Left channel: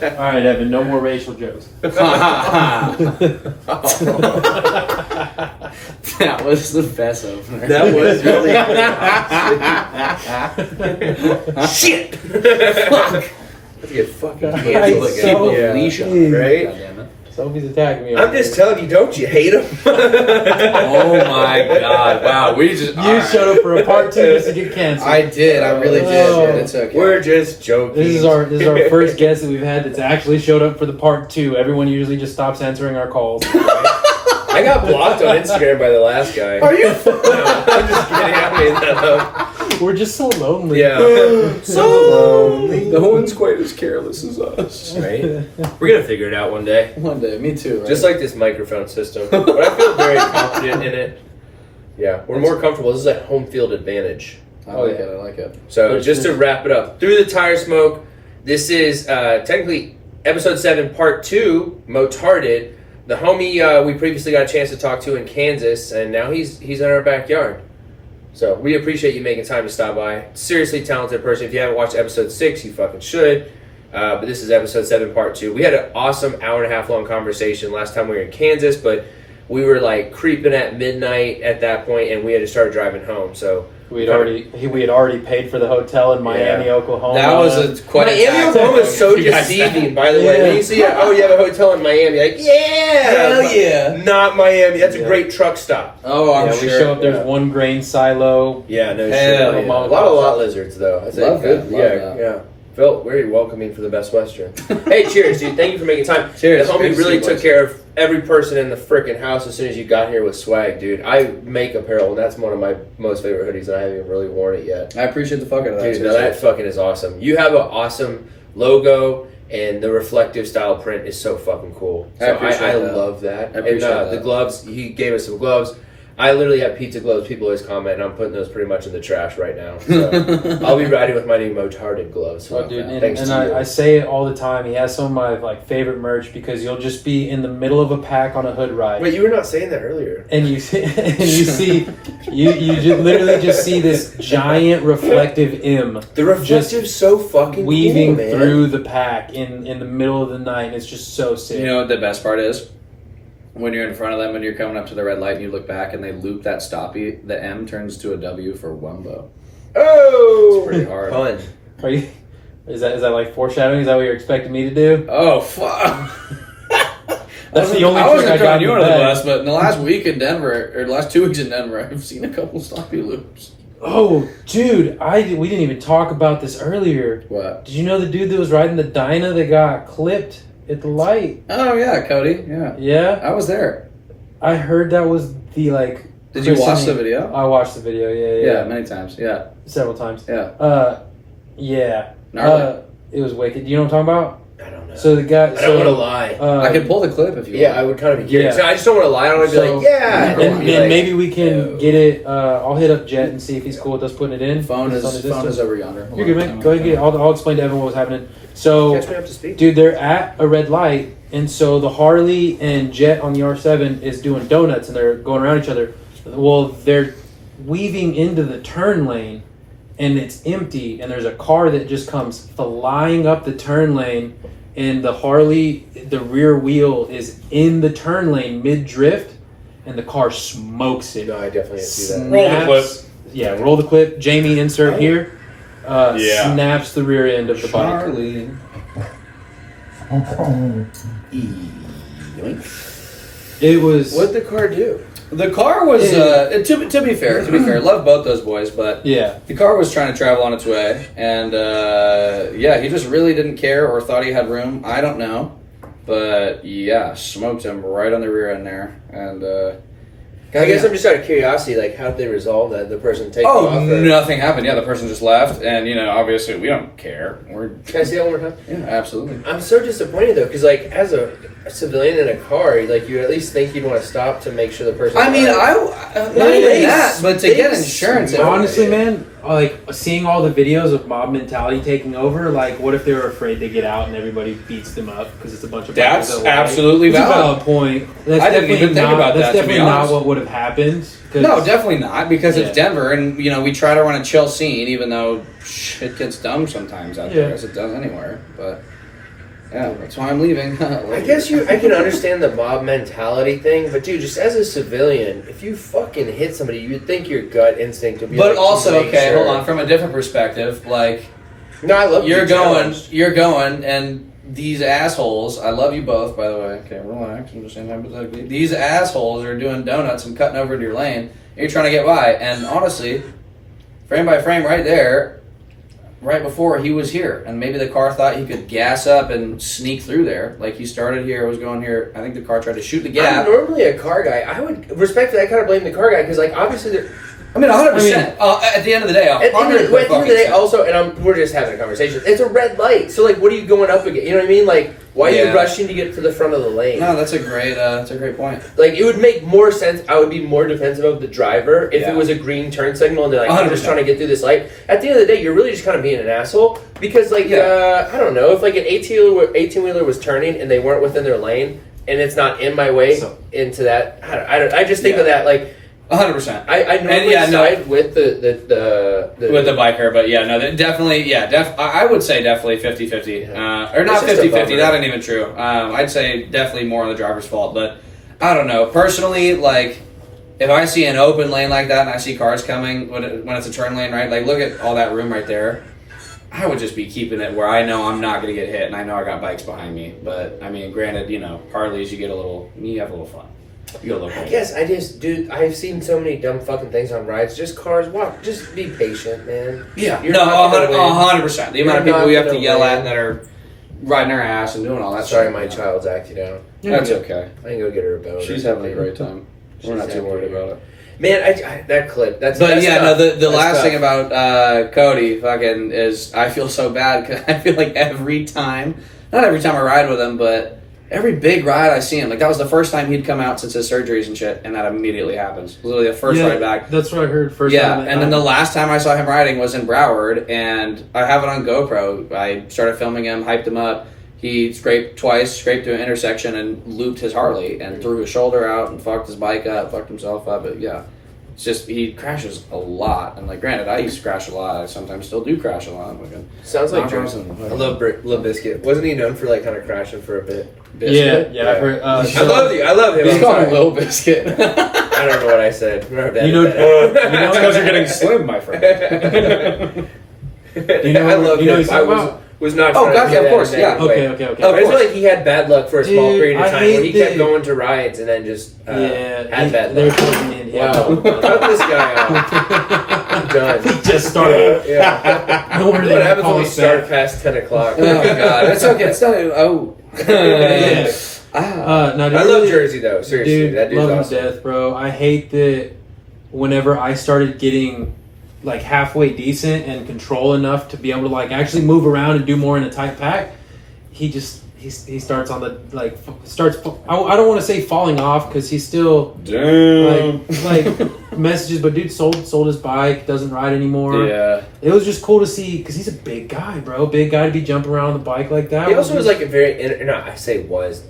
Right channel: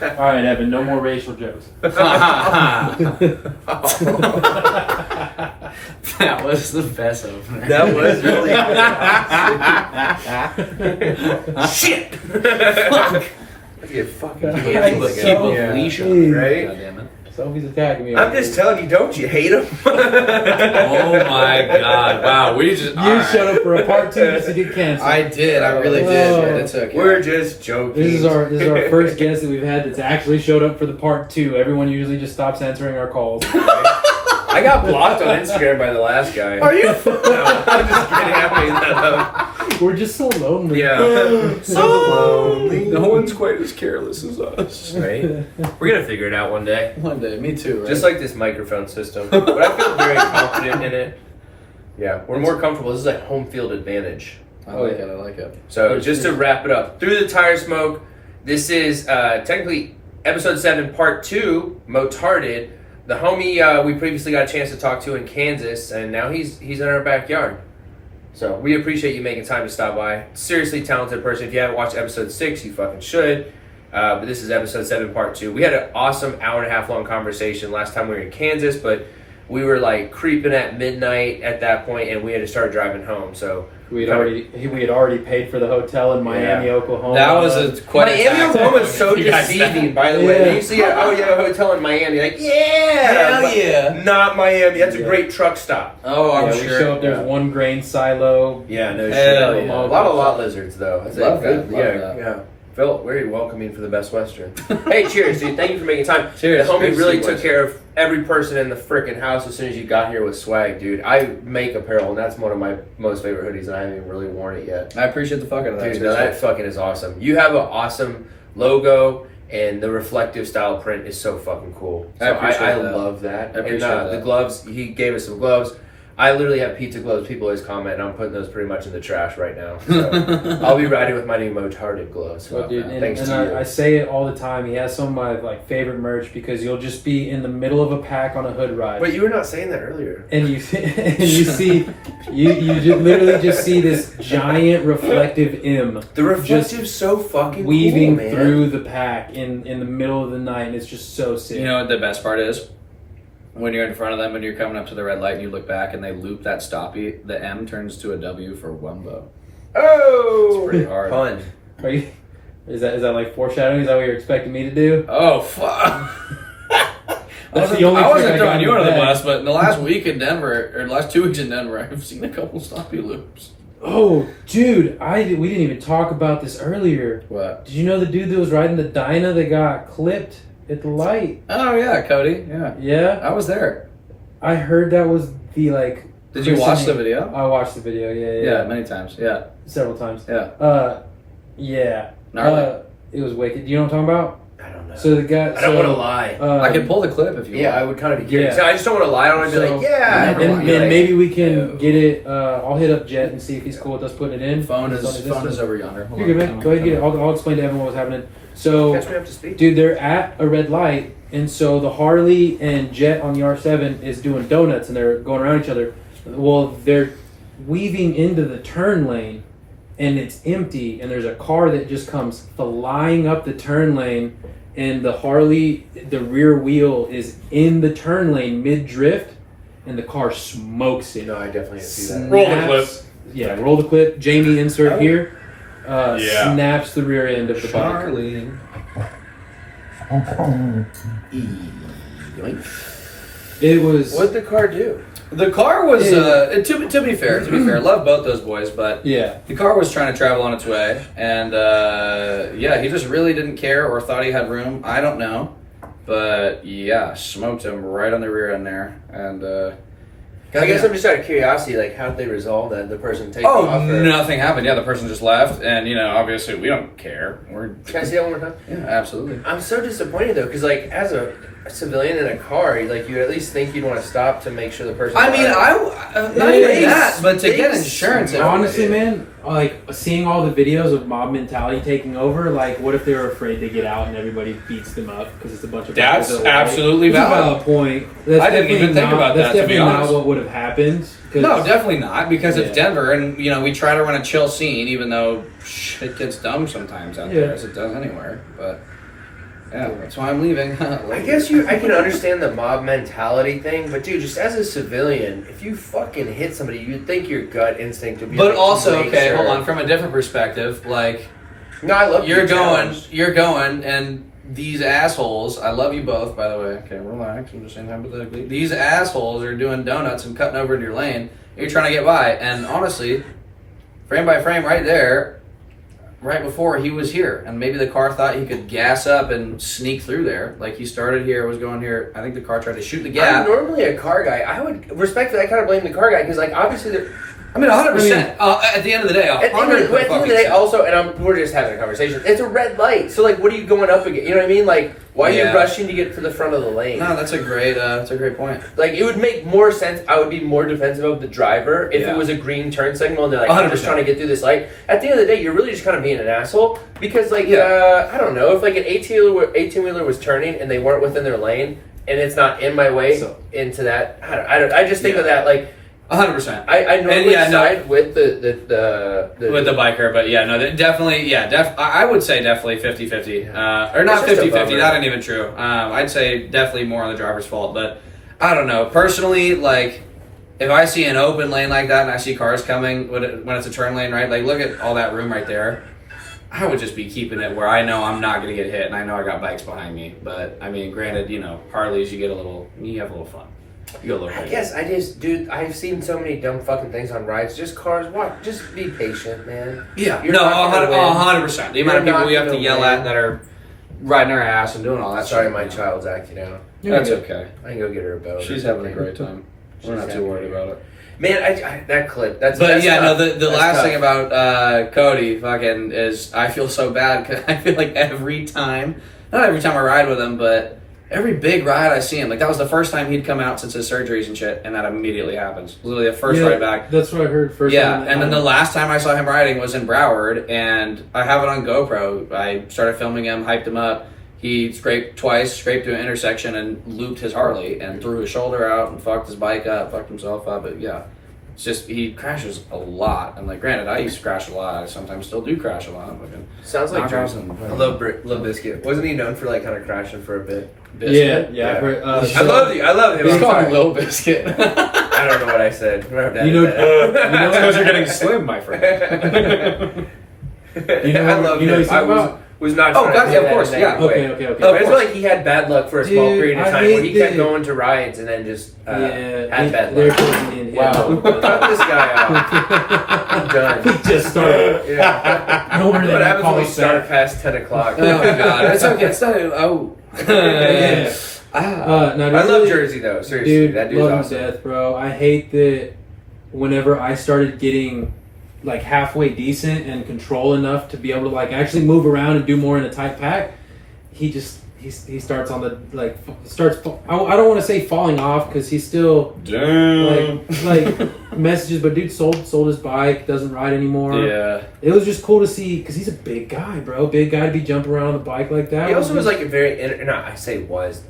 All right, Evan, no more racial jokes. That was the best opener. That was really Shit! Fuck! I get fucking Right, canceled so again. Alicia, right? God damn it. Sophie's attacking me. I'm just telling you, don't you hate him? Oh my god! Wow, we just You showed up for a part 2 just to get canceled. I did. I really did. Oh. And it's okay. We're just joking. This is our first guest that we've had that's actually showed up for the part 2. Everyone usually just stops answering our calls. I got blocked on Instagram by the last guy. Are you? No, I'm just kidding. I made that up. We're just so lonely. Yeah. So lonely. No one's quite as careless as us. Right? We're gonna figure it out one day. One day, me too. Right? Just like this microphone system. But I feel very confident in it. Yeah, we're more comfortable. This is a home field advantage. I like it. I like it. So just to wrap it up, through the tire smoke, this is technically episode 7, part 2, Motarded. The homie we previously got a chance to talk to in Kansas, and now he's in our backyard. So we appreciate you making time to stop by. Seriously talented person. If you haven't watched episode 6, you fucking should. But this is episode 7, part 2. We had an awesome hour-and-a-half long conversation last time we were in Kansas, but we were like creeping at midnight at that point, and we had to start driving home. So we had already paid for the hotel in Miami, Oklahoma. That was quite a Miami, Oklahoma is so You guys deceiving, by the way. When you see you have a hotel in Miami, like, Hell yeah. not Miami. That's a great truck stop. Oh, I'm We sure. show up, there's one grain silo. Yeah, no Hell shit. yeah. A lot of lot lizards, though. That's Love good. that, love that. Yeah. Felt very welcoming for the Best Western. Hey, cheers, dude. Thank you for making time. Cheers. The homie Good to really see you took boys. care of every person in the freaking house as soon as you got here with swag, dude. I make apparel, and that's one of my most favorite hoodies, and I haven't even really worn it yet. I appreciate the fuck out of that. Dude, no, that fucking is awesome. You have an awesome logo, and the reflective style print is so fucking cool. I So appreciate I that. love that. I appreciate and that. the gloves, he gave us some gloves. I literally have pizza gloves. People always comment, and I'm putting those pretty much in the trash right now. So I'll be riding with my new Motarded gloves. So Oh, dude, thanks and to you. I say it all the time. He has some of my favorite merch because you'll just be in the middle of a pack on a hood ride. Wait, you were not saying that earlier. And you see literally just see this giant reflective M The reflective's so fucking weaving cool, man. through the pack in the middle of the night, and it's just so sick. You know what the best part is? When you're in front of them and you're coming up to the red light and you look back and they loop that stoppie, the M turns to a W for Wumbo. Oh, It's pretty hard. Pun. Are you? Is that like foreshadowing? Is that what you're expecting me to do? Oh, fuck. That's the only I trick wasn't I got throwing in you the under the bag. bus, but in the last week in Denver, or the last 2 weeks in Denver, I've seen a couple stoppie loops. Oh, dude, we didn't even talk about this earlier. What? Did you know the dude that was riding the Dyna that got clipped at the light? Oh, yeah, Cody. Yeah. Yeah, I was there. I heard that was the Did you watch the video? I watched the video. Yeah, many times. Yeah. several times. Yeah. Yeah. Gnarly. It was wicked. You know what I'm talking about? I don't know. So the guy. I don't want to lie. I could pull the clip if you Yeah, want. I would kind of be curious. Yeah. I just don't want to lie on it and be So- like, yeah. And, I don't and wanna be maybe we can no. get it. I'll hit up Jet and see if he's cool with us putting it in. Phone It's on his is Insta. over yonder. Hold You're on. good, man. Go ahead and get it. I'll explain to everyone what was happening. So, Catch me up to speed. dude, they're at a red light, and so the Harley and Jet on the R7 is doing donuts, and they're going around each other. Well, they're weaving into the turn lane, and it's empty, and there's a car that just comes flying up the turn lane, and the Harley, the rear wheel is in the turn lane mid-drift, and the car smokes it. No, I definitely didn't see that. Roll the clip. Yeah, roll the clip. Jamie, insert here. Yeah. Snaps the rear end of the bike. Charlie. It was. What'd the car do? The car was, to be fair, love both those boys, but Yeah. the car was trying to travel on its way, and he just really didn't care or thought he had room. I don't know, but yeah, smoked him right on the rear end there, and I guess I'm just out of curiosity, like, how did they resolve that? The person taking off? Or... nothing happened. Yeah, the person just left, and obviously we don't care. We're Can I see that one more time? yeah, absolutely. I'm so disappointed, though, because, like, as a civilian in a car, like, you at least think you'd want to stop to make sure the person... I mean, not even that, but to get insurance. Honestly, man, like seeing all the videos of mob mentality taking over, like, what if they're afraid to get out and everybody beats them up because it's a bunch of That's bikers that lie? absolutely It's a valid. valid point. That's I didn't even definitely think not- about that's that, to be definitely not honest. what would have happened. 'cause- No, definitely not, because it's Yeah. Denver, and we try to run a chill scene, even though shit gets dumb sometimes out there, as it does anywhere. But Yeah, that's why I'm leaving. I guess I can understand the mob mentality thing, but dude, just as a civilian, if you fucking hit somebody, you'd think your gut instinct would be. But like, also, okay, sure. hold on. From a different perspective, like No, I love you're being going, and these assholes. I love you both, by the way. Okay, relax. I'm just saying hypothetically. These assholes are doing donuts and cutting over into your lane. And you're trying to get by, and honestly, frame by frame, right there. Right before he was here, and maybe the car thought he could gas up and sneak through there. Like he started here, was going here. I think the car tried to shoot the gap. I'm normally a car guy. I would respectfully. I kind of blame the car guy because, like, obviously, I mean, 100%. At the end of the day, at the end of the day, also, and we're just having a conversation. It's a red light, so like, what are you going up against? You know what I mean? Like, why are you rushing to get to the front of the lane? No, that's a great point. Like, it would make more sense. I would be more defensive of the driver if it was a green turn signal and they're like, I'm just trying to get through this light. At the end of the day, you're really just kind of being an asshole because, like, I don't know, if like an 18-wheeler was turning and they weren't within their lane and it's not in my way into that. I just think of that like. 100%. I normally side with the with the biker, but definitely, I would say definitely 50-50. Or not 50-50, that ain't even true. I'd say definitely more on the driver's fault, but I don't know. Personally, like, if I see an open lane like that and I see cars coming when it's a turn lane, right? Like, look at all that room right there. I would just be keeping it where I know I'm not going to get hit and I know I got bikes behind me. But, I mean, granted, Harleys, you have a little fun. I guess I've seen so many dumb fucking things on rides. Just cars, just be patient, man. Yeah, You're 100%. The amount of people we have to yell at that are riding our ass and doing all that. Sorry, my child's acting out. That's okay. I can go get her a bone. She's having a great time. We're not too worried about it. Man, that clip. That's the that's last tough. thing about Cody fucking is I feel so bad because I feel like not every time I ride with him, but every big ride I see him, like that was the first time he'd come out since his surgeries and shit, and that immediately happens. Literally the first ride back. That's what I heard first. Yeah, and then the last time I saw him riding was in Broward, and I have it on GoPro. I started filming him, hyped him up. He scraped to an intersection and looped his Harley and threw his shoulder out and fucked his bike up, fucked himself up. But yeah, it's just he crashes a lot. And like, granted, I used to crash a lot. I sometimes still do crash a lot. Sounds like Jersey. I love Biscuit. Wasn't he known for like kind of crashing for a bit? Biscuit? Yeah. I've heard, I love him. He's called Low Biscuit. I don't know what I said. Because you're getting slim, my friend. I love him. I was not. Oh, gotcha, of course, yeah. Okay. I just feel like he had bad luck for a small period of time where he kept going to rides and then just had bad luck. Wow. Cut this guy out. I'm done. He just started. Yeah. No wonder What they happens call when we us start back. past 10 o'clock? Oh my god, that's okay. It's not. Oh. I love Jersey though. Seriously, dude, that dude's love awesome. him to death, bro. I hate that. Whenever I started getting like halfway decent and control enough to be able to like actually move around and do more in a tight pack, he starts on the I don't want to say falling off because he's still like messages, but dude sold his bike, doesn't ride anymore. Yeah, it was just cool to see because he's a big guy, bro. Big guy to be jumping around on the bike like that. He also was like a very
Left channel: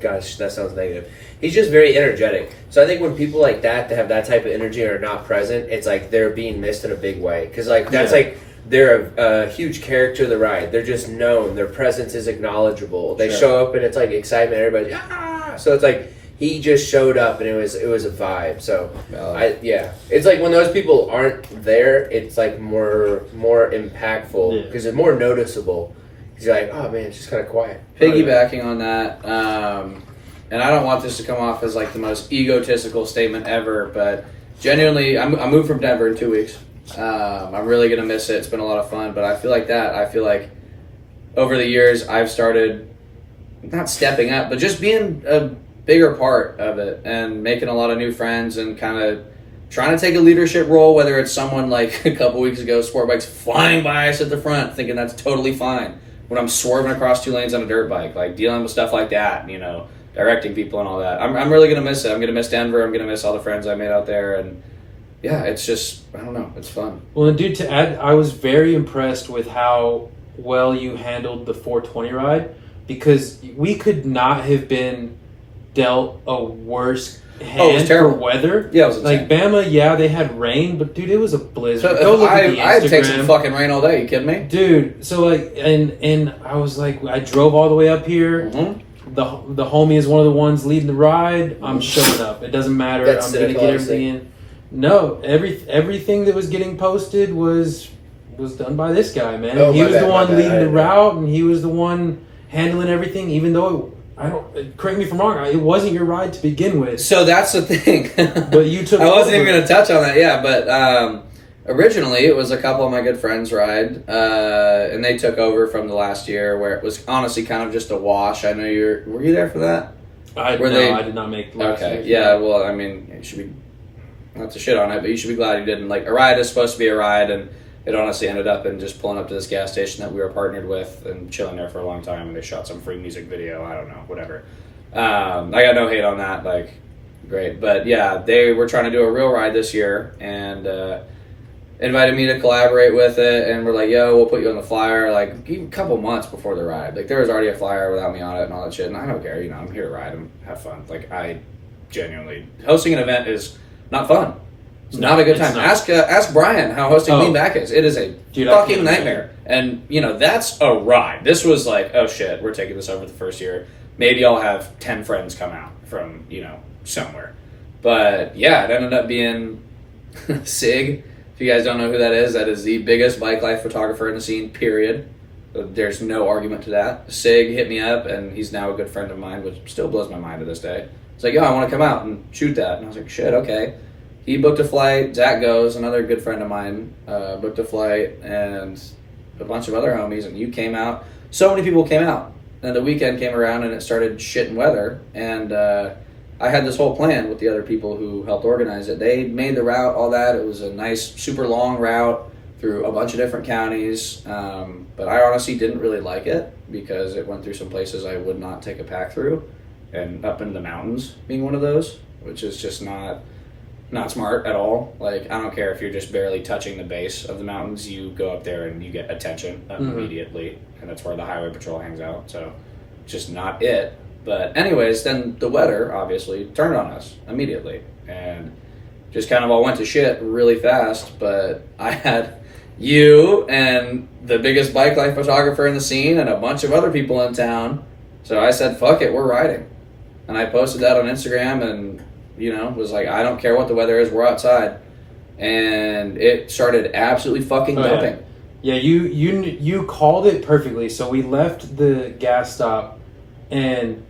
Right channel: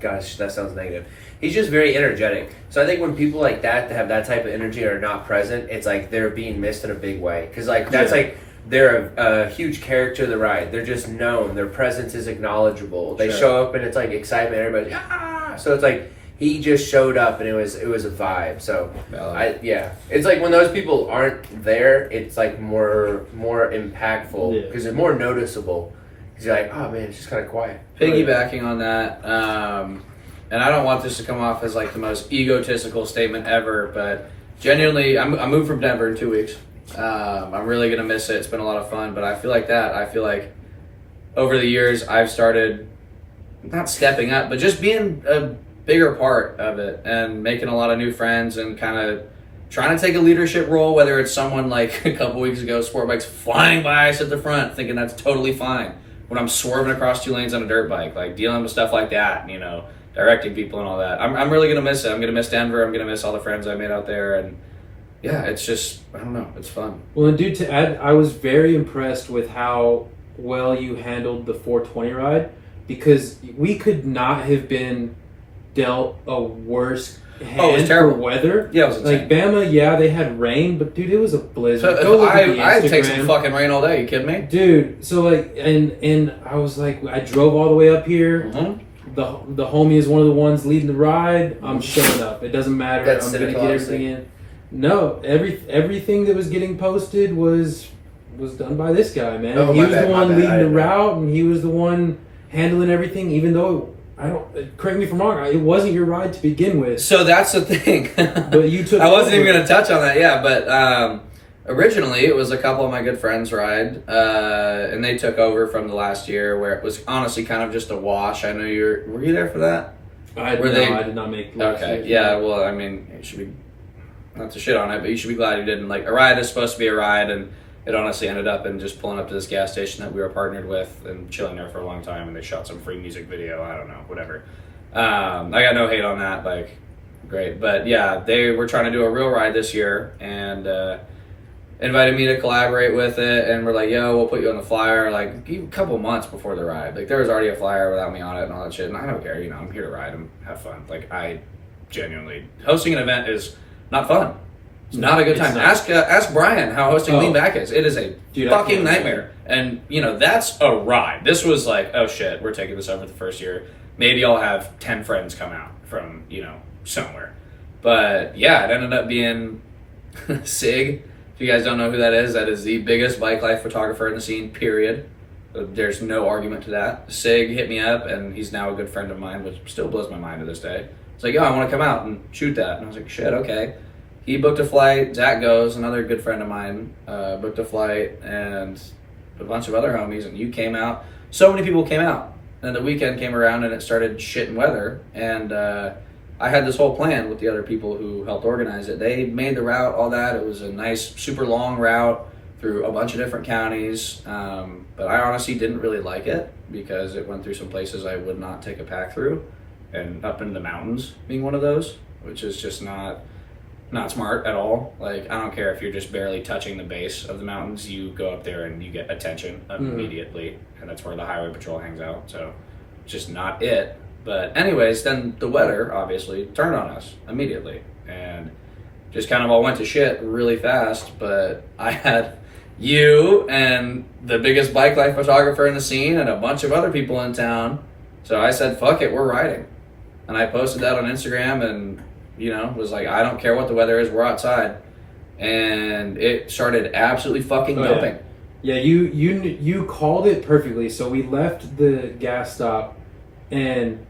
gosh, that sounds negative. He's just very energetic. So I think when people like that have that type of energy are not present, it's like they're being missed in a big way. Because like that's like they're a huge character of the ride. They're just known. Their presence is acknowledgeable. They show up and it's like excitement. Everybody's So it's like he just showed up and it was a vibe. So it's like when those people aren't there, it's like more impactful because it's more noticeable. Because you're like, oh man, it's just kind of quiet. Piggybacking on that. And I don't want this to come off as like the most egotistical statement ever, but genuinely, I moved from Denver in 2 weeks. I'm really going to miss it. It's been a lot of fun, but I feel like over the years, I've started not stepping up, but just being a bigger part of it and making a lot of new friends and kind of trying to take a leadership role, whether it's someone like a couple weeks ago, sport bikes flying by us at the front, thinking that's totally fine. When I'm swerving across 2 lanes on a dirt bike, like dealing with stuff like that, directing people and all that. I'm really going to miss it. I'm going to miss Denver. I'm going to miss all the friends I made out there. And yeah, it's just, I don't know. It's fun. Well, and dude, to add, I was very impressed with how well you handled the 420 ride because we could not have been dealt a worse hand terrible. for weather. Yeah, it was like insane. Bama. Yeah, they had rain, but dude, it was a blizzard. So Go look at the I'd take some Instagram. fucking rain all day. You kidding me? Dude, so like, and I was like, I drove all the way up here. Mm-hmm. The homie is one of the ones leading the ride. I'm showing up. It doesn't matter. That's I'm gonna get cynical, everything in. No, everything that was getting posted was done by this guy, man. Oh, he my was bad, the my one bad. leading I the didn't know. route, and he was the one handling everything. Even though I don't, correct me if I'm wrong, it wasn't your ride to begin with. So that's the thing. But you took. I wasn't even over. going to touch on that. Yeah, but originally it was a couple of my good friends' ride, and they took over from the last year where it was honestly kind of just a wash. I know were you there for that? I Were no, they- I did not make. last Okay, year's yeah. ride. Well, I mean, it should be not to shit on it, but you should be glad you didn't. Like, a ride is supposed to be a ride, and it honestly ended up in just pulling up to this gas station that we were partnered with and chilling there for a long time, and they shot some free music video. I don't know, whatever. I got no hate on that. Like, great, but yeah, they were trying to do a real ride this year, and invited me to collaborate with it, and we're like, yo, we'll put you on the flyer, like, a couple months before the ride. Like, there was already a flyer without me on it and all that shit, and I don't care, I'm here to ride and have fun. Like, I genuinely, hosting an event is not fun. It's not a good It's time. not. Ask Brian how hosting Oh. Lean Back is. It is a Dude, I fucking can't nightmare. And, that's a ride. This was like, oh shit, we're taking this over the first year. Maybe I'll have 10 friends come out from, somewhere. But, yeah, it ended up being Sig. If you guys don't know who that is the biggest bike life photographer in the scene, period. There's no argument to that. Sig hit me up, and he's now a good friend of mine, which still blows my mind to this day. It's like, yo, I want to come out and shoot that. And I was like, shit, okay. He booked a flight. Zach goes, another good friend of mine, booked a flight, and a bunch of other homies, and you came out. So many people came out. And the weekend came around, and it started shitting weather, and I had this whole plan with the other people who helped organize it. They made the route, all that. It was a nice, super long route through a bunch of different counties, but I honestly didn't really like it because it went through some places I would not take a pack through, and up into the mountains being one of those, which is just not smart at all. Like, I don't care if you're just barely touching the base of the mountains, you go up there and you get attention immediately, and that's where the highway patrol hangs out, so just not it. But anyways, then the weather obviously turned on us immediately, and just kind of all went to shit really fast. But I had you and the biggest bike life photographer in the scene and a bunch of other people in town, so I said, fuck it, we're riding. And I posted that on Instagram, and was like, I don't care what the weather is, we're outside. And it started absolutely fucking dumping. Yeah, you called it perfectly. So we left the gas stop, and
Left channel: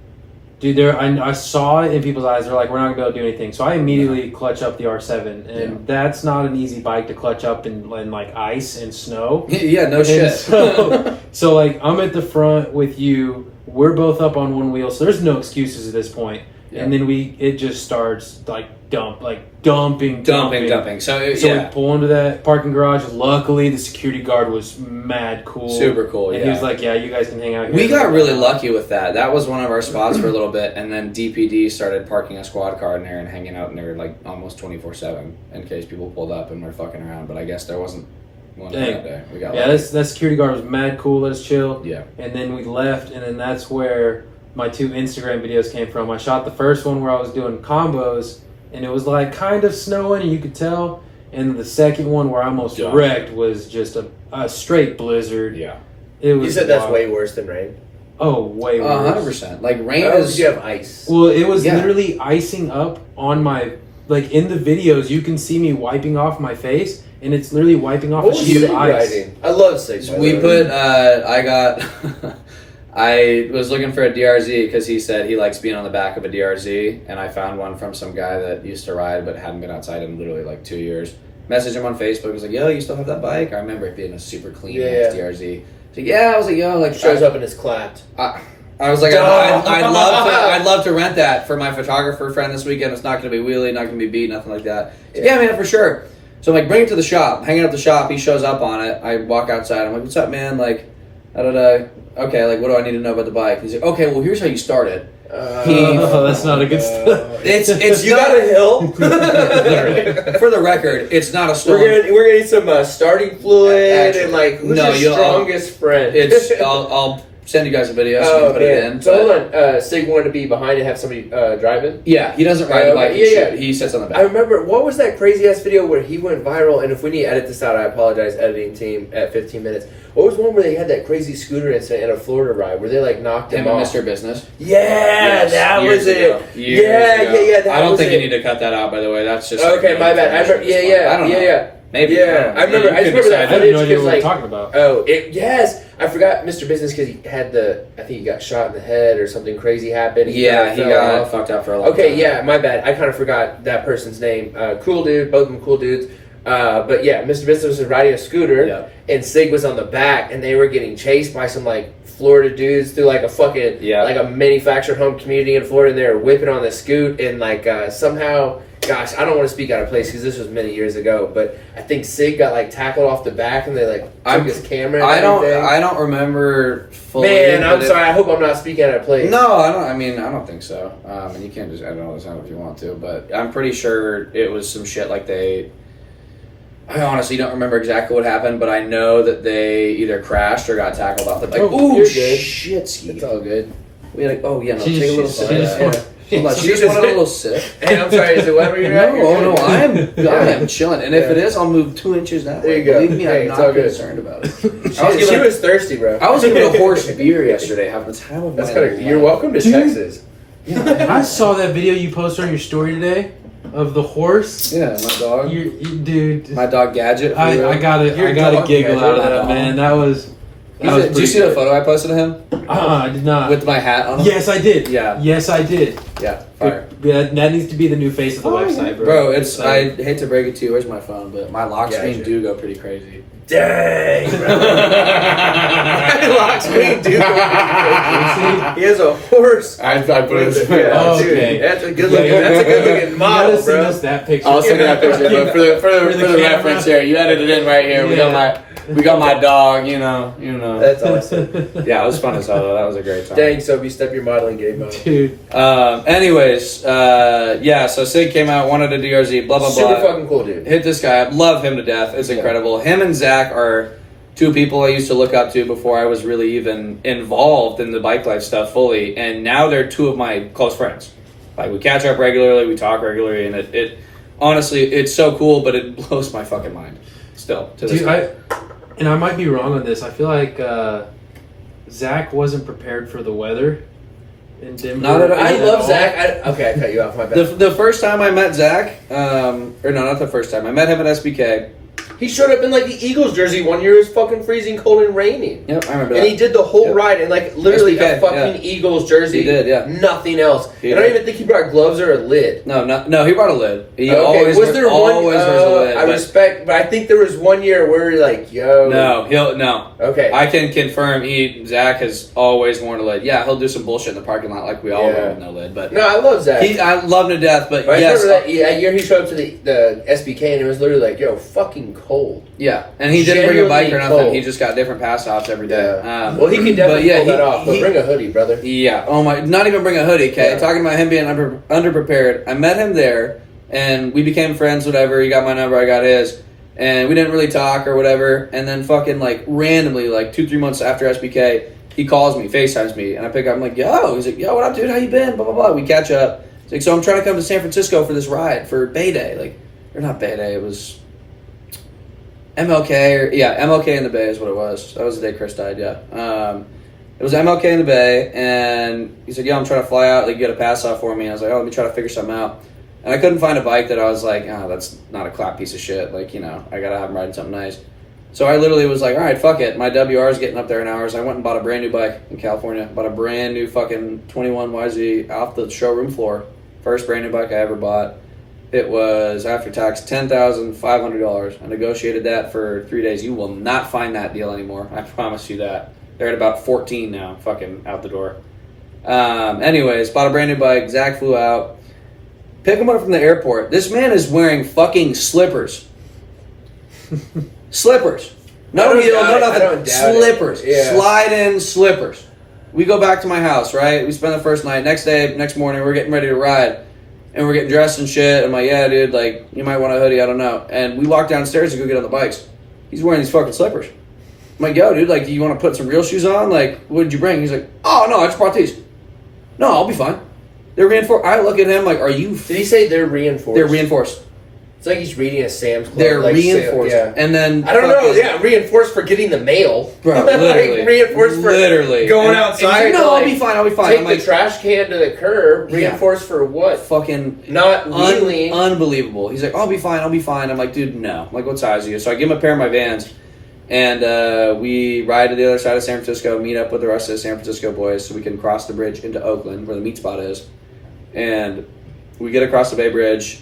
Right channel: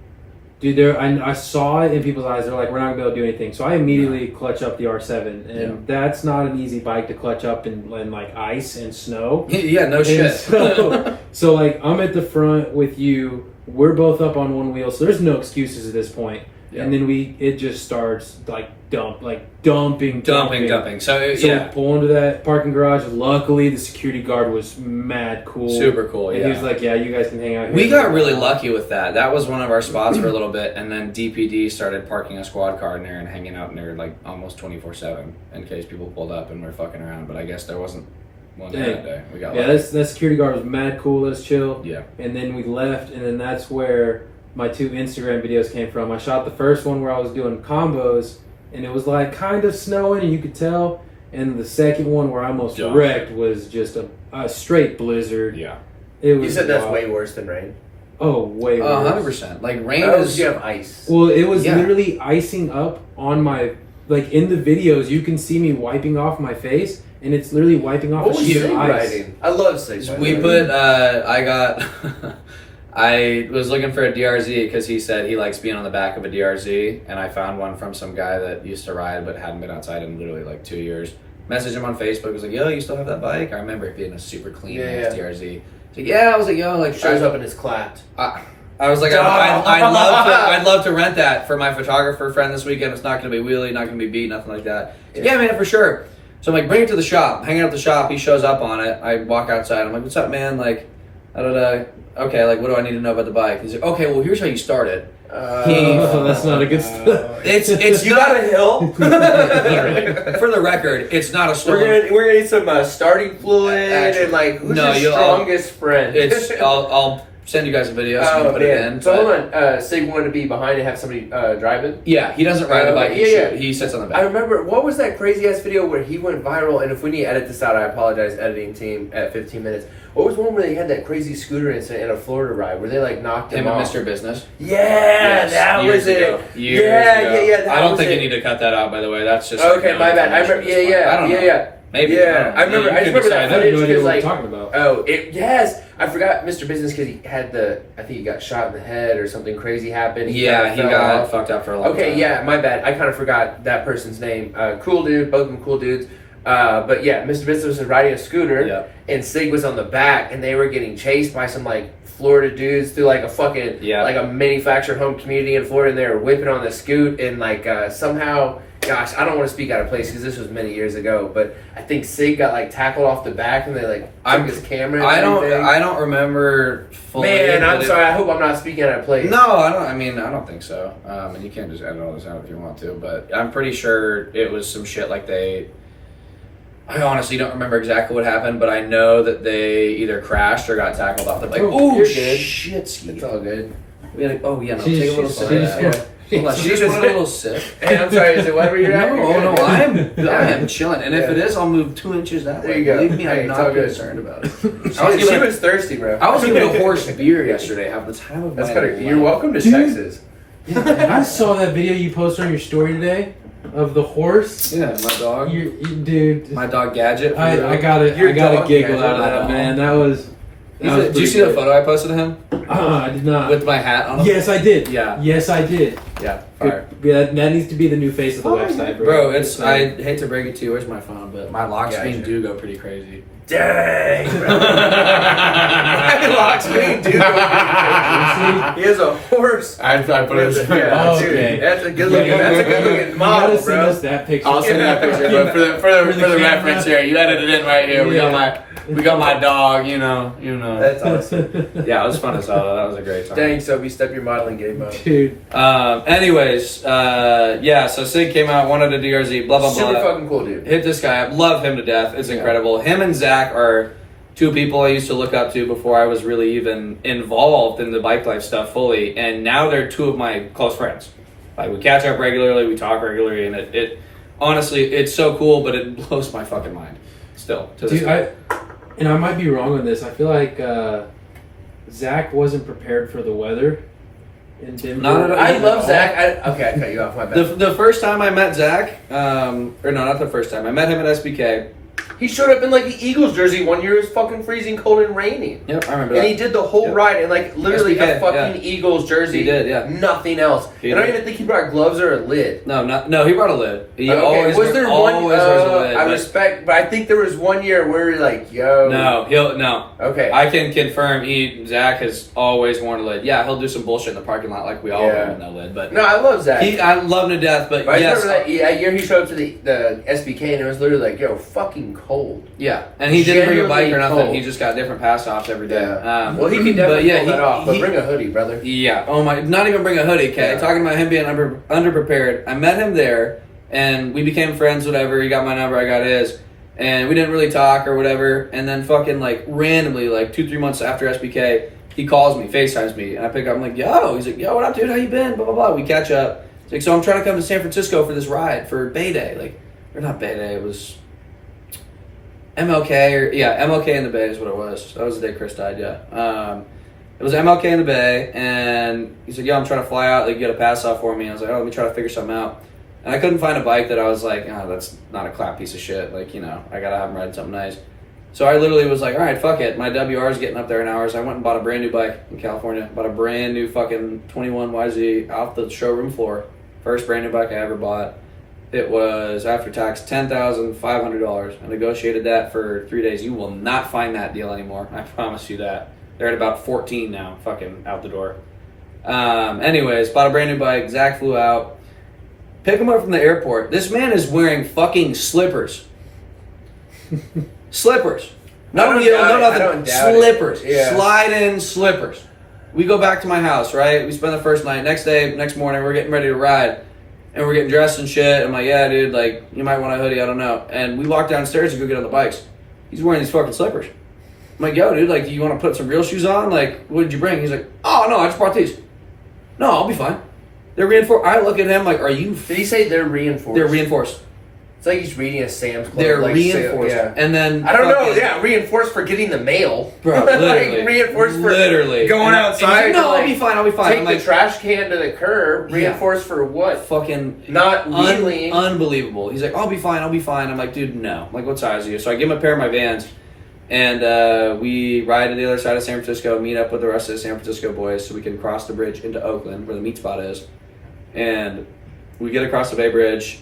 dude, I saw it in people's eyes. They're like, we're not gonna be able to do anything. So I immediately clutch up the R7, and that's not an easy bike to clutch up in like ice and snow. Yeah, no And shit. So like, I'm at the front with you. We're both up on one wheel, so there's no excuses at this point. Yeah. And then it just starts like dumping. So We pull into that parking garage. Luckily, the security guard was mad cool. Super cool, And yeah. he was like, yeah, you guys can hang out here. We got really lucky with that. That was one of our spots for a little bit, and then DPD started parking a squad car in there and hanging out in there like almost 24/7 in case people pulled up and were fucking around. But I guess there wasn't one Dang. that day. We got Yeah, lucky. that security guard was mad cool. Let us chill. Yeah. And then we left, and then that's where my 2 Instagram videos came from. I shot the first one where I was doing combos, and it was like kind of snowing, and you could tell. And the second one where I almost Dumb. wrecked was just a straight blizzard. Yeah. It was You said that's wild. way worse than rain. Oh, way worse. 100%. Like rain How is. did you have ice? Well, it was Yeah. literally icing up on my, like in the videos, you can see me wiping off my face, and it's literally wiping off What a was sheet Sig of ice. riding? I love Sig. by the We way. put. I got. I was looking for a DRZ because he said he likes being on the back of a DRZ, and I found one from some guy that used to ride but hadn't been outside in literally like 2 years. Messaged him on Facebook. Was like, "Yo, you still have that bike?" I remember it being a super clean ass DRZ. He's like, "Yeah." I was like, "Yo, like shows up and is clapped. I was like, I'd love to rent that for my photographer friend this weekend. It's not going to be wheelie, not going to be beat, nothing like that. He's like, yeah, man, for sure. So I'm like, bring it to the shop. Hanging out at the shop. He shows up on it. I walk outside. I'm like, what's up, man? Like, okay, like, what do I need to know about the bike? He's like, okay, well, here's how you start it. Oh, that's not a good start. It's You got a hill. For the record, it's not a story. We're gonna need some starting fluid Actually, and like who's no, your strongest friend? It's I'll send you guys a video so you can put it in. So hold on, Sig wanted to be behind and have somebody driving? Yeah, he doesn't ride the bike. He sits on the back. I remember, what was that crazy ass video where he went viral? And if we need to edit this out, I apologize, editing team, at 15 minutes. What was one where they had that crazy scooter incident at a Florida ride where they like knocked him off? Mr. Business. Yeah, that was it. Yeah. I don't think you need to cut that out, by the way. That's just okay. My bad. I remember. I don't know. Yeah. Maybe. Yeah, I remember. I just remember that footage because, like, talking about. Oh, yes, I forgot Mr. Business because he had I think he got shot in the head or something crazy happened. He got fucked up for a long time. Okay, yeah, my bad. I kind of forgot that person's name. Cool dude, both of them cool dudes. But yeah, Mr. Business was riding a scooter, and Sig was on the back, and they were getting chased by some like Florida dudes through like a fucking like a manufactured home community in Florida, and they were whipping on the scoot, and like somehow. Gosh, I don't want to speak out of place because this was many years ago, but I think Sig got like tackled off the back and they like took his camera. And I don't remember fully. Man, I'm sorry. I hope I'm not speaking out of place. No, I don't. I mean, I don't think so. And you can't just edit all this out if you want to, but I'm pretty sure it was some shit like I honestly don't remember exactly what happened, but I know that they either crashed or got tackled off the bike. Oh, you're good. Shit, Ski. It's all good. Be like, oh yeah, no, take a little sip. She just wanted a little sip. Hey, I'm sorry. Is it whatever you're at? No, I am chilling. And if it is, I'll move 2 inches that way. There you go. Believe me, Hey, I'm it's not all good. concerned about it. She was thirsty, bro. I was giving a horse beer yesterday. Having the time of my life. You're welcome to Texas. I saw that video you posted on your story today of the horse. Yeah, my dog. Dude, my dog Gadget. I gotta giggle out of that, man. That was. Did you see the photo I posted of him? I did not. With my hat on him? Yes, I did. Yeah. Yes, I did. Yeah, fire. That needs to be the new face of the website, bro. Bro, I hate to break it to you. Where's my phone? But my lock screen do go pretty crazy. Dang, bro. Lock screen do go pretty crazy. He has a horse. I put it in okay. That's a good looking model, You bro. Us that picture. I'll send that picture, bro. For the reference here. You edited it in right here. We got my dog, you know. That's awesome. Yeah, it was fun as hell though. That was a great time. Dang, Sophie, step your modeling game up. Dude. Anyways, so Sig came out, wanted a DRZ, blah, blah, blah. Super fucking cool, dude. Hit this guy up. Love him to death. It's incredible. Him and Zach are two people I used to look up to before I was really even involved in the bike life stuff fully. And now they're two of my close friends. Like, we catch up regularly, we talk regularly, and it honestly, it's so cool, but it blows my fucking mind still to this day. And I might be wrong on this. I feel like Zach wasn't prepared for the weather in Denver. I love Zach. I cut you off. My bad. The first time I met Zach, or no, not the first time. I met him at SBK. He showed up in like the Eagles jersey one year. It was fucking freezing cold and raining. Yep, I remember that. And he did the whole ride in like literally SBK, a fucking Eagles jersey. He did, yeah. Nothing else. He I don't did. even think he brought gloves or a lid. No, he brought a lid. He Okay, always was there always one? wears a lid. I but respect, but I think there was one year where we were like, "Yo, no. Okay, I can confirm. Zach has always worn a lid. Yeah, he'll do some bullshit in the parking lot like we all wear with no lid. But no, I love Zach. I love him to death. But I yes, remember that year he showed up to the SBK and it was literally like, "Yo, fucking cold." yeah, and he didn't bring a bike or Genuinely nothing. cold. He just got different pass offs every day. Yeah. Well, he can definitely pull that off. But bring a hoodie, brother. Yeah. Oh my! Not even bring a hoodie. Okay. Yeah. Talking about him being underprepared. I met him there, and we became friends. Whatever. He got my number. I got his, and we didn't really talk or whatever. And then fucking like randomly, like 2-3 months after SBK, he calls me, FaceTimes me, and I pick up. I'm like, yo. He's like, yo, what up, dude? How you been? Blah blah blah. We catch up. He's like, so I'm trying to come to San Francisco for this ride for Bay Day. Like, or not Bay Day. It was MLK MLK in the Bay is what it was. That was the day Chris died. Yeah. It was MLK in the Bay, and he's like, "Yo, I'm trying to fly out. Like, get a pass off for me." I was like, "Oh, let me try to figure something out." And I couldn't find a bike that I was like, "Oh, that's not a clap piece of shit." Like, I gotta have him riding something nice. So I literally was like, "All right, fuck it. My WR is getting up there in hours." I went and bought a brand new bike in California. Bought a brand new fucking 21 YZ off the showroom floor. First brand new bike I ever bought. It was, after tax, $10,500. I negotiated that for 3 days. You will not find that deal anymore. I promise you that. They're at about 14 now, fucking out the door. Anyways, bought a brand new bike. Zach flew out. Pick him up from the airport. This man is wearing fucking slippers. Slippers. No heel, no nothing. Slippers. Yeah. Slide-in slippers. We go back to my house, right? We spend the first night. Next morning, we're getting ready to ride. And we're getting dressed and shit. I'm like, yeah, dude, like, you might want a hoodie, I don't know. And we walk downstairs to go get on the bikes. He's wearing these fucking slippers. I'm I'm like, yo, dude, like, do you want to put some real shoes on? Like, what did you bring? He's like, oh, no, I just brought these. No, I'll be fine. They're reinforced. I look at him like, are you... Did he say they're reinforced? They're reinforced. It's like he's reading a Sam's Club. They're like, reinforced. Yeah. And then... I don't know. Yeah, reinforced for getting the mail. Bro, literally. Like, reinforced for going and outside. He's like, no, to, I'll be fine. I'll be fine. Take I'm like, the trash can to the curb. Reinforced for what? Fucking... Not wheeling. Unbelievable. He's like, I'll be fine. I'll be fine. I'm like, dude, no. I'm like, what size are you? So I give him a pair of my Vans. And we ride to the other side of San Francisco, meet up with the rest of the San Francisco boys so we can cross the bridge into Oakland, where the meet spot is. And we get across the Bay Bridge.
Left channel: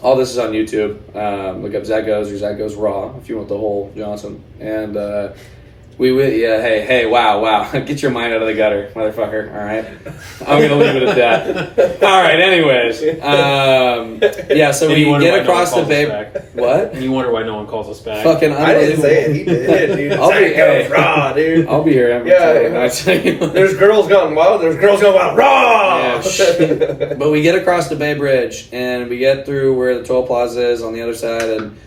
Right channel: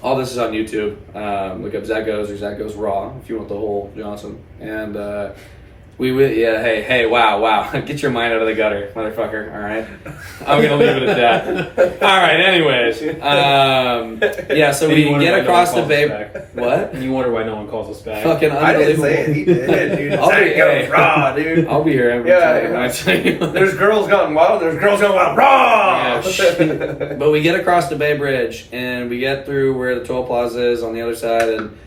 All this is on YouTube. Look up Zach Goes or Zach Goes Raw if you want the whole Johnson. And hey, wow. Get your mind out of the gutter, motherfucker. All right? I'm going to leave it at that. All right, anyways. So we get across the Bay... What? And you wonder why no one calls us back. Fucking unbelievable. I didn't say it. He did, dude. Zach Goes Raw, dude. I'll be here every time. There's girls going wild. There's girls going wild. Raw! Yeah, shit. But we get across the Bay Bridge, and we get through where the toll plaza is on the other side, and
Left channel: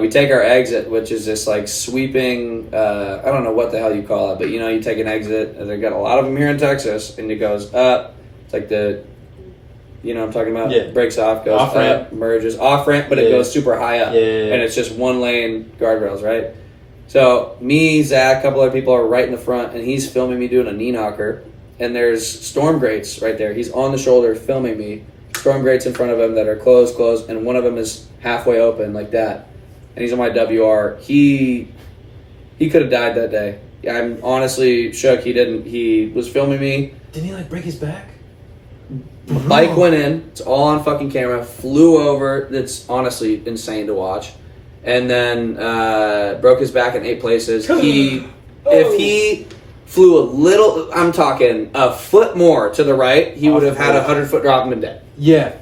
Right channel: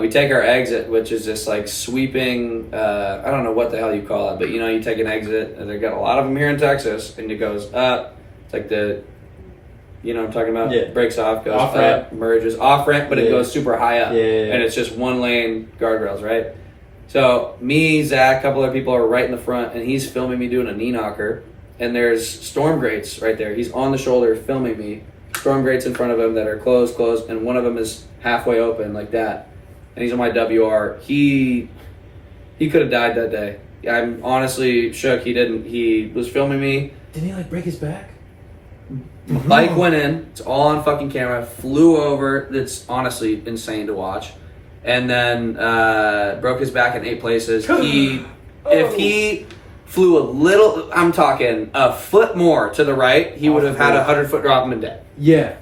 we take our exit, which is just like sweeping, I don't know what the hell you call it, but you take an exit, and they've got a lot of them here in Texas, and it goes up. It's like the, what I'm talking about? Yeah. Breaks off, goes Off-ramp. up, merges. Off-ramp, but it goes super high up. Yeah. And it's just one lane guardrails, right? So me, Zach, a couple other people are right in the front, and he's filming me doing a knee knocker, and there's storm grates right there. He's on the shoulder filming me. Storm grates in front of him that are closed, and one of them is halfway open like that. And he's on my WR. He could have died that day. I'm honestly shook he didn't. He was filming me. Didn't he break his back? My bike went in. It's all on fucking camera. Flew over. That's honestly insane to watch. And then broke his back in 8 places. If he flew a little, I'm talking a foot more to the right, he would have had a 100-foot drop and been dead. Yeah.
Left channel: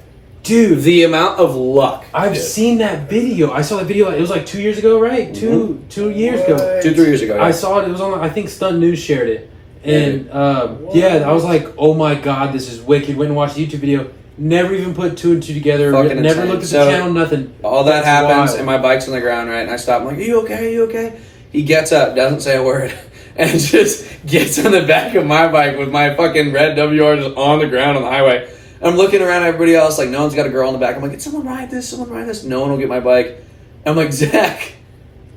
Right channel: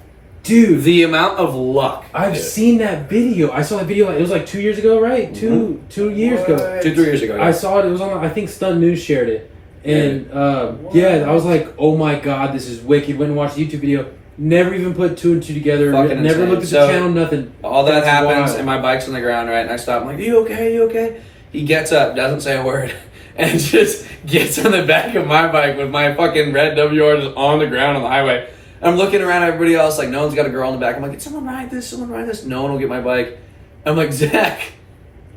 Dude, the amount of luck. I've seen that video. I saw the video. It was like 2 years ago, right? Mm-hmm. 2 years ago. 2-3 years ago. Yeah. I saw it. It was on. I think Stunt News shared it, and I was like, "Oh my god, this is wicked." Went and watched the YouTube video. Never even put 2 and 2 together. Fucking Never insane. looked at So, the channel. Nothing. All that happens, wild. and my bike's on the ground, right? And I stop. I'm like, "You okay? You okay?" He gets up, doesn't say a word, and just gets on the back of my bike with my fucking red WR just on the ground on the highway. I'm looking around at everybody else, like no one's got a girl in the back. I'm like, "Did someone ride this? Someone ride this?" No one will get my bike. I'm like, "Zach,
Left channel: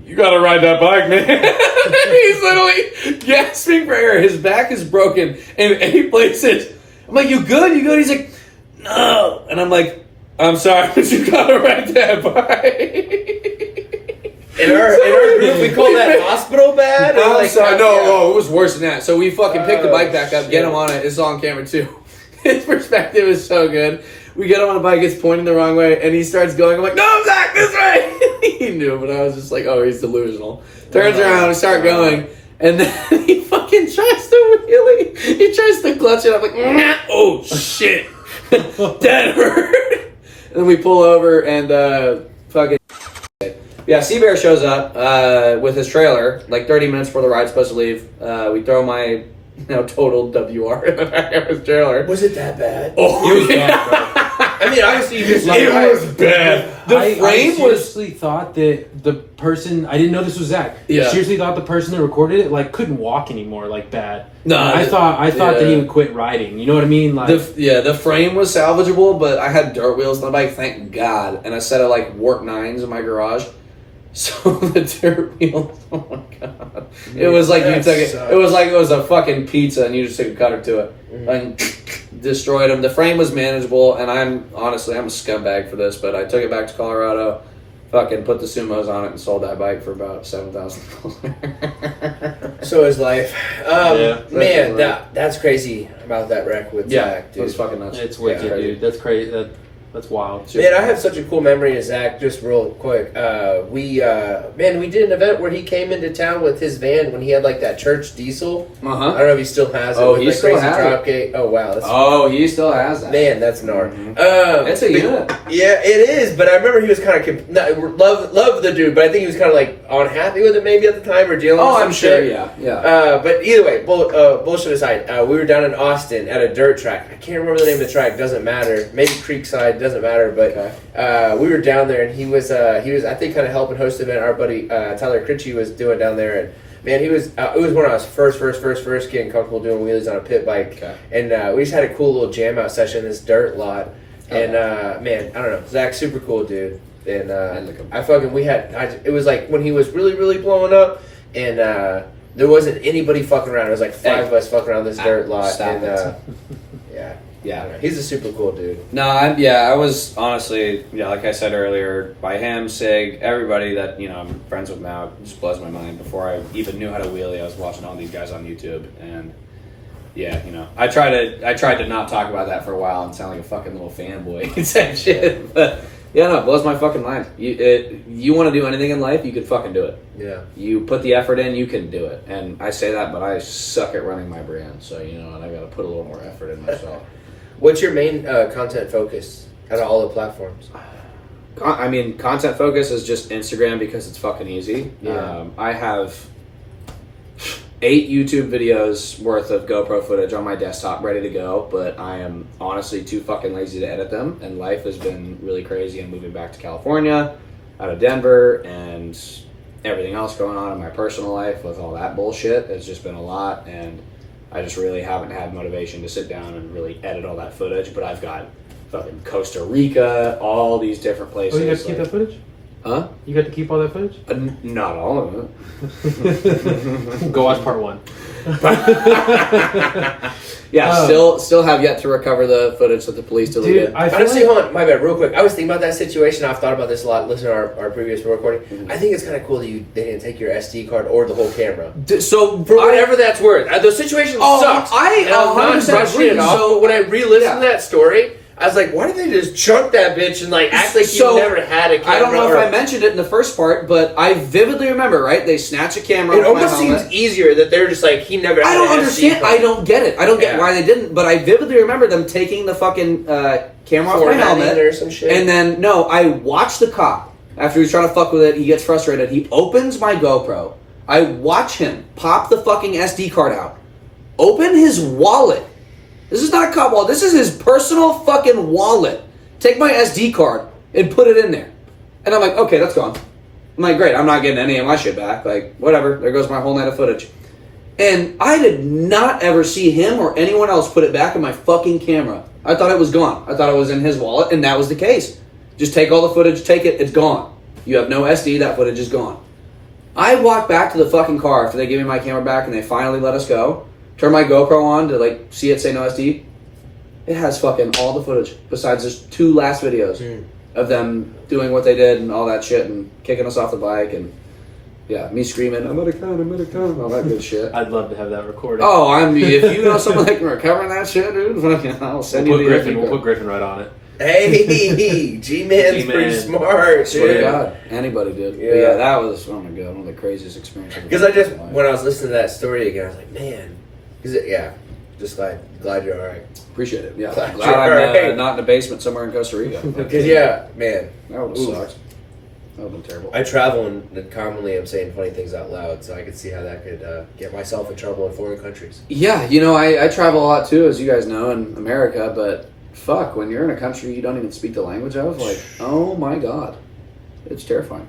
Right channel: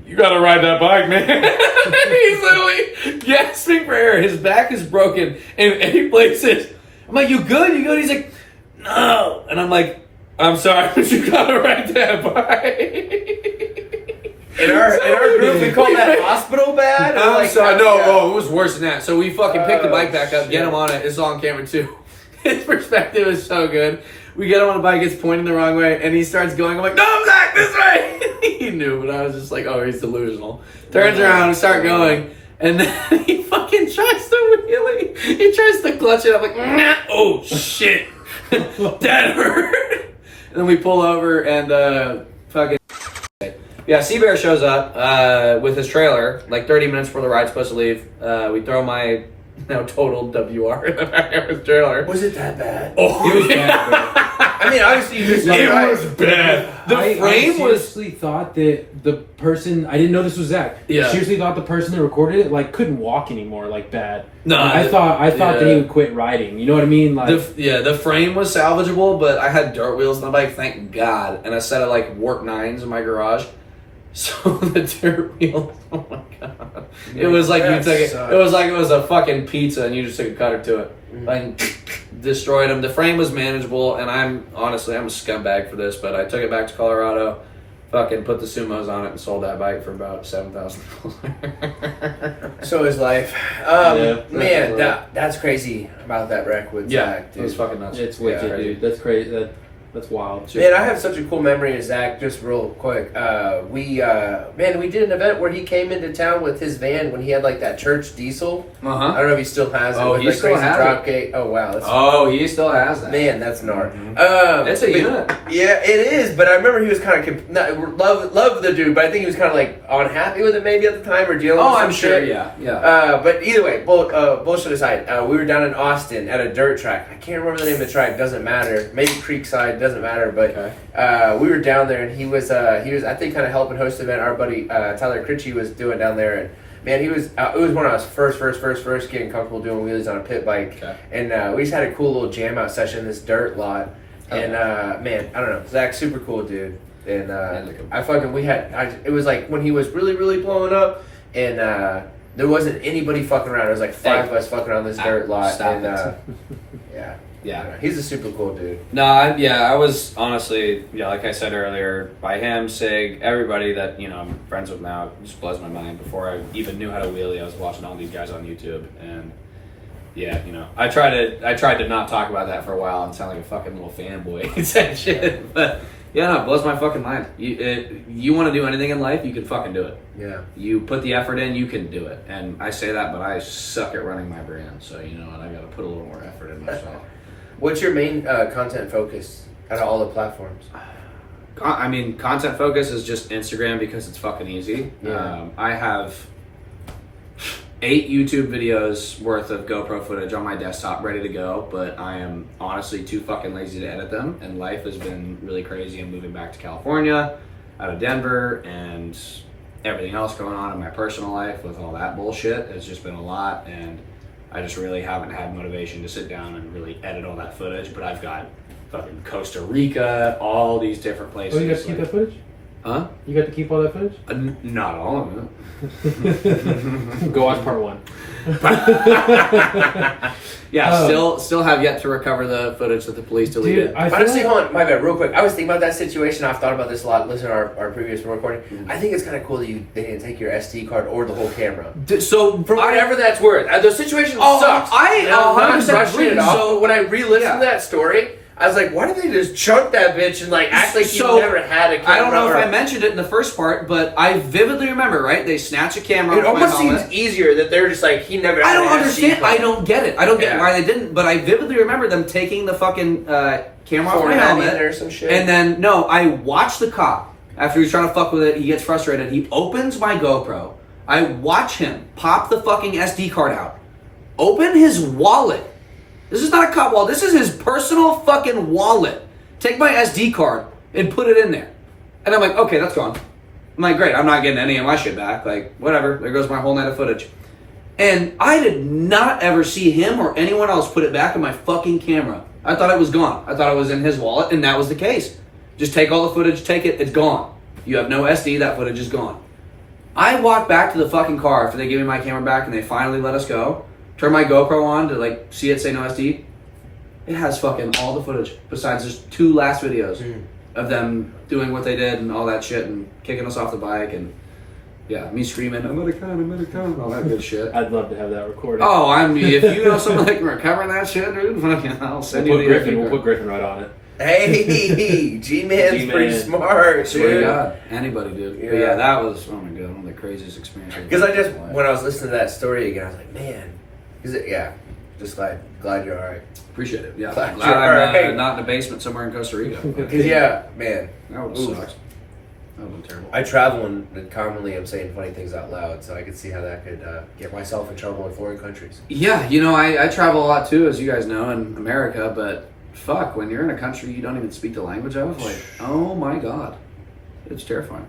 you gotta ride that bike, man." He's literally gasping for air. His back is broken in 8 places. I'm like, "You good? You good?" He's like, "No." And I'm like, "I'm sorry, but you gotta ride that bike." In our group, we call that hospital bad. I'm sorry. No, it was worse than that. So we fucking pick the bike back up, get him on it. It's on camera too. His perspective is so good. We get him on the bike, it's pointing the wrong way, and he starts going. I'm like, "No, Zach, this way." He knew, but I was just like, "Oh, he's delusional." Turns around and start going, and then he fucking tries to wheelie. He tries to clutch it. I'm like, "Nah." Oh shit, that hurt. And then we pull over and fucking. Yeah, Seabear shows up with his trailer like 30 minutes before the ride's supposed to leave. We throw my now totaled WR in the back of his trailer. Was it that bad? Oh, It was bad, bro. I mean, obviously you just It was bad. The I frame was. seriously thought that the person. I didn't know this was Zach. Yeah. I seriously thought the person that recorded it couldn't walk anymore bad. No, I thought that he would quit riding. You know what I mean? Like The frame was salvageable, but I had dirt wheels on the bike, thank God, and a set of warp 9s in my garage. So the dirt wheels, oh my god! It was like you took it. It was like it was a fucking pizza, and you just took a cutter to it, and destroyed them. The frame was manageable, and I'm a scumbag for this, but I took it back to Colorado, fucking put the Sumos on it, and sold that bike for about $7,000. So is life. Yeah, Man, that's crazy about that wreck with Zach, it dude. was fucking nuts. it's wicked, crazy. dude. That's crazy. That's wild. Man, I have such a cool memory of Zach, just real quick. We did an event where he came into town with his van when he had that church diesel. I don't know if he still has it. Oh, with he the still crazy has drop gate. Oh wow, that's He still has that. man, that's gnarly. It's a unit. Yeah, it is. But I remember he was kind of love the dude, but I think he was kind of unhappy with it maybe at the time or dealing with some I'm sure. shit. Yeah. But either way, bullshit aside, we were down in Austin at a dirt track. I can't remember the name of the track. Doesn't matter. Maybe Creekside. Doesn't matter. But we were down there, and he was I think kind of helping host the event. Our buddy Tyler Critchie was doing down there, and Man, he was. It was when I was first getting comfortable doing wheelies on a pit bike, and we just had a cool little jam out session in this dirt lot. And man, I don't know, Zach's super cool dude. And it was like when he was really blowing up, and there wasn't anybody fucking around. It was like five of us fucking around this dirt lot. Stop and it. yeah. Yeah. He's a super cool dude. No, I was honestly, like I said earlier, by him, Sig, everybody that, I'm friends with now, it just blows my mind. Before I even knew how to wheelie, I was watching all these guys on YouTube, and yeah, I tried to not talk about that for a while and sound like a fucking little fanboy and say shit, but yeah, no, it blows my fucking mind. You want to do anything in life, you can fucking do it. Yeah. You put the effort in, you can do it. And I say that, but I suck at running my brand, so and I got to put a little more effort in myself. What's your main content focus out of all the platforms? I mean, content focus is just Instagram because it's fucking easy. Yeah. I have 8 YouTube videos worth of GoPro footage on my desktop ready to go, but I am honestly too fucking lazy to edit them, and life has been really crazy. I'm moving back to California out of Denver, and everything else going on in my personal life with all that bullshit has just been a lot, and I just really haven't had motivation to sit down and really edit all that footage, but I've got fucking Costa Rica, all these different places. Oh, you got to keep that footage? Huh? You got to keep all that footage? Not all of it. Go watch part 1. Yeah, still have yet to recover the footage that the police deleted. Dude, I feel Honestly, like- hold on, my bad, real quick. I was thinking about that situation. I've thought about this a lot. Listen to our previous recording. Mm-hmm. I think it's kind of cool that they didn't take your SD card or the whole camera. So For whatever that's worth. The situation sucks. I I'm not 100% brushing agree. it off, So- but when I re-listened Yeah. to that story, I was like, why did they just chunk that bitch and act like So, you never had a camera? I don't know if or- I mentioned it in the first part, but I vividly remember, right? They snatch a camera It off my almost helmet. seems easier that they're just like, he never had I don't an SD understand. card. I don't get it. I don't get Yeah. why they didn't. But I vividly remember them taking the fucking camera off my Formatting helmet, or some shit. and then I watch the cop after he's trying to fuck with it. He gets frustrated. He opens my GoPro. I watch him pop the fucking SD card out, open his wallet. This is not a cop wallet. This is his personal fucking wallet. Take my SD card and put it in there. And I'm like, okay, that's gone. I'm like, great. I'm not getting any of my shit back. Like, whatever. There goes my whole night of footage. And I did not ever see him or anyone else put it back in my fucking camera. I thought it was gone. I thought it was in his wallet, and that was the case. Just take all the footage, take it, it's gone. You have no SD, that footage is gone. I walked back to the fucking car after they gave me my camera back and they finally let us go. Turn my GoPro on to see it say no SD. It has fucking all the footage besides just 2 last videos of them doing what they did and all that shit and kicking us off the bike and me screaming, I'm gonna come, all that good shit. I'd love to have that recorded. Oh, if you know someone that can recover that shit, dude, fucking, I'll send we'll you put the Griffin. SD We'll card. put Griffin right on it. Hey, G-Man's G-Man. pretty smart, Swear to dude. God, anybody did. But Yeah. yeah, that was, oh my God, one of the craziest experiences. Because when I was listening to that story again, I was like, man. Just glad you're all right. Appreciate it. Yeah, Glad glad you're I'm alright. not in a basement somewhere in Costa Rica. Because, man. That would have sucked. That would have been terrible. I travel and commonly am saying funny things out loud, so I could see how that could get myself in trouble in foreign countries. Yeah, I travel a lot too, as you guys know, in America, but fuck, when you're in a country you don't even speak the language, I was like, oh my God. It's terrifying.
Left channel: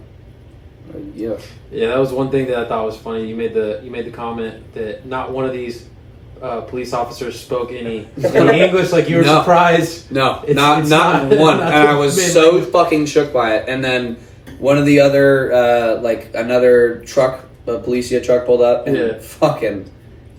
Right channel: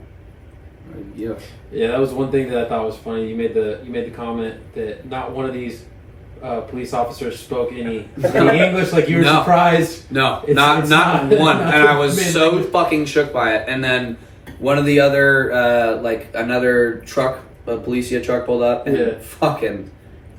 Yeah. Yeah, that was one thing that I thought was funny. You made the comment that not one of these police officers spoke any English. Like you were No. surprised. No, It's not not- one. not And I was the main so language. fucking shook by it. And then one of the other, another truck, a Policia truck pulled up, and Yeah. fucking,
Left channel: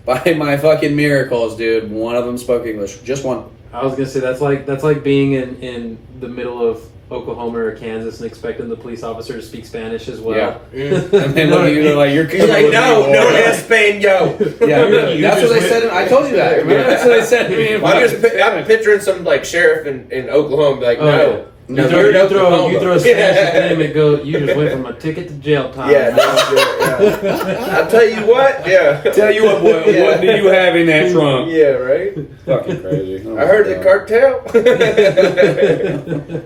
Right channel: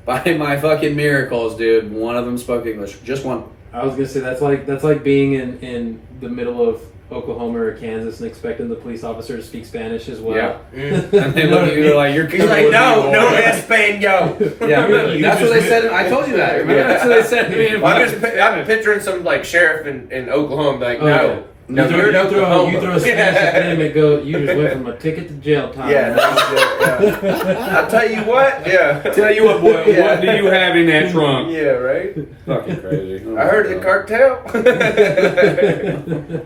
by my fucking miracles, dude, one of them spoke English. Just one. I was gonna say that's like being in the middle of Oklahoma or Kansas and expecting the police officer to speak Spanish as well. Yeah. And they look at you, they're like, you're He's like, coming no, with me, no, boy." Espanol. Yeah, that's what they said. I told you that. Remember? That's what they said to me. I'm picturing some sheriff in Oklahoma, be like, Oh, no. yeah. No, you you're in throw Oklahoma. a Spanish at them and go. You just went from a ticket to jail time. Yeah, yeah. I'll tell you what. Yeah. Tell you what, boy, Yeah. what do you have in that trunk? Yeah, right. Fucking crazy. I heard the cartel.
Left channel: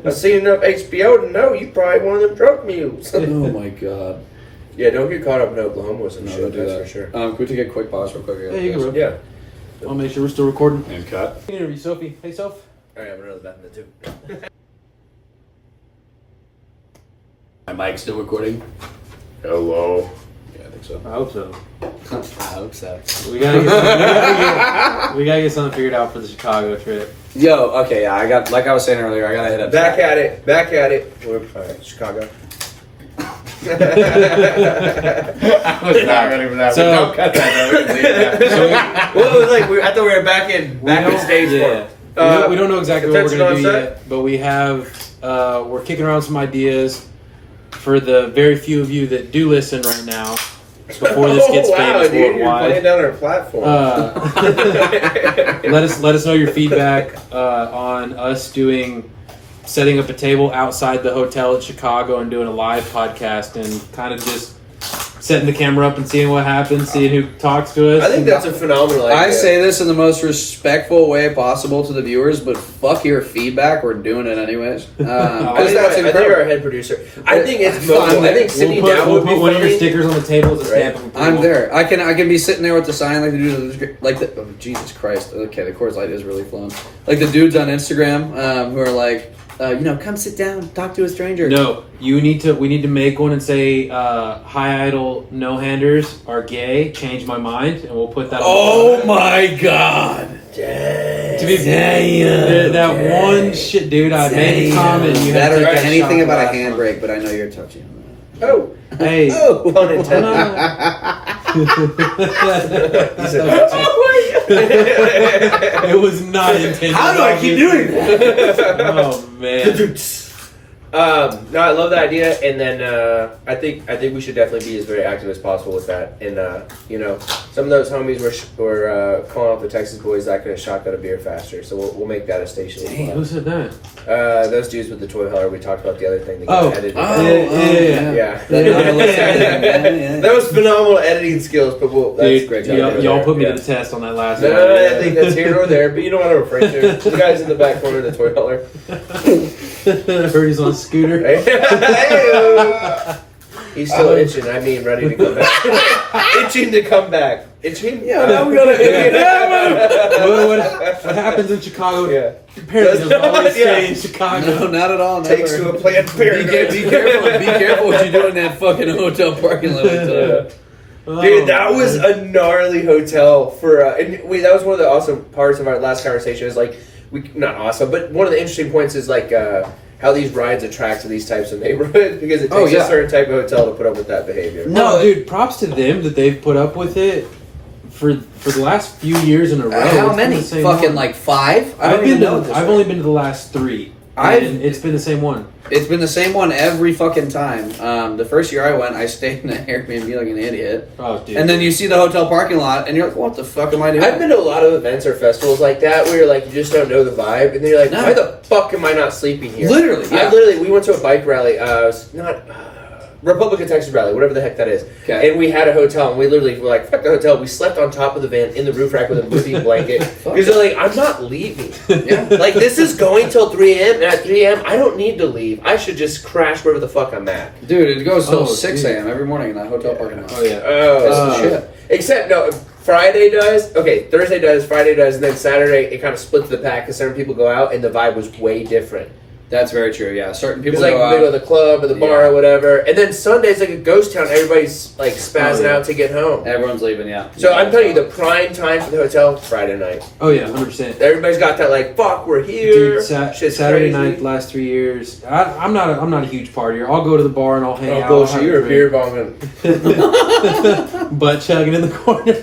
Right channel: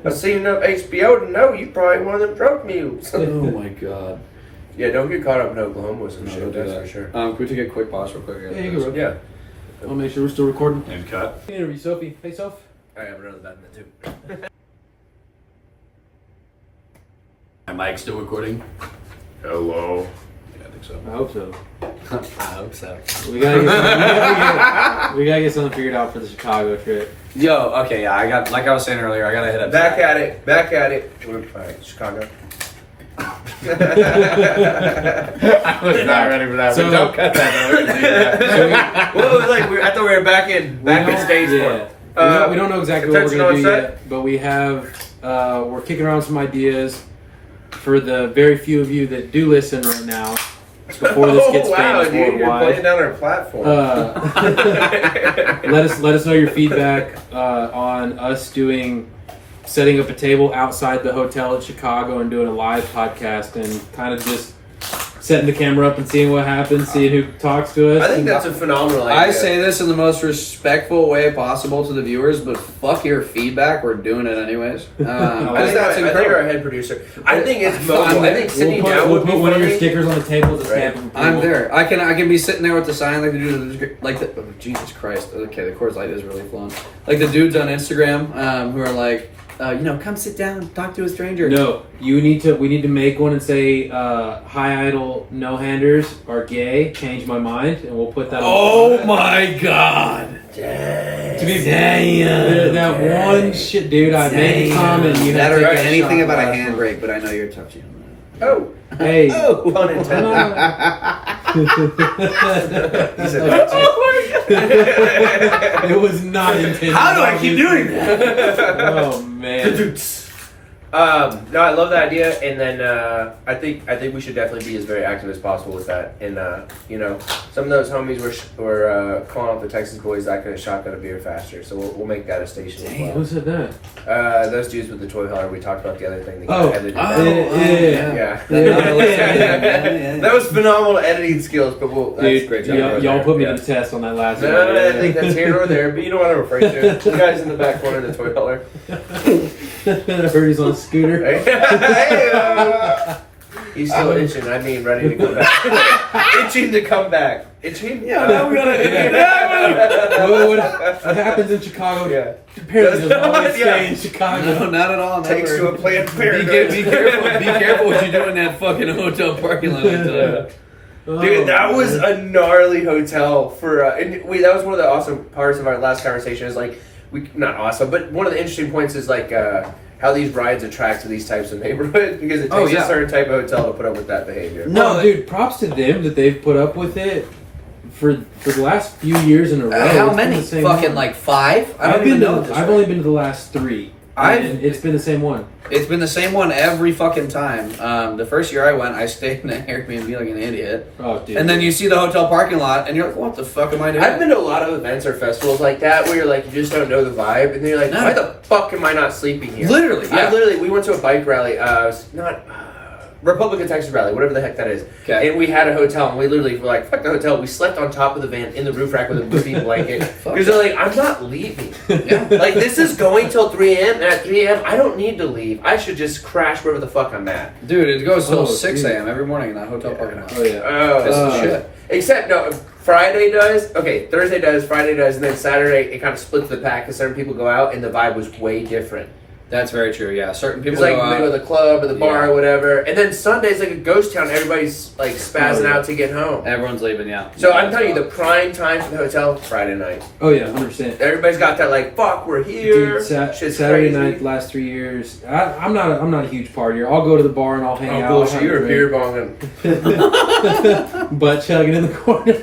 I seen enough HBO to know you probably one of them drug mules. Oh my God. Yeah, don't get caught up in Oklahoma with some No, shit. don't do That's that. for sure. Can we take a quick pause real quick? Yeah, you can. Yeah. I'll make sure we're still recording. And cut. Interview Sophie. Hey, Soph. I have another back in the tube. My mic's still recording. Hello. Yeah, I think morning. So I hope so. I hope so. We gotta get something figured out for the Chicago trip. Yo, okay, yeah, I got, like I was saying earlier, I gotta hit up. Back at it. All right, Chicago. I was not ready for that. So- but don't cut that. Though. We can leave that. Well, it was like I thought we were back in stage Yeah. four. We don't know exactly what we're attention gonna do on set? yet, but we have we're kicking around some ideas for the very few of you that do listen right now. Before this gets famous dude, you're playing worldwide, down our platform. let us know your feedback on us setting up a table outside the hotel at Chicago and doing a live podcast and kind of just setting the camera up and seeing what happens, seeing who talks to us. I think that's a phenomenal idea. I say this in the most respectful way possible to the viewers, but fuck your feedback. We're doing it anyways. I Because think, that's I think incredible. our head producer. I think it's Fine, mobile. I think sitting down we'll would be put one of your funny. stickers on the table as a Right. stamp of approval. I'm there. I can be sitting there with the sign like the dude, oh, Jesus Christ. Okay, the Coors Light is really flowing. Like the dudes on Instagram who are like, come sit down, talk to a stranger. No, we need to make one and say, "Hi Idol no handers are gay. Change my mind," and we'll put that. Oh my god! To be that one shit, dude. I made a comment. You That had or to take a anything shot about a last one. handbrake, but I know you're touchy on Oh, Hey, Oh, pun intended. He said, it was not intended. How do I keep doing that? Oh man. no, I love that idea, and then I think we should definitely be as very active as possible with that. And some of those homies were calling out the Texas boys that could have shotgun a beer faster. So we'll make that a station. as well. Who said that? Those dudes with the toy hauler. We talked about the other thing. That got Oh. edited. Yeah. Yeah. That was phenomenal editing skills, but that's Dude, great job. y'all put me Yeah. to the test on that last No, one. I think that's here or there, but you know what I'm referring to. The guys in the back corner of the toy hauler. Heard he's on a scooter. Hey-o. He's still itching. Ready to come back. Itching to come back. Itching? Yeah, now we gotta. What happens in Chicago? Yeah. Apparently, doesn't always Yeah. stay in Chicago. No, not at all. Never. Takes to a planned Be paradise. careful. Be careful what you do in that fucking hotel parking lot. Dude, that was a gnarly hotel for, and that was one of the awesome parts of our last conversation. Is like not awesome, but one of the interesting points is like how these rides attract to these types of neighborhoods because it takes a certain type of hotel to put up with that behavior. No, dude, props to them that they've put up with it for the last few years in a row. How It's been many? the same Fucking one. like 5? I don't I've even been know. to, I've only been to the last 3. And it's been the same one. It's been the same one every fucking time. The first year I went, I stayed in an Airbnb like an idiot. Oh, dude. And then you see the hotel parking lot, and you're like, "What the fuck am I doing?" I've been to a lot of events or festivals like that where you're like, you just don't know the vibe, and then you're like, why the fuck am I not sleeping here? Literally, yeah. We went to a bike rally. Not Republic of Texas rally, whatever the heck that is. Okay. And we had a hotel, and we literally were like, fuck the hotel. We slept on top of the van in the roof rack with a moving blanket. Because they're like, I'm not leaving. Yeah. Like, this is going till 3 a.m., and at 3 a.m., I don't need to leave. I should just crash wherever the fuck I'm at. Dude, it goes till Oh, 6 dude. a.m. every morning in that hotel parking lot. Oh, yeah. That's the shit. Except, no, Friday does. Okay, Thursday does, Friday does, and then Saturday, it kind of splits the pack because certain people go out, and the vibe was way different. That's very true. Yeah, certain people It's like go middle of out. the club or the bar or whatever. And then Sunday's like a ghost town. Everybody's like spazzing out to get home. Everyone's leaving. Yeah. So I'm telling you, the prime time for the hotel, Friday night. Oh, yeah, 100%. Everybody's got that like, fuck, we're here. Dude, Shit's Saturday crazy. night, last 3 years. I'm not a huge partier. I'll go to the bar and I'll hang out. Oh, bullshit. I'll You're a have beer bonging. butt chugging in the corner.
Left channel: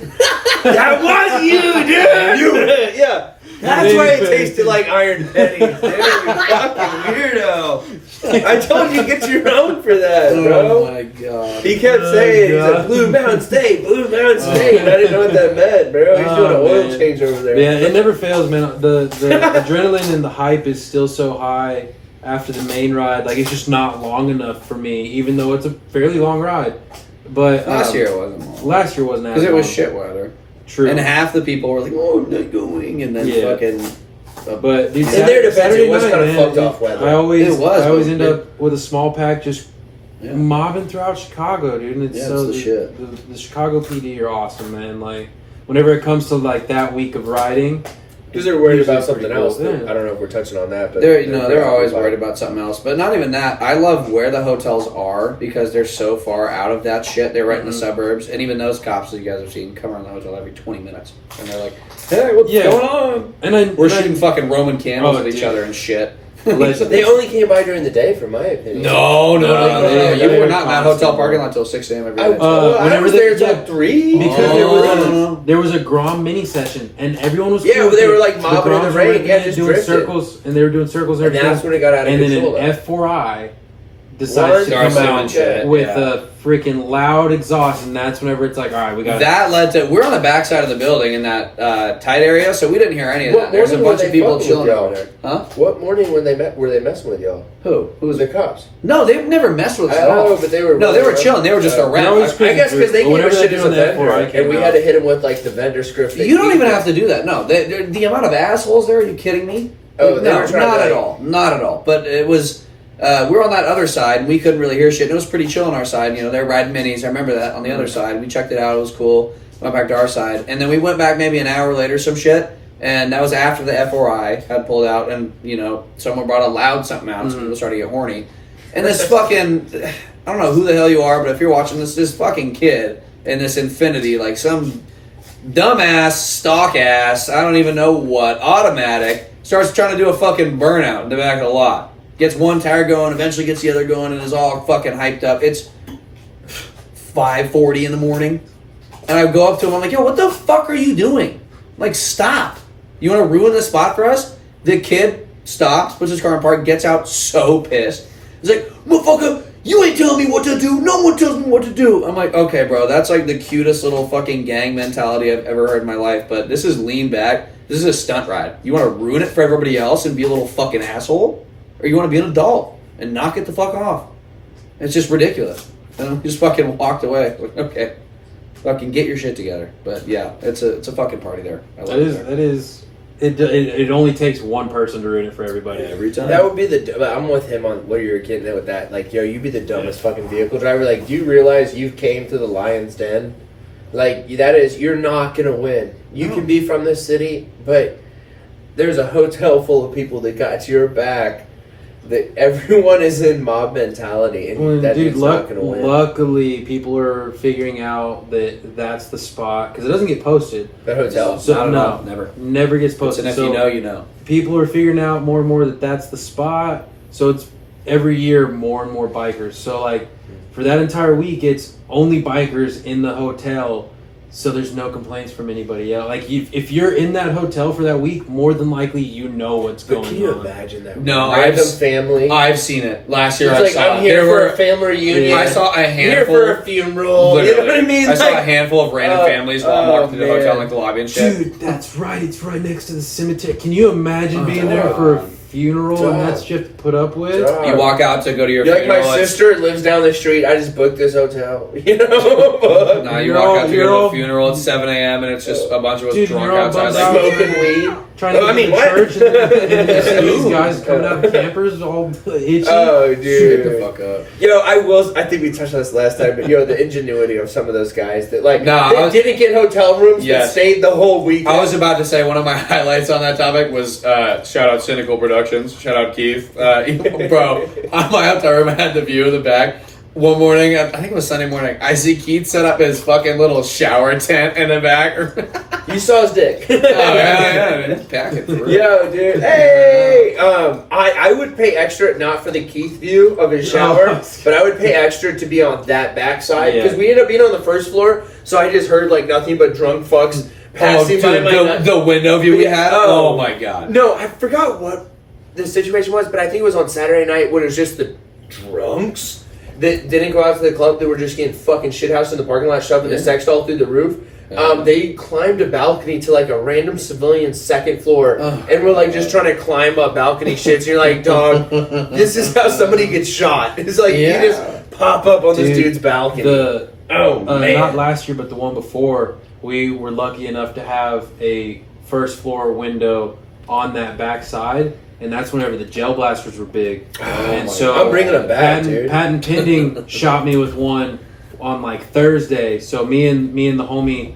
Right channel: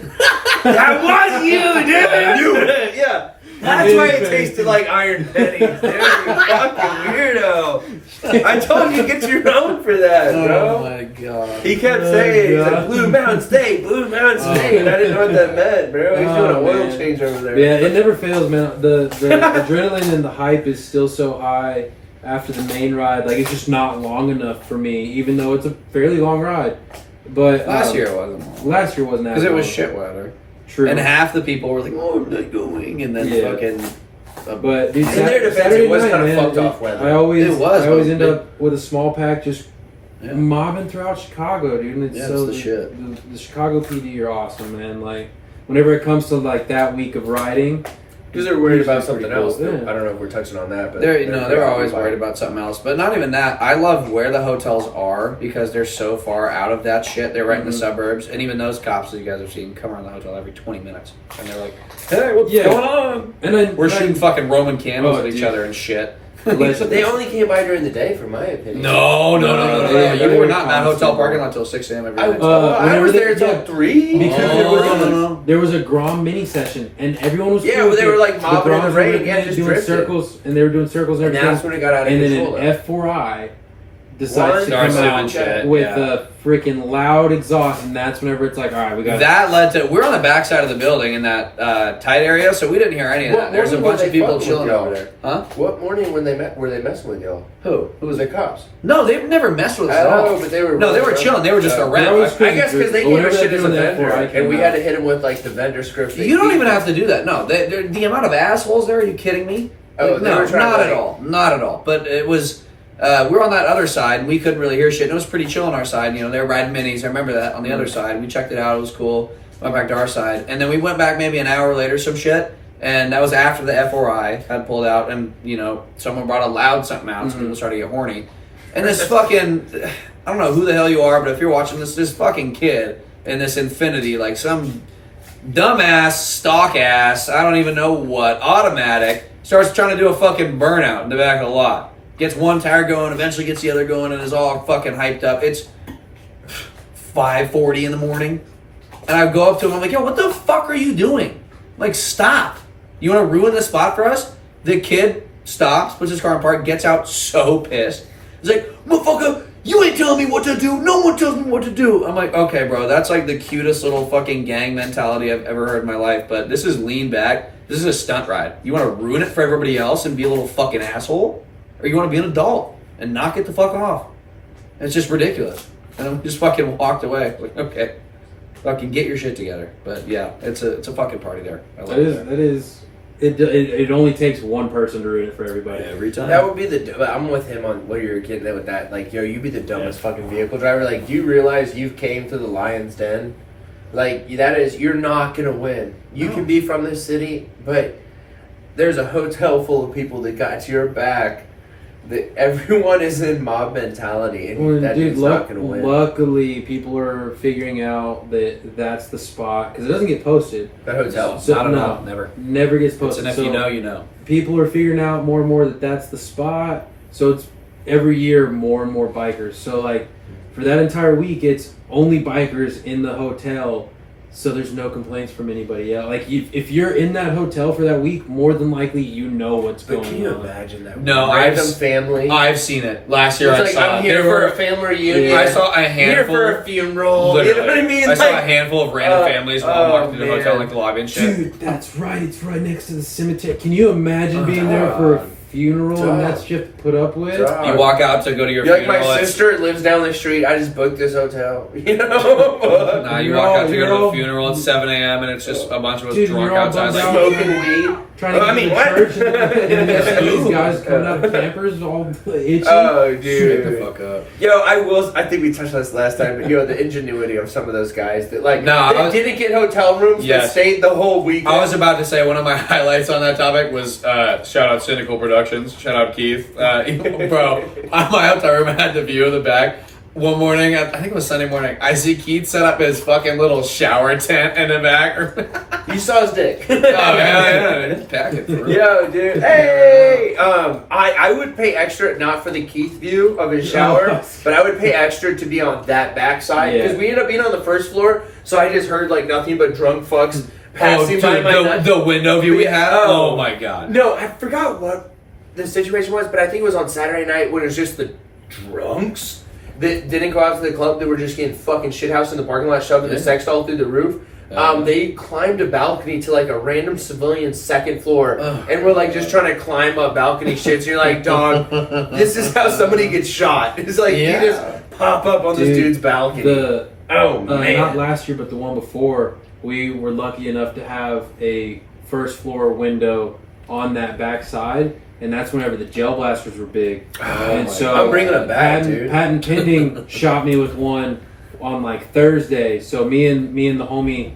That was you, dude! Yeah. That's why it tasted like Iron Penny. Dude, you fucking weirdo. I told you to get your own for that, bro. Oh my god. He kept saying, he's like, Blue Mountain State, Blue Mountain State. And I didn't know what that meant, bro. He's doing an oil man. change over there. Yeah, it never fails, man. The adrenaline and the hype is still so high after the main ride. Like, it's just not long enough for me, even though it's a fairly long ride. But Last year it wasn't long. Last year wasn't that Because it was long. shit weather. True. And half the people were like, "Oh, I'm not going," and then Yeah. fucking. But dude, In their defense, Saturday it was night, kind of man, fucked off weather. I always It was, end but- up with a small pack just Yeah. mobbing throughout Chicago, dude. And it's Yeah, so it's the shit. The Chicago PD are awesome, man. Like whenever it comes to like that week of riding, Because they're worried Usually about something pretty else. cool. Yeah. I don't know if we're touching on that, but They're always worried about something else. But not even that. I love where the hotels are because they're so far out of that shit. They're right in the suburbs, and even those cops that you guys have seen come around the hotel every 20 minutes, and they're like, "Hey, what's going on?" And then We're shooting fucking Roman candles at each dude. other and shit. they only came by during the day, for my opinion. No. You They were were not in that hotel parking lot till 6 a.m. every I, day. I whenever was they- there till yeah. 3. Because there was a Grom mini session, and everyone was Yeah, cool but with they it. were, like, mobbing in the Groms rain, were yeah, just doing drifted. circles, and they were doing circles and And everything. that's when it got out of And control. then though. an F4I decides to One come Starts out doing shit, with yeah. a freaking loud exhaust, and that's whenever it's like, all right, we got That led to we're on the back side of the building in that tight area, so we didn't hear any of What that. There's a morning bunch were of they people fucking chilling with y'all? over there. Huh? What morning when they met were they messing with y'all? Who? Who was the cops? No, they've never messed with us I at don't all. know, but they were. No, they were chilling. They were just around. I guess because they gave Whenever us shit they're as a doing that vendor, for, I and came we had out. to hit them with like the vendor script. You don't even have to do that. No, the amount of assholes there. Are you kidding me? Oh, they no, were trying not to, at like- all. Not at all. But it was. We were on that other side, and we couldn't really hear shit. And it was pretty chill on our side. You know, they were riding minis. I remember that on the other side. We checked it out. It was cool. Went back to our side, and then we went back maybe an hour later, some shit. And that was after the F4I had pulled out, and you know, someone brought a loud something out, so people started to get horny. And this fucking, I don't know who the hell you are, but if you're watching this fucking kid in this Infinity, like some dumbass, stock ass, I don't even know what, automatic, starts trying to do a fucking burnout in the back of the lot. Gets one tire going, eventually gets the other going, and is all fucking hyped up. It's 5:40 in the morning. And I go up to him, I'm like, yo, what the fuck are you doing? Like, stop. You want to ruin the spot for us? The kid stops, puts his car in park, gets out so pissed. He's like, motherfucker, you ain't telling me what to do. No one tells me what to do. I'm like, okay, bro, that's like the cutest little fucking gang mentality I've ever heard in my life. But this is lean back. This is a stunt ride. You want to ruin it for everybody else and be a little fucking asshole? Or you want to be an adult and knock it the fuck off? It's just ridiculous. And we just fucking walked away. Like, okay, fucking get your shit together. But yeah, it's a fucking party there. I love it there. That is. It only takes one person to ruin it for everybody. Every time. That would be but I'm with him on what you're getting at with that. Like, yo, you'd be the dumbest fucking vehicle driver. Like, do you realize you've came to the Lion's Den? Like, you're not gonna win. You can be from this city, but there's a hotel full of people that got your back. That everyone is in mob mentality, and Well, that dude, dude's not gonna win. luckily, people are figuring out that that's the spot because it doesn't get posted. That hotel. So, Not at no, all. Never. Never gets It's posted. an if So you know, you know. people are figuring out more and more that that's the spot. So it's every year more and more bikers. So like for that entire week, it's only bikers in the hotel. So there's no complaints from anybody else. Like if you're in that hotel for that week, more than likely you know what's But going can you on. imagine that? No, random I've- family. I've seen it. Last year It's I like, saw I'm it. here There for were a family reunion. I saw a I'm here handful. for a funeral. Literally. You know what I mean? I saw a Like, handful of random families while walking through the hotel, man. like the lobby and shit. Dude, that's right. It's right next to the cemetery. Can you imagine being there for a funeral and that's shit to put up with? You walk out to go to your You're like, funeral. my it's- sister lives down the street. I just booked this hotel. You know? No, you You're walk all- out to go you're to the all- funeral. It's 7 a.m. and it's just a bunch of us Dude, drunk you're all outside. bummed Like, out. Smoking weed. Trying to I mean, get what? to church and these guys coming out in campers all itchy. Oh, shut dude. the fuck up. Yo, I think we touched on this last time, but the ingenuity of some of those guys that like No, I was- didn't get hotel rooms but Yes. stayed the whole weekend. I was about to say one of my highlights on that topic was shout out Cynical Productions, shout out Keith, bro. On my hotel room, I had the view of the back. One morning, I think it was Sunday morning, I see Keith set up his fucking little shower tent in the back. You saw his dick. yeah, pack it through. Yo, dude. Hey, I would pay extra not for the Keith view of his shower, but I would pay extra to be on that backside because Yeah. we ended up being on the first floor, so I just heard like nothing but drunk fucks Oh, passing dude, by my nut. the window view we had. Oh. Oh my god. No, I forgot what the situation was, but I think it was on Saturday night when it was just the drunks that didn't go out to the club. They were just getting fucking shithoused in the parking lot, shoving the sex doll through the roof. They climbed a balcony to like a random civilian second floor, and we're like just trying to climb up balcony shit. So you're like, dog, this is how somebody gets shot. It's like you just pop up on this Dude, dude's balcony. Man, Not last year, but the one before, we were lucky enough to have a first floor window on that back side, and that's whenever the gel blasters were big. And so I'm bringing them back, dude. Patton Pending shot me with one on like Thursday. So me and the homie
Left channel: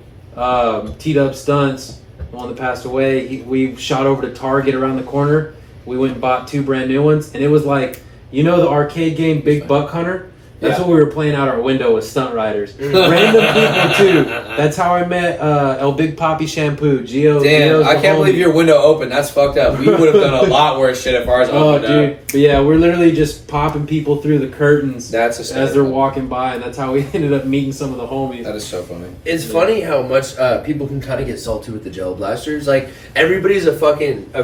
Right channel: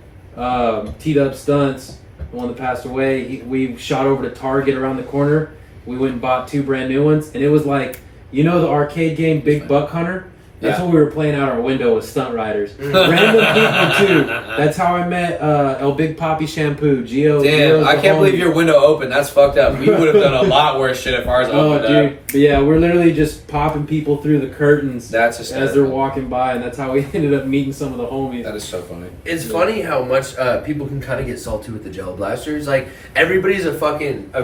teed up stunts. the one that passed away. We shot over to Target around the corner. We went and bought 2 brand new ones, and it was like, you know, the arcade game Big Buck Hunter. That's what we were playing out our window with stunt riders. Random people too. That's how I met El Big Poppy Shampoo. Gio. Damn, I can't believe your window opened. That's fucked up. We would have done a lot worse shit if ours opened up. But yeah, we're literally just popping people through the curtains That's as they're hysterical. walking by, and that's how we ended up meeting some of the homies. That is so funny. It's funny how much people can kind of get salty with the gel blasters. Like, everybody's a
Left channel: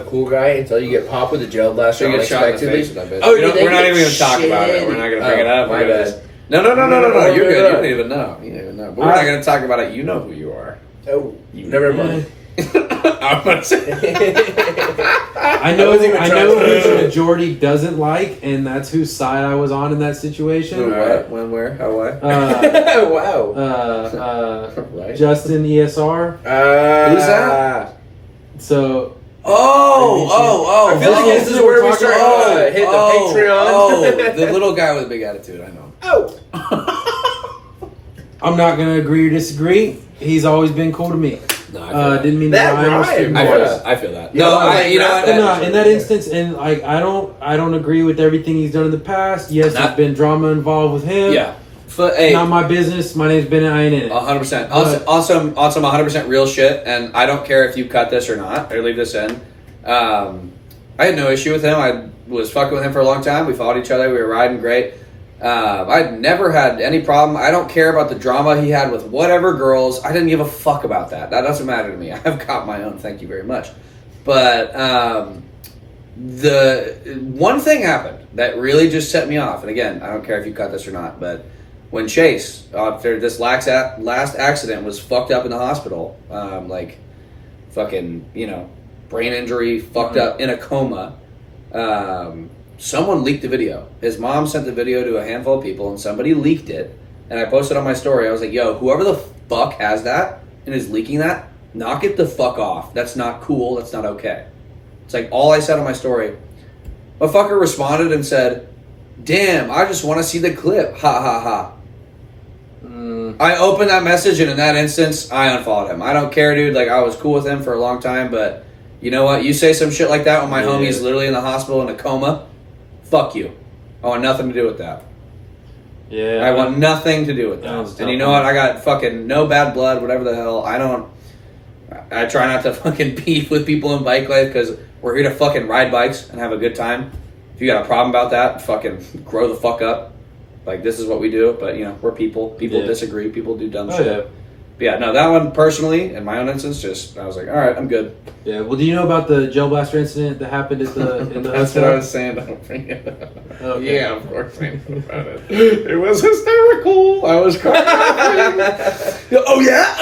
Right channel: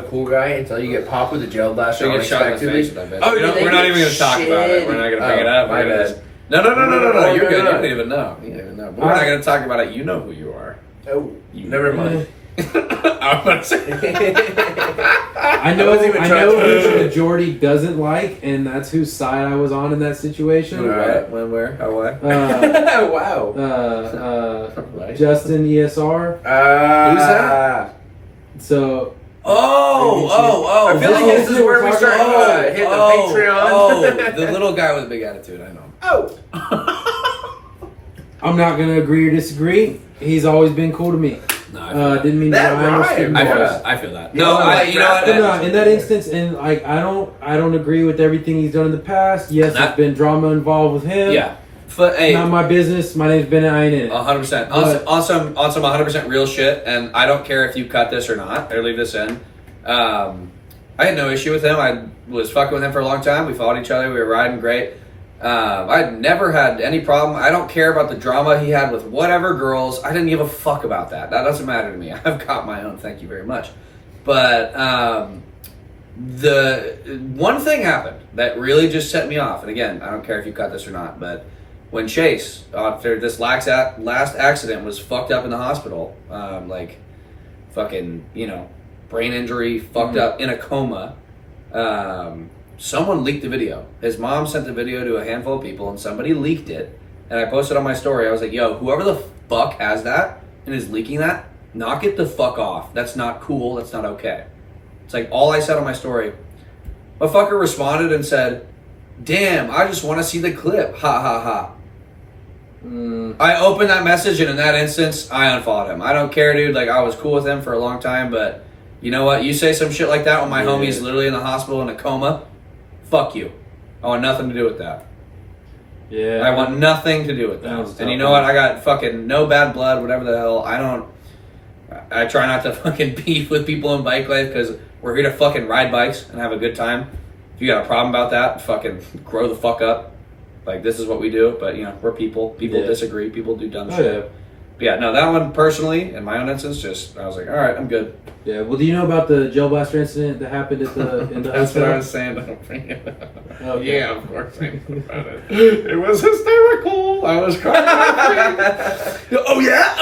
cool guy until you get popped with a gel blaster. So you get shot in the unexpectedly. face with that bitch. Oh, we're not even going to talk about it. We're not going to bring it up. My We're gonna bad. just- No. You're good. You no. don't even know. You don't even know. But we're not going to talk about it. You know who you are. Oh, never mind. I'm about to say. I know wasn't even trying who to- the majority doesn't like, and that's whose side I was on in that situation. Who, what? When, where, how, what? Wow. Right. Justin ESR. Who's that? So Oh. I feel like this is where we start to hit the Patreon. Oh, the little guy with a big attitude. I know. Oh. I'm not gonna agree or disagree. He's always been cool to me. No, I feel that. Didn't mean That to lie. rhymed. I feel that. I feel that. No, you know what? But no, in that instance, and like I don't agree with everything he's done in the past. Yes, there's been drama involved with him. Yeah. Hey, Not my business. My name's Bennett. I ain't in it. 100%. On some 100% real shit, and I don't care if you cut this or not, or leave this in. I had no issue with him. I was fucking with him for a long time. We followed each other. We were riding great. I'd never had any problem. I don't care about the drama he had with whatever girls. I didn't give a fuck about that. That doesn't matter to me. I've got my own. Thank you very much. But the one thing happened that really just set me off. And again, I don't care if you cut this or not, but when Chase, after this last accident, was fucked up in the hospital, like fucking, brain injury, fucked up in a coma, someone leaked the video. His mom sent the video to a handful of people, and somebody leaked it. And I posted on my story. I was like, yo, whoever the fuck has that and is leaking that, knock it the fuck off. That's not cool. That's not okay. It's like all I said on my story. A fucker responded and said, damn, I just want to see the clip. Ha ha ha. I opened that message, and in that instance, I unfollowed him. I don't care, dude. Like, I was cool with him for a long time, but you know what? You say some shit like that when my homie's literally in the hospital in a coma, fuck you. I want nothing to do with that. Yeah. I want nothing to do with That was that. And you know what? I got fucking no bad blood, whatever the hell. I try not to fucking beef with people in bike life because we're here to fucking ride bikes and have a good time. If you got a problem about that, fucking grow the fuck up. Like, this is what we do, but, we're people. People disagree. People do dumb shit. Yeah. But yeah, no, that one personally, in my own instance, I was like, all right, I'm good. Yeah. Well, do you know about the gel blaster incident that happened at the in the That's what hotel? I was saying. Don't bring it up. Okay. Yeah, of course I know about it. It was hysterical. I was crying. Oh, yeah?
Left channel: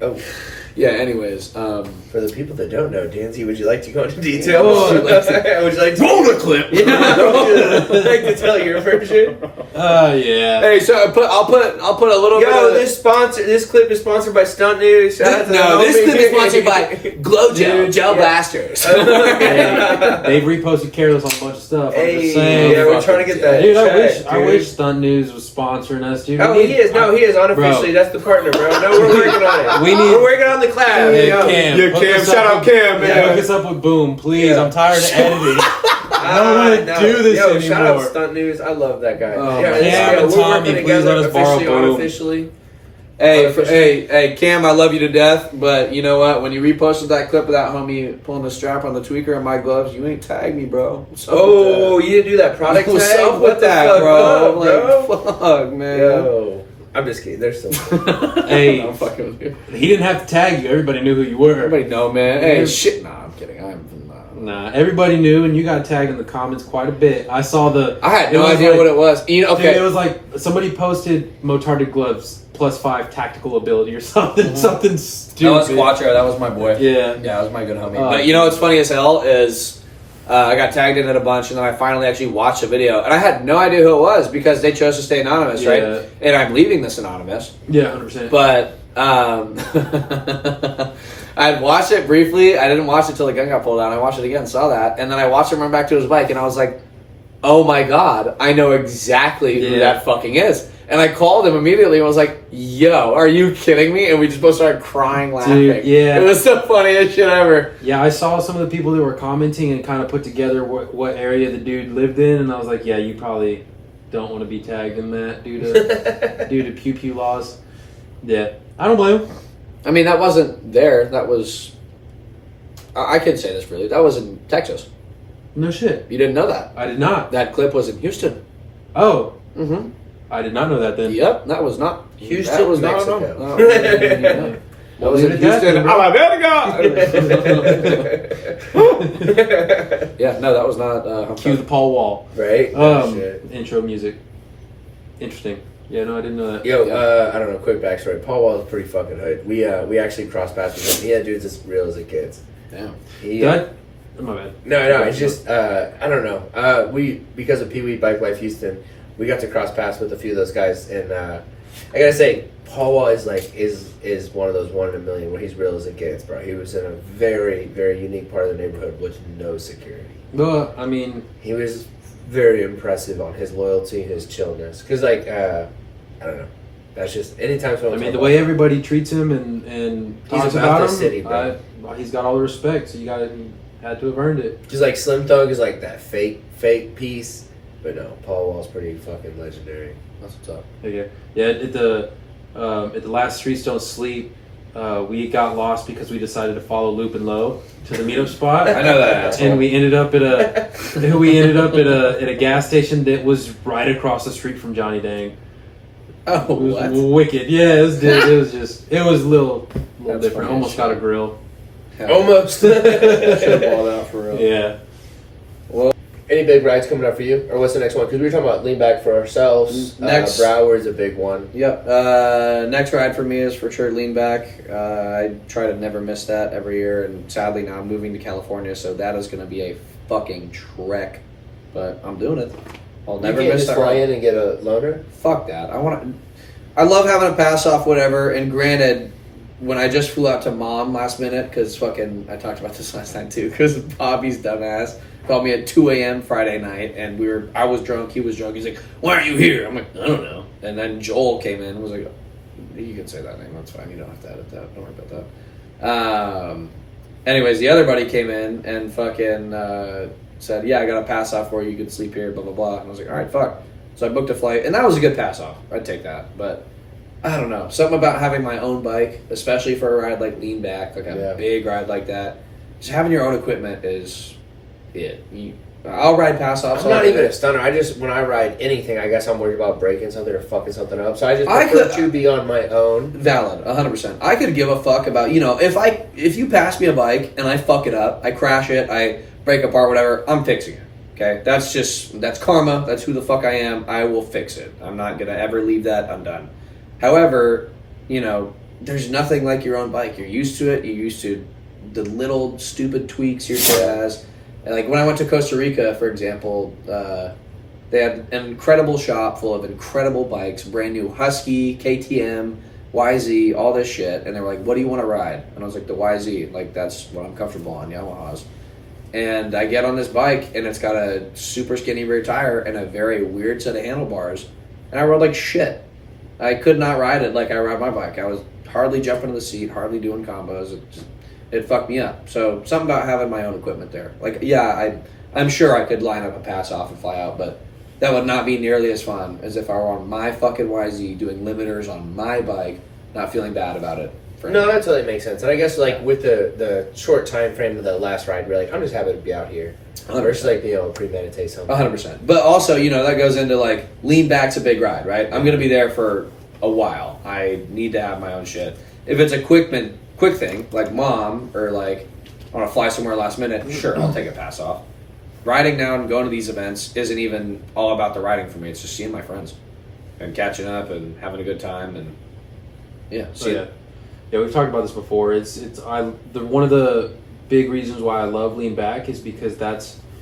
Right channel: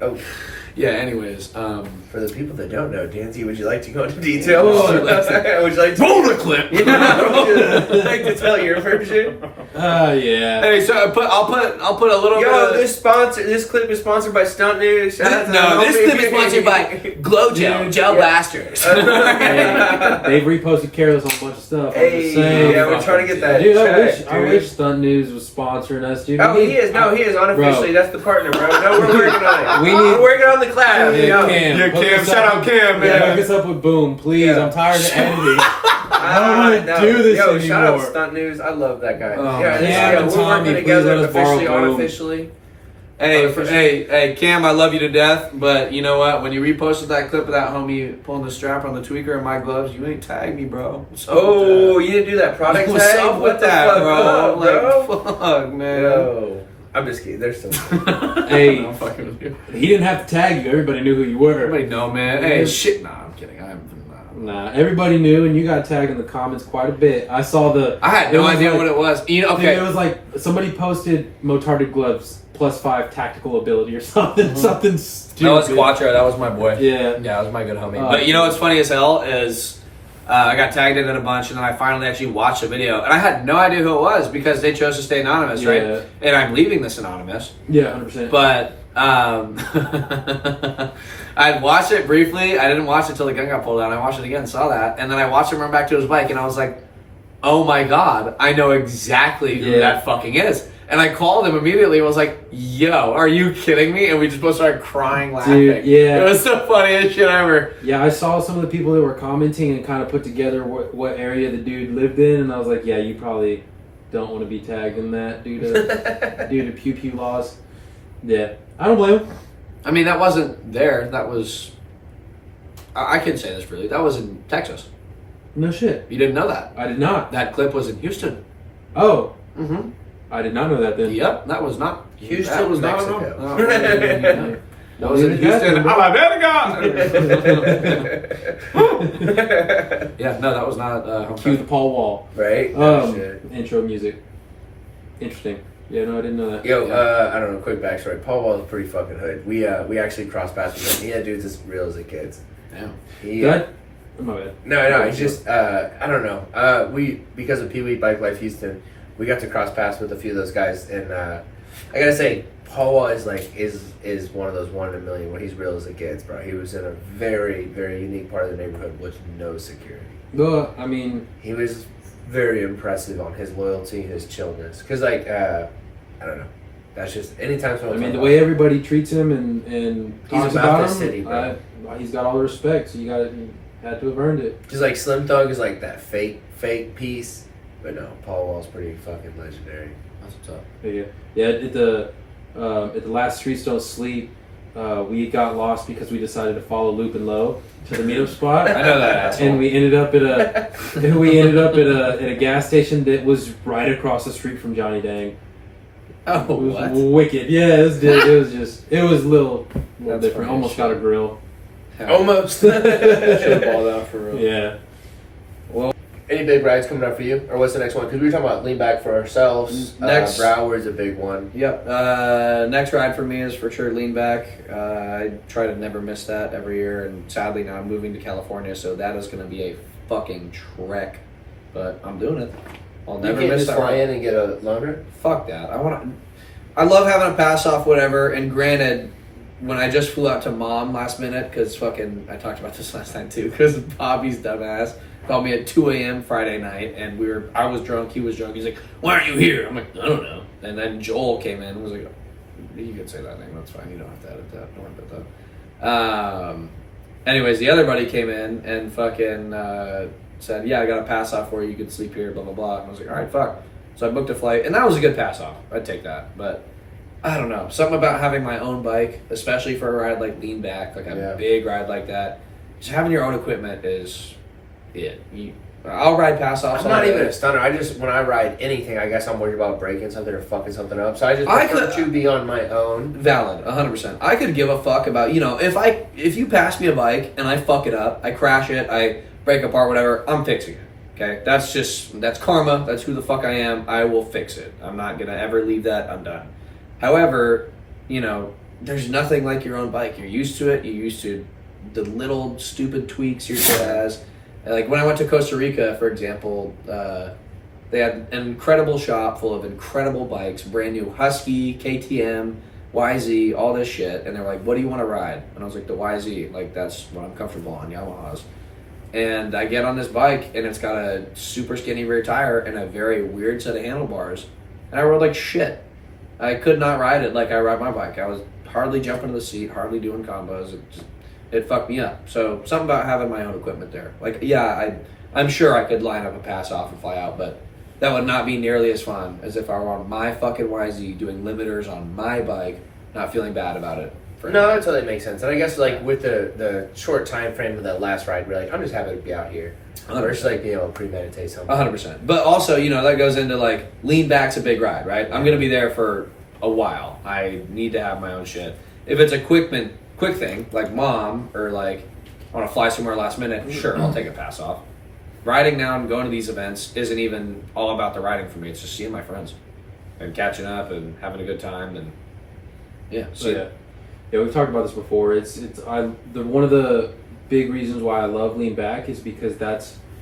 Oh. Yeah, anyways. For the people that don't know, Danzy, would you like to go into detail? Oh, would you like to roll the clip. Yeah, would you like to tell your version? Yeah. Hey, so I'll put a little bit Yo, of this clip is sponsored by Stunt News. Shout out to No, the this homie. clip is sponsored by Glow Gel, Dude, Gel yeah. Blasters. Hey, they've reposted Careless on a bunch of stuff. I'm Hey, just saying. yeah, we're trying to get that. Dude, check, I wish Stunt News was sponsoring us, dude. Oh, he is. No, he is unofficially. That's the partner, bro. No, we're working on it. We're working on the collab. Hey, you know? Cam, Yeah, hook Cam, us shout up out with- Cam, man. Hook us up with Boom, please. Yeah. I'm tired of editing. I don't want to do this Yo, anymore. shout out to Stunt News. I love that guy. Oh, yeah, Cam and we're Tommy, working please together let us borrow officially, Boom. unofficially. Hey, Cam, I love you to death, but you know what? When you reposted that clip of that homie pulling the strap on the tweaker in my gloves, you ain't tagged me, bro. What's up with Oh, that? you didn't do that product What's tag? up What with the that, fuck bro? up, bro? Like, fuck, man. Yo. I'm just kidding. There's some. Hey, I'm fucking with you. he didn't have to tag you. Everybody knew who you were. Everybody know, man. Hey, shit. Nah, I'm kidding. Nah, everybody knew, and you got tagged in the comments quite a bit. I saw the. I had no idea what it was. You know, Dude, okay. it was like somebody posted Motarded gloves +5 tactical ability or something. Something stupid. That was Quattro. That was my boy. Yeah. Yeah, that was my good homie. Oh. But you know what's funny as hell is I got tagged in it a bunch, and then I finally actually watched the video, and I had no idea who it was because they chose to stay anonymous, Yeah. right? And I'm leaving this anonymous. Yeah, 100%. But I'd watched it briefly. I didn't watch it till the gun got pulled out. I watched it again, saw that, and then I watched him run back to his bike, and I was like, "Oh my god, I know exactly who Yeah. that fucking is." And I called him immediately and was like, yo, are you kidding me? And we just both started crying, laughing. Dude, yeah. It was the funniest shit ever. Yeah, I saw some of the people that were commenting and kind of put together what area the dude lived in, and I was like, yeah, you probably don't want to be tagged in that due to pew pew laws. Yeah, I don't blame him. I mean, that wasn't there. That was... I can say this freely. That was in Texas. No shit. You didn't know that. I did not. That clip was in Houston. Oh. Mm-hmm. I did not know that then. Yep, that was not... Houston, that was Mexico. Not that was in Houston, Alabama. Yeah, no, that was not... Cue the Paul Wall. Right? Intro music. Interesting. Yeah, no, I didn't know that. Yo, I don't know, quick backstory. Paul Wall is pretty fucking hood. We actually crossed paths with him. He had dudes as real as the kids. Damn. My bad. No, it's just, I don't know. Because of Pee Wee Bike Life Houston, we got to cross paths with a few of those guys, and I gotta say, Paul Wall is is one of those 1 in a million where he's real as it gets, bro. He was in a very, very unique part of the neighborhood with no security. Well, I mean... He was very impressive on his loyalty, his chillness. Because, like, I don't know. That's just, anytime someone... I mean, the way everybody treats him and talks he's about him, the city, bro. He's got all the respect, so you had to have earned it. Just like Slim Thug is like that fake piece. But no, Paul Wall's pretty fucking legendary. That's what's up. Yeah. At the last Streets Don't Sleep, we got lost because we decided to follow Loop and Low to the meetup spot. I know that asshole. And we ended up at a gas station that was right across the street from Johnny Dang. Oh, it was what? wicked. Yeah, it was a little That's different. funny Almost as got a shit. grill. Almost. Should have balled out for real. Yeah. Any big rides coming up for you? Or what's the next one? Because we were talking about lean back for ourselves. Next- Broward's a big one. Yep. Next ride for me is for sure lean back. I try to never miss that every year, and sadly now I'm moving to California, so that is going to be a fucking trek. But I'm doing it. I'll never you can't miss just that fly ride. in and get a loaner? Fuck that. I love having a pass off, whatever. And granted, when I just flew out to Mom last minute, because fucking I talked about this last night too, because Bobby's dumbass called me at 2 a.m. Friday night, and I was drunk, he was drunk. He's like, "Why aren't you here?" I'm like, "I don't know." And then Joel came in and was like, "You can say that name, that's fine. You don't have to edit that. Don't worry about that." Anyways, the other buddy came in and fucking said, "Yeah, I got a pass off for you. You can sleep here." Blah blah blah. And I was like, "All right, fuck." So I booked a flight, and that was a good pass off. I'd take that, but I don't know. Something about having my own bike, especially for a ride like lean back, like a big ride like that. Just having your own equipment is it. I'll ride pass offs. I'm not even a stunner. When I ride anything, I guess I'm worried about breaking something or fucking something up. So I just prefer to be on my own. Valid, 100%. I could give a fuck about, if you pass me a bike and I fuck it up, I crash it, I break apart, whatever, I'm fixing it. Okay, that's karma. That's who the fuck I am. I will fix it. I'm not gonna ever leave that undone. However, there's nothing like your own bike. You're used to it. You're used to the little stupid tweaks your shit has. And like when I went to Costa Rica, for example, they had an incredible shop full of incredible bikes, brand new Husky, KTM, YZ, all this shit. And they were like, "What do you want to ride?" And I was like, "The YZ. Like that's what I'm comfortable on, Yamahas." And I get on this bike, and it's got a super skinny rear tire and a very weird set of handlebars. And I rode like shit. I could not ride it like I ride my bike. I was hardly jumping to the seat, hardly doing combos. It fucked me up. So something about having my own equipment there. Like, yeah, I'm sure I could line up a pass off and fly out, but that would not be nearly as fun as if I were on my fucking YZ doing limiters on my bike, not feeling bad about it. No, that totally makes sense. And I guess like with the short time frame of the last ride, we're like, I'm just happy to be out here. 100%. Versus like, premeditate something. 100%. But also, that goes into like lean back's a big ride, right? I'm going to be there for a while. I need to have my own shit. If it's a quick thing, like Mom, or like I want to fly somewhere last minute, sure, I'll take a pass off. Riding now and going to these events isn't even all about the riding for me. It's just seeing my friends and catching up and having a good time and Yeah, we've talked about this before. One of the big reasons why I love Lean Back is because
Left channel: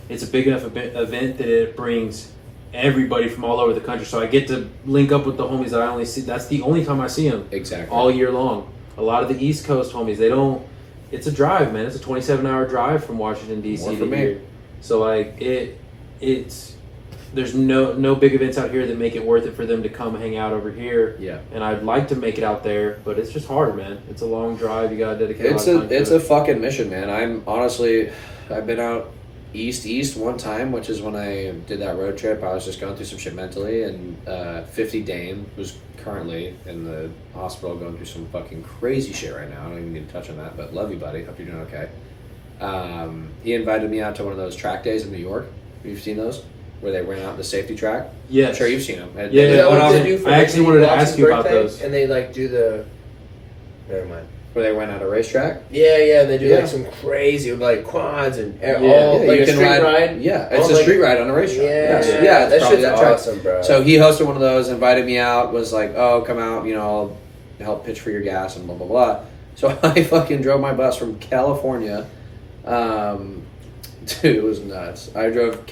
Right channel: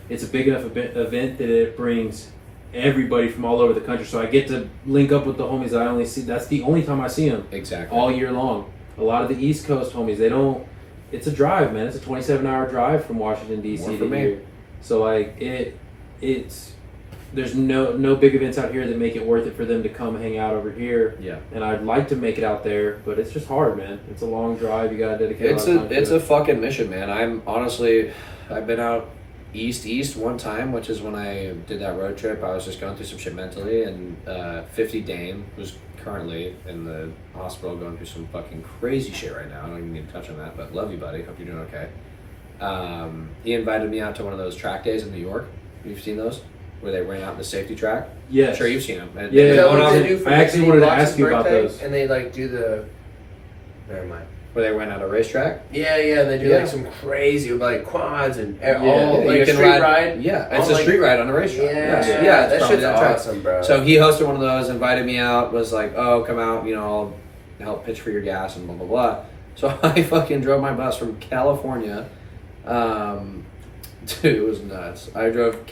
it's a big enough event that it brings everybody from all over the country. So I get to link up with the homies that I only see. That's the only time I see them. Exactly. All year long. A lot of the East Coast homies, they don't. It's a drive, man. It's a 27-hour drive from Washington D.C. More for to me. here. So like it's there's no big events out here that make it worth it for them to come hang out over here. Yeah. And I'd like to make it out there, but it's just hard, man. It's a long drive. You gotta dedicate. It's a fucking mission, man. I've been out east one time, which is when I did that road trip. I was just going through some shit mentally, and 50 Dame, who's currently in the hospital going through some fucking crazy shit right now. I don't even need to touch on that, but love you, buddy. Hope you're doing okay. He invited me out to one of those track days in New York. Have you seen those? Where they ran out the safety track? Yes. I'm sure you've seen them. Yeah, Is that what they do for I actually Anthony wanted to Block's ask you about birthday? those. And they like do the. Never mind. Where they went out a racetrack? Yeah, they do Yeah. like some crazy like quads and Yeah, all like you a can street ride. Yeah, it's Oh, a like- street ride on a racetrack. Yeah, it's that probably shit's that track. awesome, bro. So he hosted one of those, invited me out, was like, "Oh, come out, I'll help pitch for your gas and blah blah blah." So I fucking drove my bus from California. Dude, it was nuts. I drove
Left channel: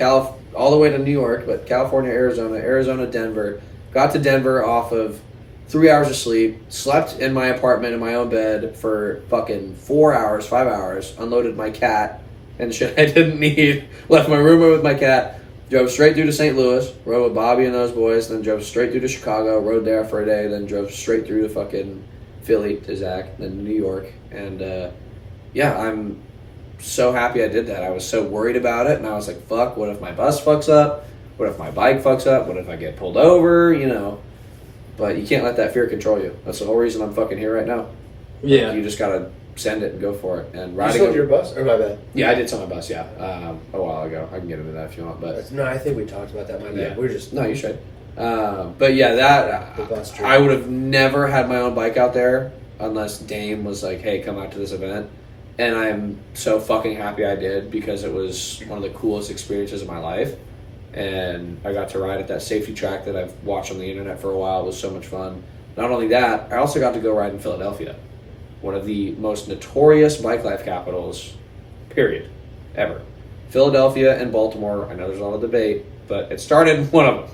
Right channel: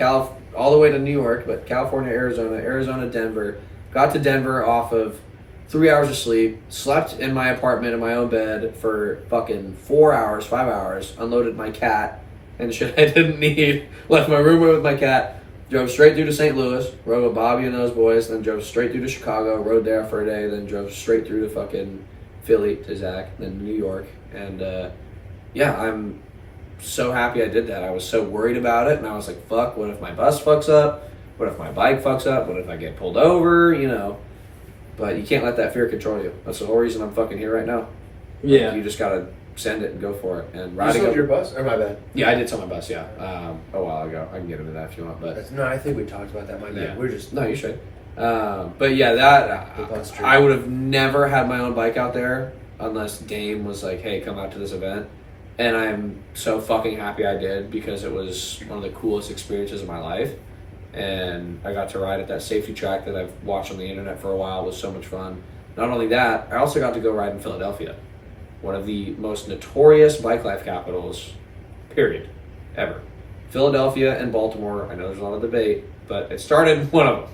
all the way to New York, but California, Arizona, Denver. Got to Denver off of 3 hours of sleep, slept in my apartment in my own bed for fucking 4 hours, 5 hours, unloaded my cat and shit I didn't need, left my room with my cat, drove straight through to St. Louis, rode with Bobby and those boys, then drove straight through to Chicago, rode there for a day, then drove straight through to fucking Philly to Zach, then New York. And I'm so happy I did that. I was so worried about it, and I was like, fuck, what if my bus fucks up? What if my bike fucks up? What if I get pulled over? But you can't let that fear control you. That's the whole reason I'm fucking here right now. Yeah. You just gotta send it and go for it. And You riding sold your bus? Or my bad? Yeah, I did sell my bus, yeah. A while ago. I can get into that if you want, but No, I think we talked about that. My bad. Yeah. We're just no, you should. But yeah, that The bus trip. I would have never had my own bike out there unless Dame was like, "Hey, come out to this event." And I'm so fucking happy I did because it was one of the coolest experiences of my life. And I got to ride at that safety track that I've watched on the internet for a while. It was so much fun. Not only that, I also got to go ride in Philadelphia, one of the most notorious bike life capitals, period, ever. Philadelphia and Baltimore, I know there's a lot of debate, but it started in one of them.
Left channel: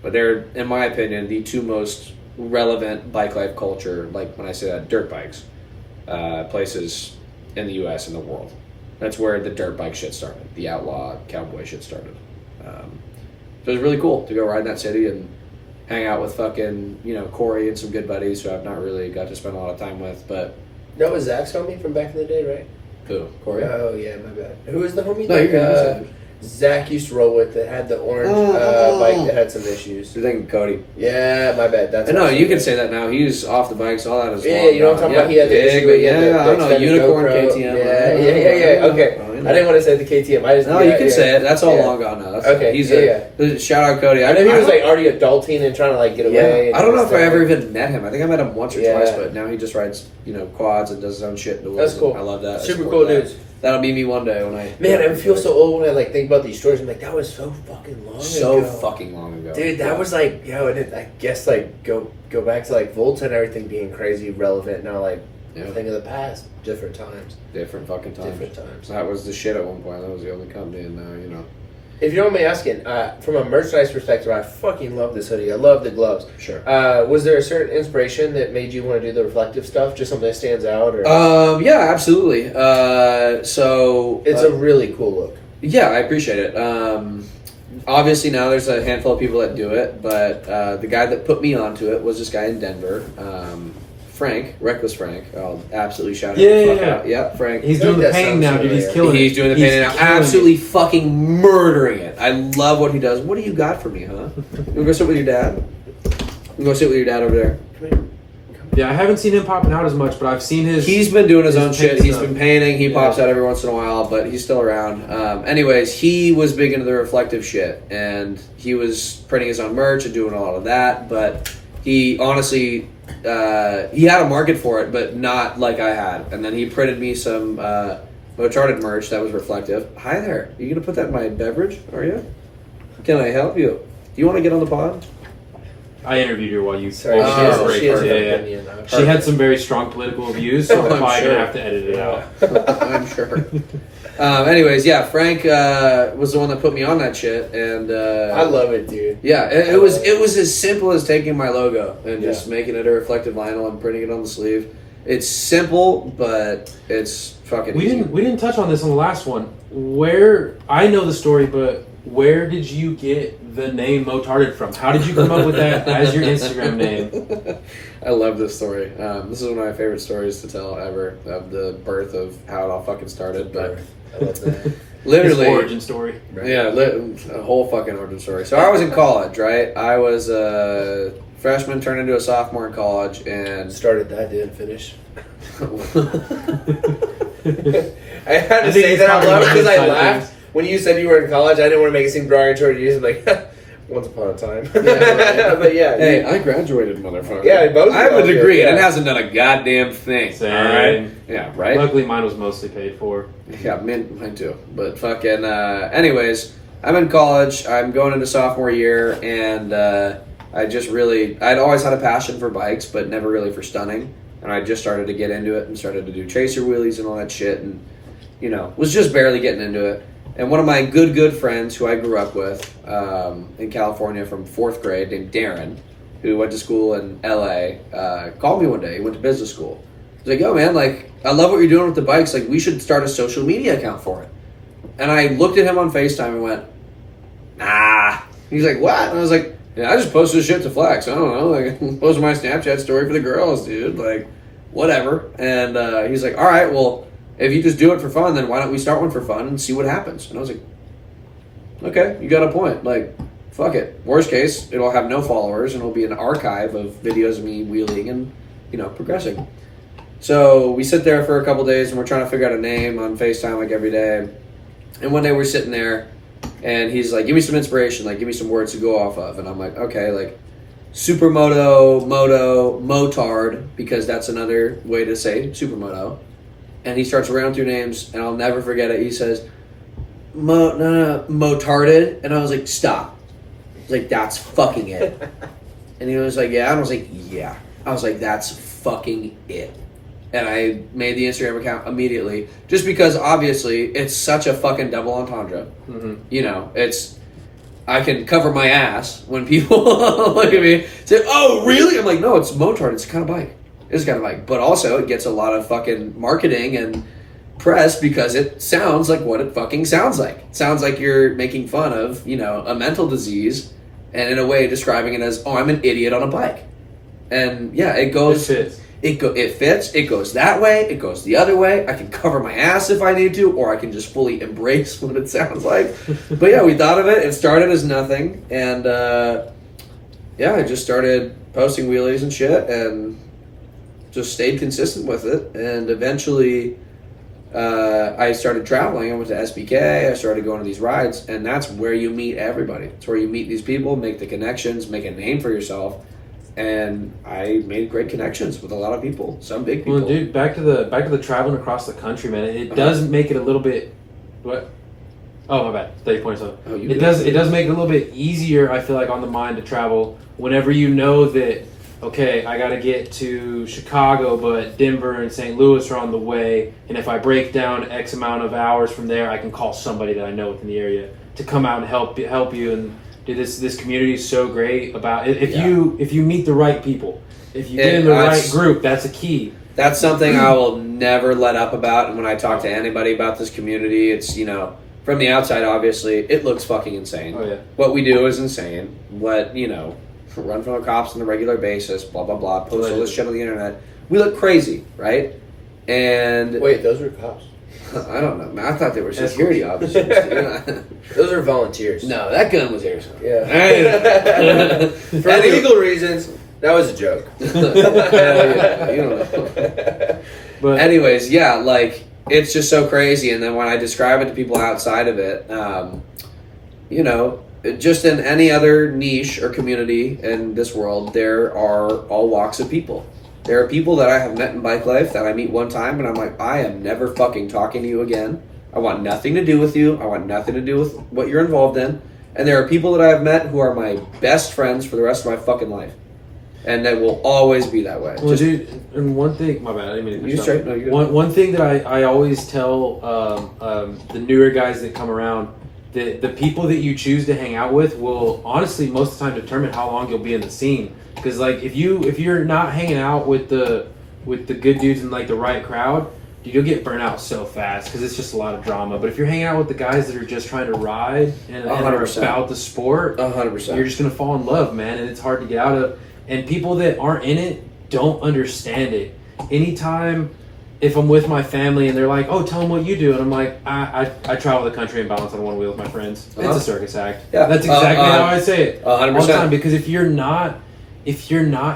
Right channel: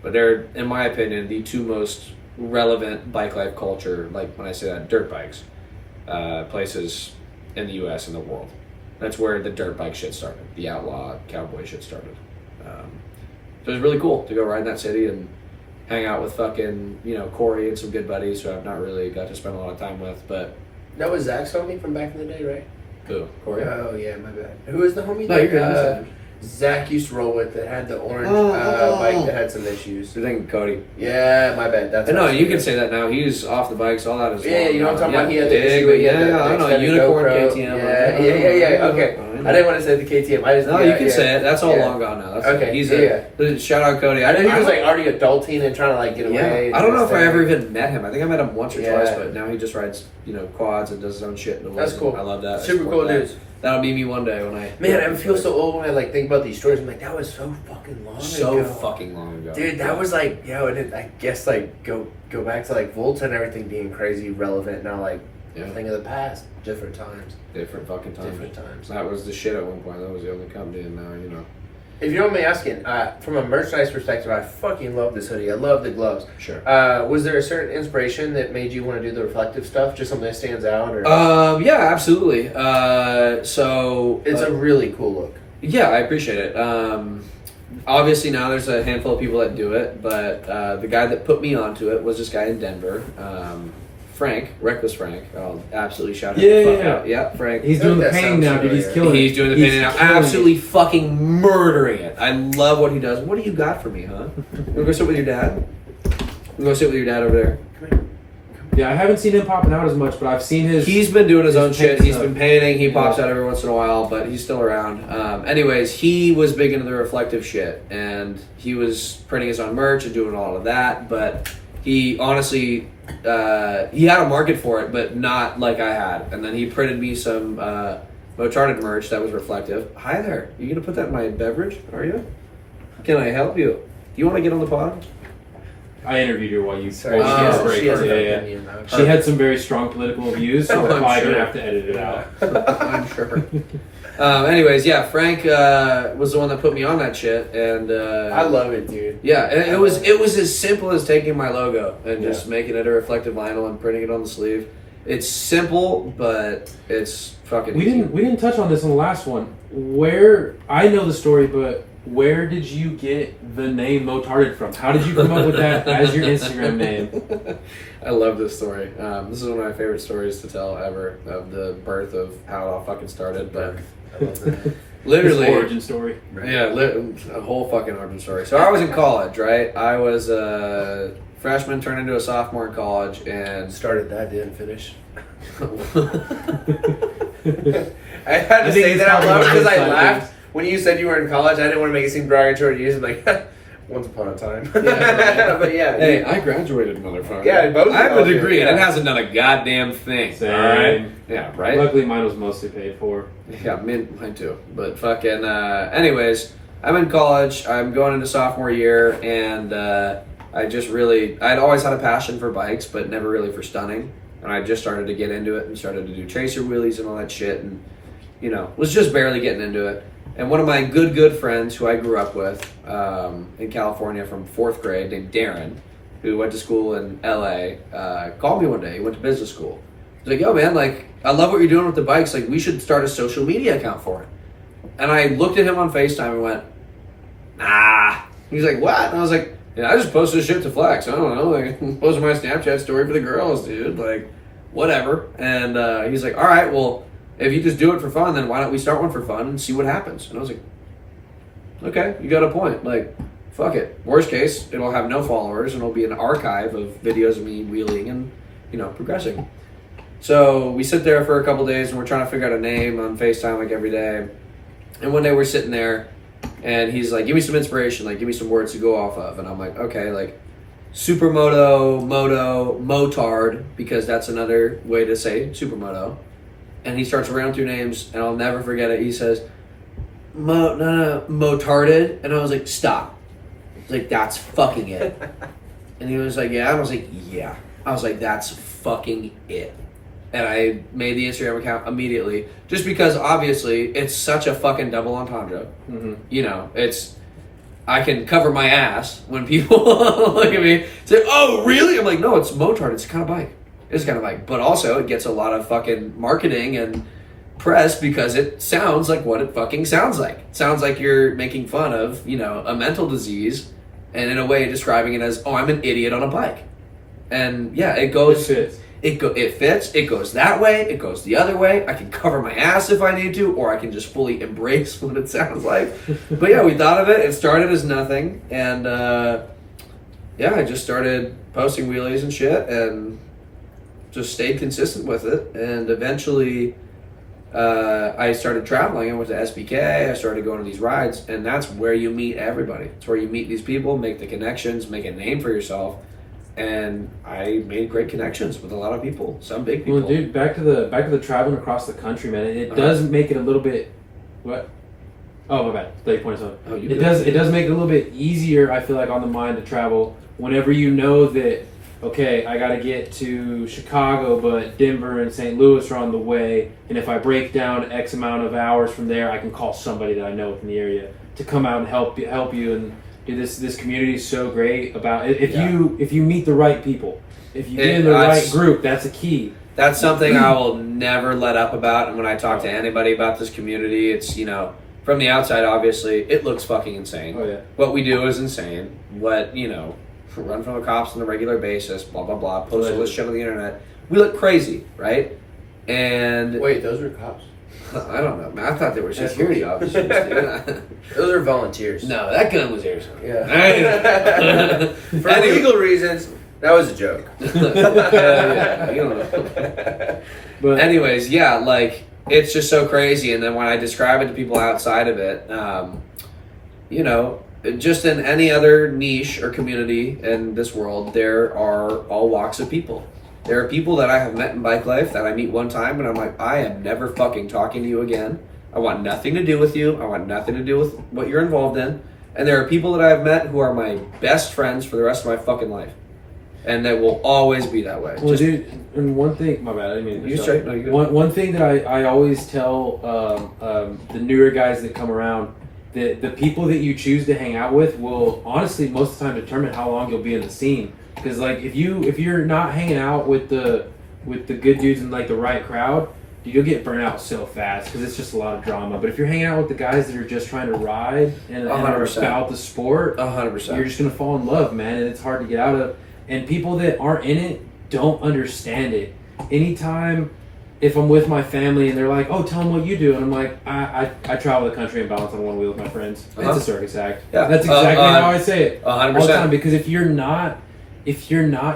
But they're, in my opinion, the two most relevant bike life culture, like when I say that, dirt bikes, places in the U.S. and the world. That's where the dirt bike shit started. The outlaw cowboy shit started. So it was really cool to go ride in that city and hang out with fucking, Corey and some good buddies who I've not really got to spend a lot of time with, but... That was Zach's homie from back in the day, right? Who? Corey? Oh, yeah, my bad. Who was the homie No, that you're good. Zach used to roll with that had the orange Oh. bike that had some issues? You're thinking Cody. Yeah, my bad. That's No, what I was you can thinking. say that now. He's off the bikes, all that is Yeah, long you know what I'm gone. talking about? He had the big, issue but with yeah, the I don't know. extended Unicorn GoPro. KTM. Yeah. Okay. I didn't want to say the KTM. I just No, you can say it. That's all Yeah. long gone now. That's Okay, He's yeah. shout out Cody. I know he was don't- like already adulting and trying to like get away. Yeah, and I don't know all if I this ever stuff. even met him. I think I met him once or Yeah. twice, but now he just rides, quads and does his own shit in the woods. That's cool. I love that. I Super support cool that. dudes. That'll be me one day when I. Man, I feel so old when I like think about these stories. I'm like, that was so fucking long so ago. fucking long ago, Dude, that was like, and I guess like go back to like Volta and everything being crazy relevant now. Like, Yeah. thing of the past, different times, different fucking times. different times. That was the shit at one point. That was the only company, and now If you don't mind me asking, from a merchandise perspective, I fucking love this hoodie. I love the gloves. Sure. Was there a certain inspiration that made you want to do the reflective stuff? Just something that stands out, or Yeah, absolutely. So it's a really cool look. Yeah, I appreciate it. Obviously, now there's a handful of people that do it, but the guy that put me onto it was this guy in Denver, Frank, Reckless Frank. I'll absolutely shout him the fuck out. Yeah, Frank. He's I feel doing like the that painting sounds now, dude. He's familiar. killing it. He's doing the painting now. killing Absolutely fucking murdering it. I love what he does. What do you got for me, huh? You wanna go sit with your dad? You go sit with your dad over there. it. Yeah, I haven't seen him popping out as much, but I've seen his. He's been doing his own shit. paint He's stuff. been painting. He pops Yeah. out every once in a while, but he's still around. Anyways, he was big into the reflective shit, and he was printing his own merch and doing a lot of that. But he honestly, he had a market for it, but not like I had. And then he printed me some Motarded merch that was reflective. Hi there. You gonna put that in my beverage? Are you? Can I help you? Do you want to get on the pod? I interviewed her while you. Sorry, while she has, was she has an yeah, yeah. opinion. She had some very strong political views, so Oh, that's I'm why I sure. didn't have to edit it out. I'm sure. Anyways, yeah, Frank was the one that put me on that shit, and I love it, dude. yeah, it I was love it was as simple as taking my logo and just Yeah. making it a reflective vinyl and printing it on the sleeve. It's simple, but it's fucking We easy. didn't touch on this on the last one. Where I know the story, but where did you get the name Motarded from? How did you come up with that as your Instagram name? I love this story. This is one of my favorite stories to tell ever, of the birth of how it all fucking started. But I love that. literally, His origin story. yeah, a whole fucking origin story. So I was in college, right? I was a freshman, turned into a sophomore in college, and Started that, didn't finish. I had to say that out loud because I laughed when you said you were in college. I didn't want to make it seem derogatory to you. So like, once upon a time. Yeah, but yeah. hey, I graduated, motherfucker. Yeah, both of I have a us did, degree, and yeah. it hasn't done a goddamn thing. Same. All right. Yeah, right. Luckily, mine was mostly paid for. Yeah, mine too. But fucking, anyways, I'm in college. I'm going into sophomore year, and I'd always had a passion for bikes, but never really for stunning. And I just started to get into it and started to do tracer wheelies and all that shit, and was just barely getting into it. And one of my good friends who I grew up with in California from 4th grade, named Darren, who went to school in LA, called me one day. He went to business school. He's like, yo, man, like, I love what you're doing with the bikes. Like, we should start a social media account for it. And I looked at him on FaceTime and went, nah. He's like, what? And I was like, yeah, I just posted shit to flex. I don't know. Like, posted my Snapchat story for the girls, dude. Like, whatever. And he's like, all right, well, if you just do it for fun, then why don't we start one for fun and see what happens? And I was like, okay, you got a point. Like, fuck it. Worst case, it'll have no followers and it'll be an archive of videos of me wheeling and, progressing. So we sit there for a couple days and we're trying to figure out a name on FaceTime like every day. And one day we're sitting there and he's like, give me some inspiration, like give me some words to go off of. And I'm like, okay, like supermoto, motard, because that's another way to say supermoto. And he starts running through names, and I'll never forget it. He says, Motarded. And I was like, stop. I was like, that's fucking it. And he was like, yeah. And I was like, yeah. I was like, that's fucking it. And I made the Instagram account immediately, just because obviously it's such a fucking double entendre. Mm-hmm. I can cover my ass when people look at me, say, oh, really? I'm like, no, it's Motard. It's a kind of bike. It's kind of like, but also it gets a lot of fucking marketing and press because it sounds like what it fucking sounds like. It sounds like you're making fun of, a mental disease, and in a way describing it as, oh, I'm an idiot on a bike. And yeah, it goes. It fits. It fits. It goes that way. It goes the other way. I can cover my ass if I need to, or I can just fully embrace what it sounds like. But yeah, we thought of it. It started as nothing, and I just started posting wheelies and shit, and just stayed consistent with it. And eventually, I started traveling. I went to SBK. I started going to these rides, and that's where you meet everybody. It's where you meet these people, make the connections, make a name for yourself. And I made great connections with a lot of people, some big people. Well, dude, back to the traveling across the country, man. It does make it a little bit. What? Oh, my bad. 30 points on Oh, it. It does make it a little bit easier, I feel like, on the mind to travel whenever you know that, okay, I got to get to Chicago, but Denver and St. Louis are on the way, and if I break down X amount of hours from there, I can call somebody that I know within the area to come out and help you. And dude, this community is so great about if you meet the right people, if you get in the right group, that's a key. That's something I will never let up about. And when I talk to anybody about this community, it's from the outside, obviously, it looks fucking insane. Oh yeah. What we do is insane. What run from the cops on a regular basis, blah blah blah, post all this shit on the internet. We look crazy, right? And Wait, those are cops. I don't know, man. I thought they were security officers. Those are volunteers. No, that gun was airsoft. Yeah. For legal reasons, that was a joke. Yeah, you don't know. But anyways, yeah, like it's just so crazy. And then when I describe it to people outside of it, just in any other niche or community in this world, there are all walks of people. There are people that I have met in bike life that I meet one time and I'm like, I am never fucking talking to you again. I want nothing to do with you. I want nothing to do with what you're involved in. And there are people that I have met who are my best friends for the rest of my fucking life. And that will always be that way. Well, dude, and one thing, my bad, I didn't mean to You straight? No, you one thing that I always tell the newer guys that come around, the people that you choose to hang out with will honestly most of the time determine how long you'll be in the scene. Because like if you're not hanging out with the good dudes in like the right crowd, dude, you'll get burnt out so fast because it's just a lot of drama. But if you're hanging out with the guys that are just trying to ride and are 100%. about the sport, 100%. you're just gonna fall in love, man, and it's hard to get out of. And people that aren't in it don't understand it. Anytime, if I'm with my family and they're like, "Oh, tell them what you do," and I'm like, "I travel the country and balance on one wheel with my friends. It's a circus act." Yeah. That's exactly how I say it 100%. all the time. Because if you're not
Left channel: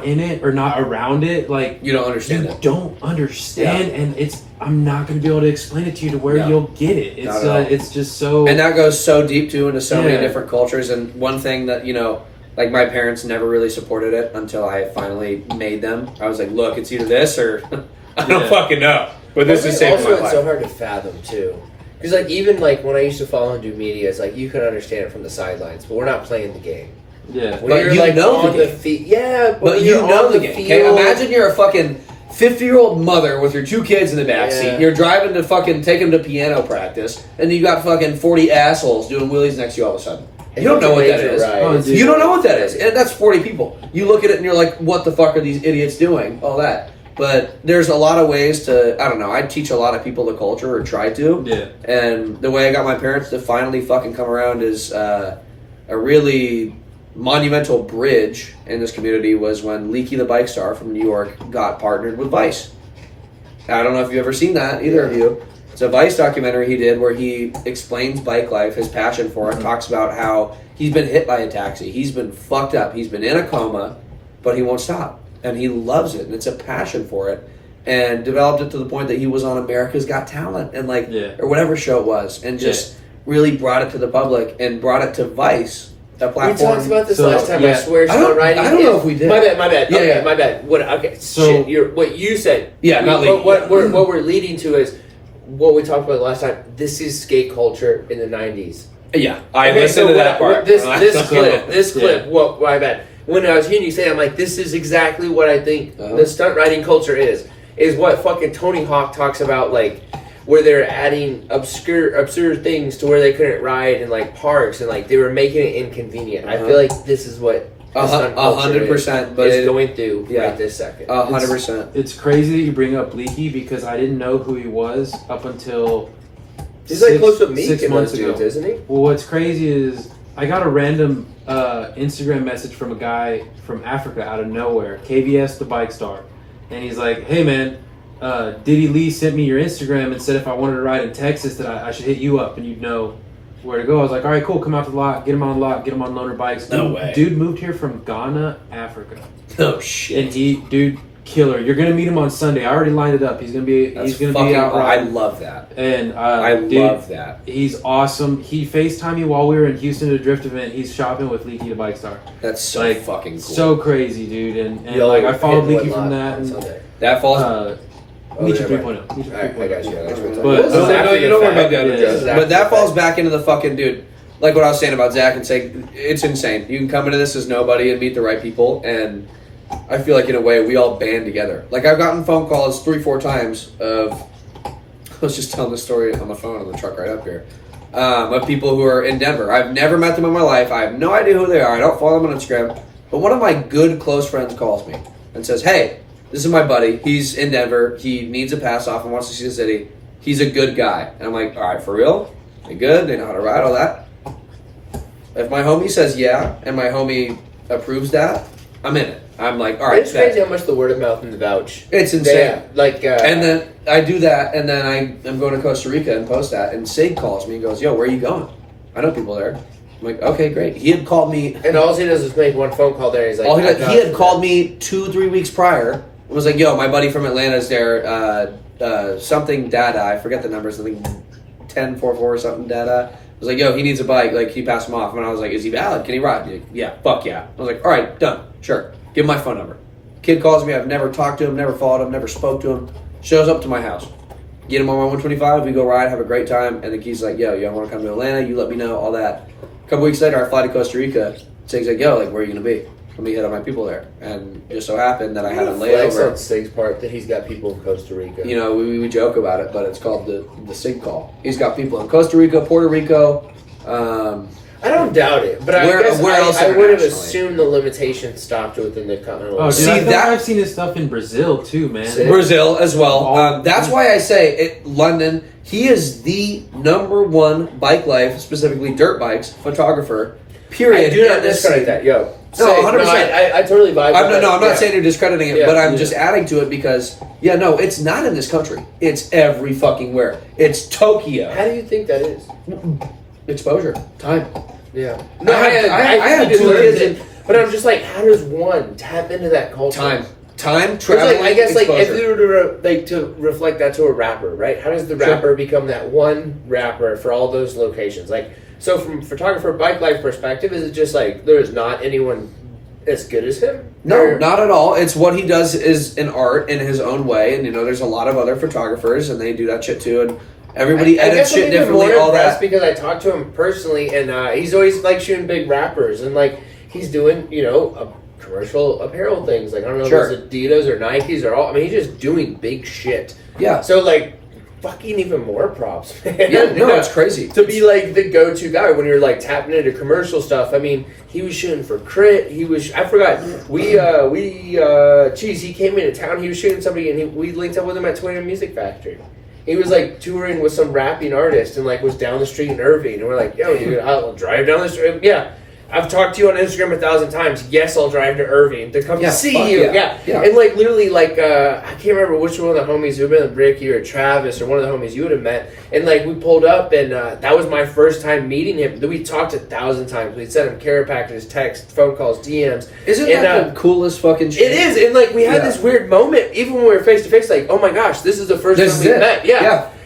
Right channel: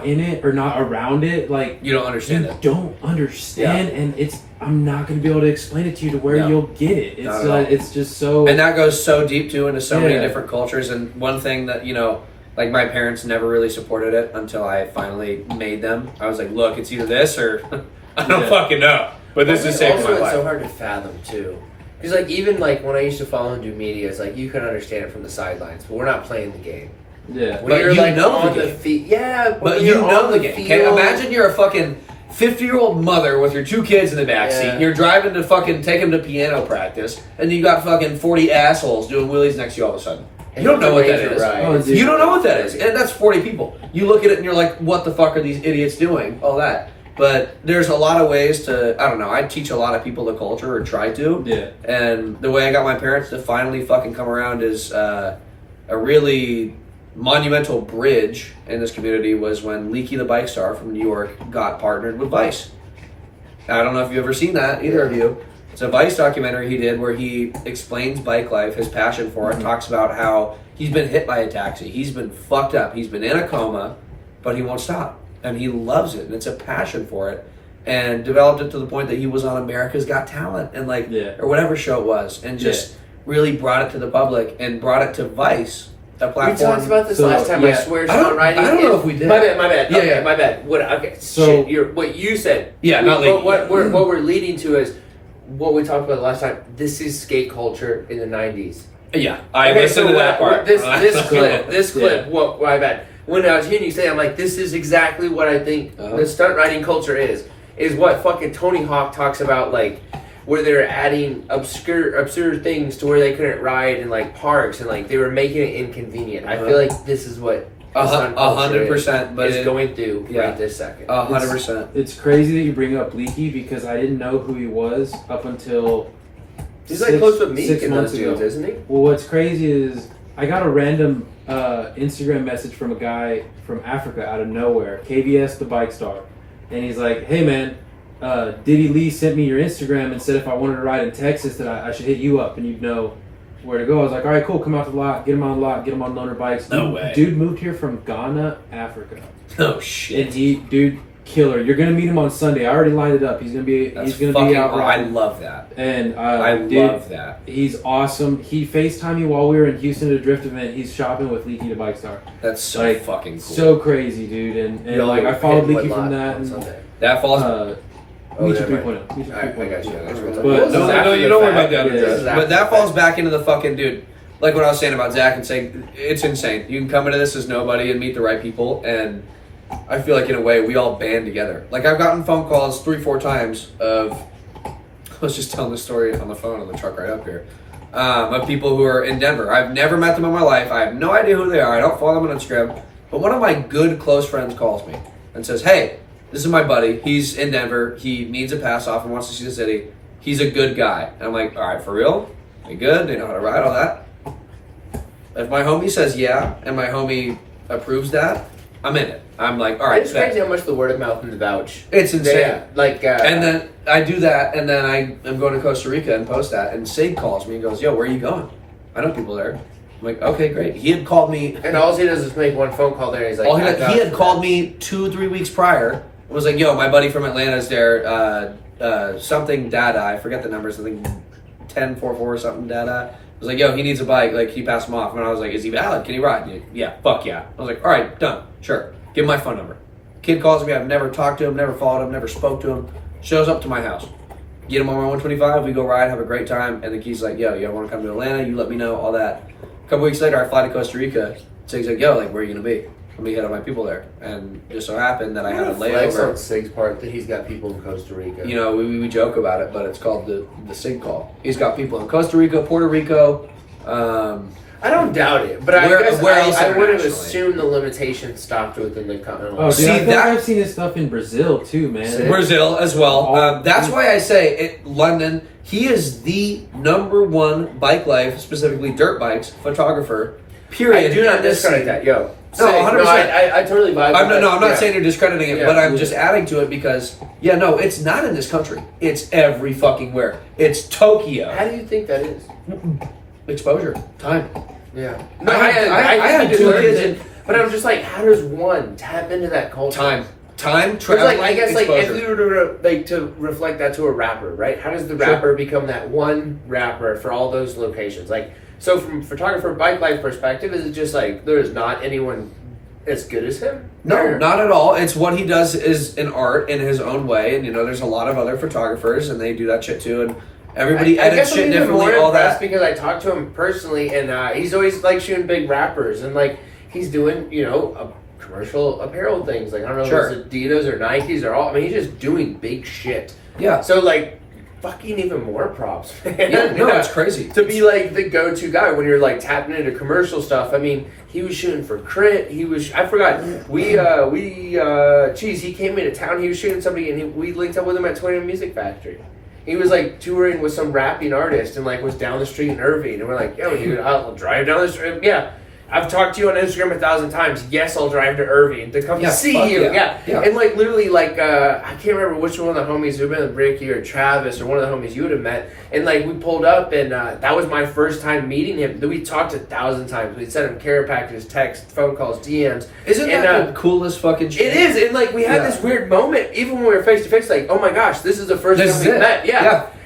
in it or not around it, like You don't understand you it. don't understand, and I'm not going to be able to explain it to you to where you'll get it. It's Not at all. it's just so. And that goes so deep too into so many Yeah. different cultures. And one thing that like my parents never really supported it until I finally made them. I was like, look, it's either this or I don't Yeah. fucking know. But this is saving my also, it's life. so hard to fathom too, because like even like when I used to follow and do media, it's like you can understand it from the sidelines, but we're not playing the game. Yeah. When But you're you like know on the the game. field, yeah, But when you you're know on the game. Okay, field- imagine you're a fucking 50-year-old mother with your 2 kids in the backseat. Yeah. You're driving to fucking take them to piano practice, and you got fucking 40 assholes doing wheelies next to you all of a sudden. You don't know what that is. Right. Oh, dude. You don't know what that is. And that's 40 people. You look at it and you're like, what the fuck are these idiots doing? All that. But there's a lot of ways to, I don't know, I teach a lot of people the culture, or try to. Yeah. And the way I got my parents to finally fucking come around is a really monumental bridge in this community was when Leaky the Bike Star from New York got partnered with Vice. I don't know if you've ever seen that, either of you. It's a Vice documentary he did where he explains bike life, his passion for it, talks about how he's been hit by a taxi, he's been fucked up, he's been in a coma, but he won't stop. And he loves it, and it's a passion for it. And developed it to the point that he was on America's Got Talent, and or whatever show it was, and just really brought it to the public and brought it to Vice, a We platform. talked about this So, last time. yeah. I swear, I don't- songwriting. I don't know if we did. My bad. Yeah, Okay, yeah. my bad. What? Okay. So- shit, what you said. Yeah, not But leading. what we're leading to is what we talked about last time. This is skate culture in the '90s. Yeah, I Okay, listened so to that part. This clip. Yeah. What I bet when I was hearing you say, I'm like, this is exactly what I think Uh-huh. the stunt riding culture is. Is what fucking Tony Hawk talks about, like where they're adding absurd things to where they couldn't ride in like parks, and like they were making it inconvenient. I feel like this is what the stunt culture 100%, but is going through yeah. right this second. 100%. It's crazy that you bring up Leaky because I didn't know who he was up until He's like close with Meek 6 and months those dudes, ago. isn't he? Well, what's crazy is I got a random Instagram message from a guy from Africa out of nowhere, KVS the Bike Star, and he's like, "Hey man, Diddy Lee sent me your Instagram and said if I wanted to ride in Texas that I should hit you up and you'd know where to go." I was like, "All right, cool, come out to the lot, get him on the lot, get him on loaner bikes." No way. Dude moved here from Ghana, Africa, Oh shit. and dude, killer. You're gonna meet him on Sunday. I already lined it up. He's gonna be That's he's gonna fucking be out I riding. love that. And I dude, love that. He's awesome. He FaceTimed me while we were in Houston at a drift event. He's shopping with Leaky the Bike Star. That's so Like, fucking cool. So crazy, dude. And Yo, like I followed hit Leaky what from lot that. And, Sunday? that falls. Meet you never 3.0. Meet you Alright, I got you. 3.0. But no, you don't worry about that. Yeah. But that falls back into the fucking dude. Like what I was saying about Zach and saying, it's insane. You can come into this as nobody and meet the right people, and I feel like in a way we all band together. Like I've gotten phone calls 3-4 times of, I was just telling this story on the phone on the truck right up here, of people who are in Denver. I've never met them in my life. I have no idea who they are. I don't follow them on Instagram. But one of my good close friends calls me and says, "Hey, this is my buddy. He's in Denver. He needs a pass off and wants to see the city. He's a good guy." And I'm like, "All right, for real? They good? They know how to ride, all that?" If my homie says yeah, and my homie approves that, I'm in it. I'm like, all right, It's crazy how much the word of mouth and the vouch. it's insane. Yeah, like, And then I do that, and then I am going to Costa Rica and post that, and Sig calls me and goes, "Yo, where are you going? I know people there." I'm like, "Okay, great." He had called me. and all he does is make one phone call there. And he's like, He had called me 2-3 weeks prior. And was like, "Yo, my buddy from Atlanta is there. Something Dada. I forget the numbers. I think 1044 or something Dada." I was like, "Yo, he needs a bike." Like he passed him off, and I was like, "Is he valid? Can he ride?" Like, "Yeah, fuck yeah." I was like, "All right, done. Sure. Give him my phone number." Kid calls me. I've never talked to him, never followed him, never spoke to him. Shows up to my house. Get him on my 125. We go ride, have a great time. And the kid's like, "Yo, you want to come to Atlanta? You let me know, all that." A couple weeks later, I fly to Costa Rica. Sig's like, "Yo, like, where are you gonna be?" Let me hit up my people there. And just so happened that I had a Flex on layover. Sig's part that he's got people in Costa Rica. You know, we joke about it, but it's called the Sig call. He's got people in Costa Rica, Puerto Rico. I don't doubt it, but Where I guess else I would have internationally? assumed the limitation stopped within the continental. Oh, dude, See, I feel that- like I've seen his stuff in Brazil too, man. Brazil as well. Oh. That's why I say London. He is the #1 bike life, specifically dirt bikes photographer. Period. I do not in this discredit scene. that, yo. No, 100%. I totally vibe. I'm with that. not Yeah. saying you're discrediting it, Yeah. but I'm Yeah. just adding to it because it's not in this country. It's every fucking where. It's Tokyo. How do you think that is? Exposure, time. Yeah. I have think two it kids is, but I'm just like, how does one tap into that culture? Time, 'Cause, traveling, like, I guess like if exposure. you were to reflect that to a rapper, right? How does the Sure. rapper become that one rapper for all those locations? Like, so from photographer bike life perspective, is it just like there's not anyone as good as him? No, Or- not at all. It's what he does is an art in his own way, and there's a lot of other photographers, and they do that shit too, and everybody I edits guess shit I'm even differently. more All impressed that. because I talked to him personally, and he's always like shooting big rappers, and like he's doing commercial apparel things. Like I don't know Sure. if it's Adidas or Nikes or all. I mean, he's just doing big shit. Yeah, So like, fucking even more props, man. yeah, no, it's crazy. To be like the go-to guy when you're like tapping into commercial stuff. I mean, he was shooting for Crit. I forgot. He came into town. He was shooting somebody, and we linked up with him at 20 Music Factory. He was like touring with some rapping artist, and like was down the street in Irving, and we're like, yo, dude, I'll drive down the street. Yeah. I've talked to you on Instagram 1,000 times. Yes, I'll drive to Irving to come Yeah, see fuck you. yeah. Yeah. And like literally, like I can't remember which one of the homies, it would have been Ricky or Travis or one of the homies you would have met. And like we pulled up, and that was my first time meeting him. We talked 1,000 times. We'd sent him care packages, texts, phone calls, DMs. Isn't And, that the coolest fucking shit? It is, and like we had Yeah. this weird moment, even when we were face to face. Like, oh my gosh, this is the first This time is we it. met.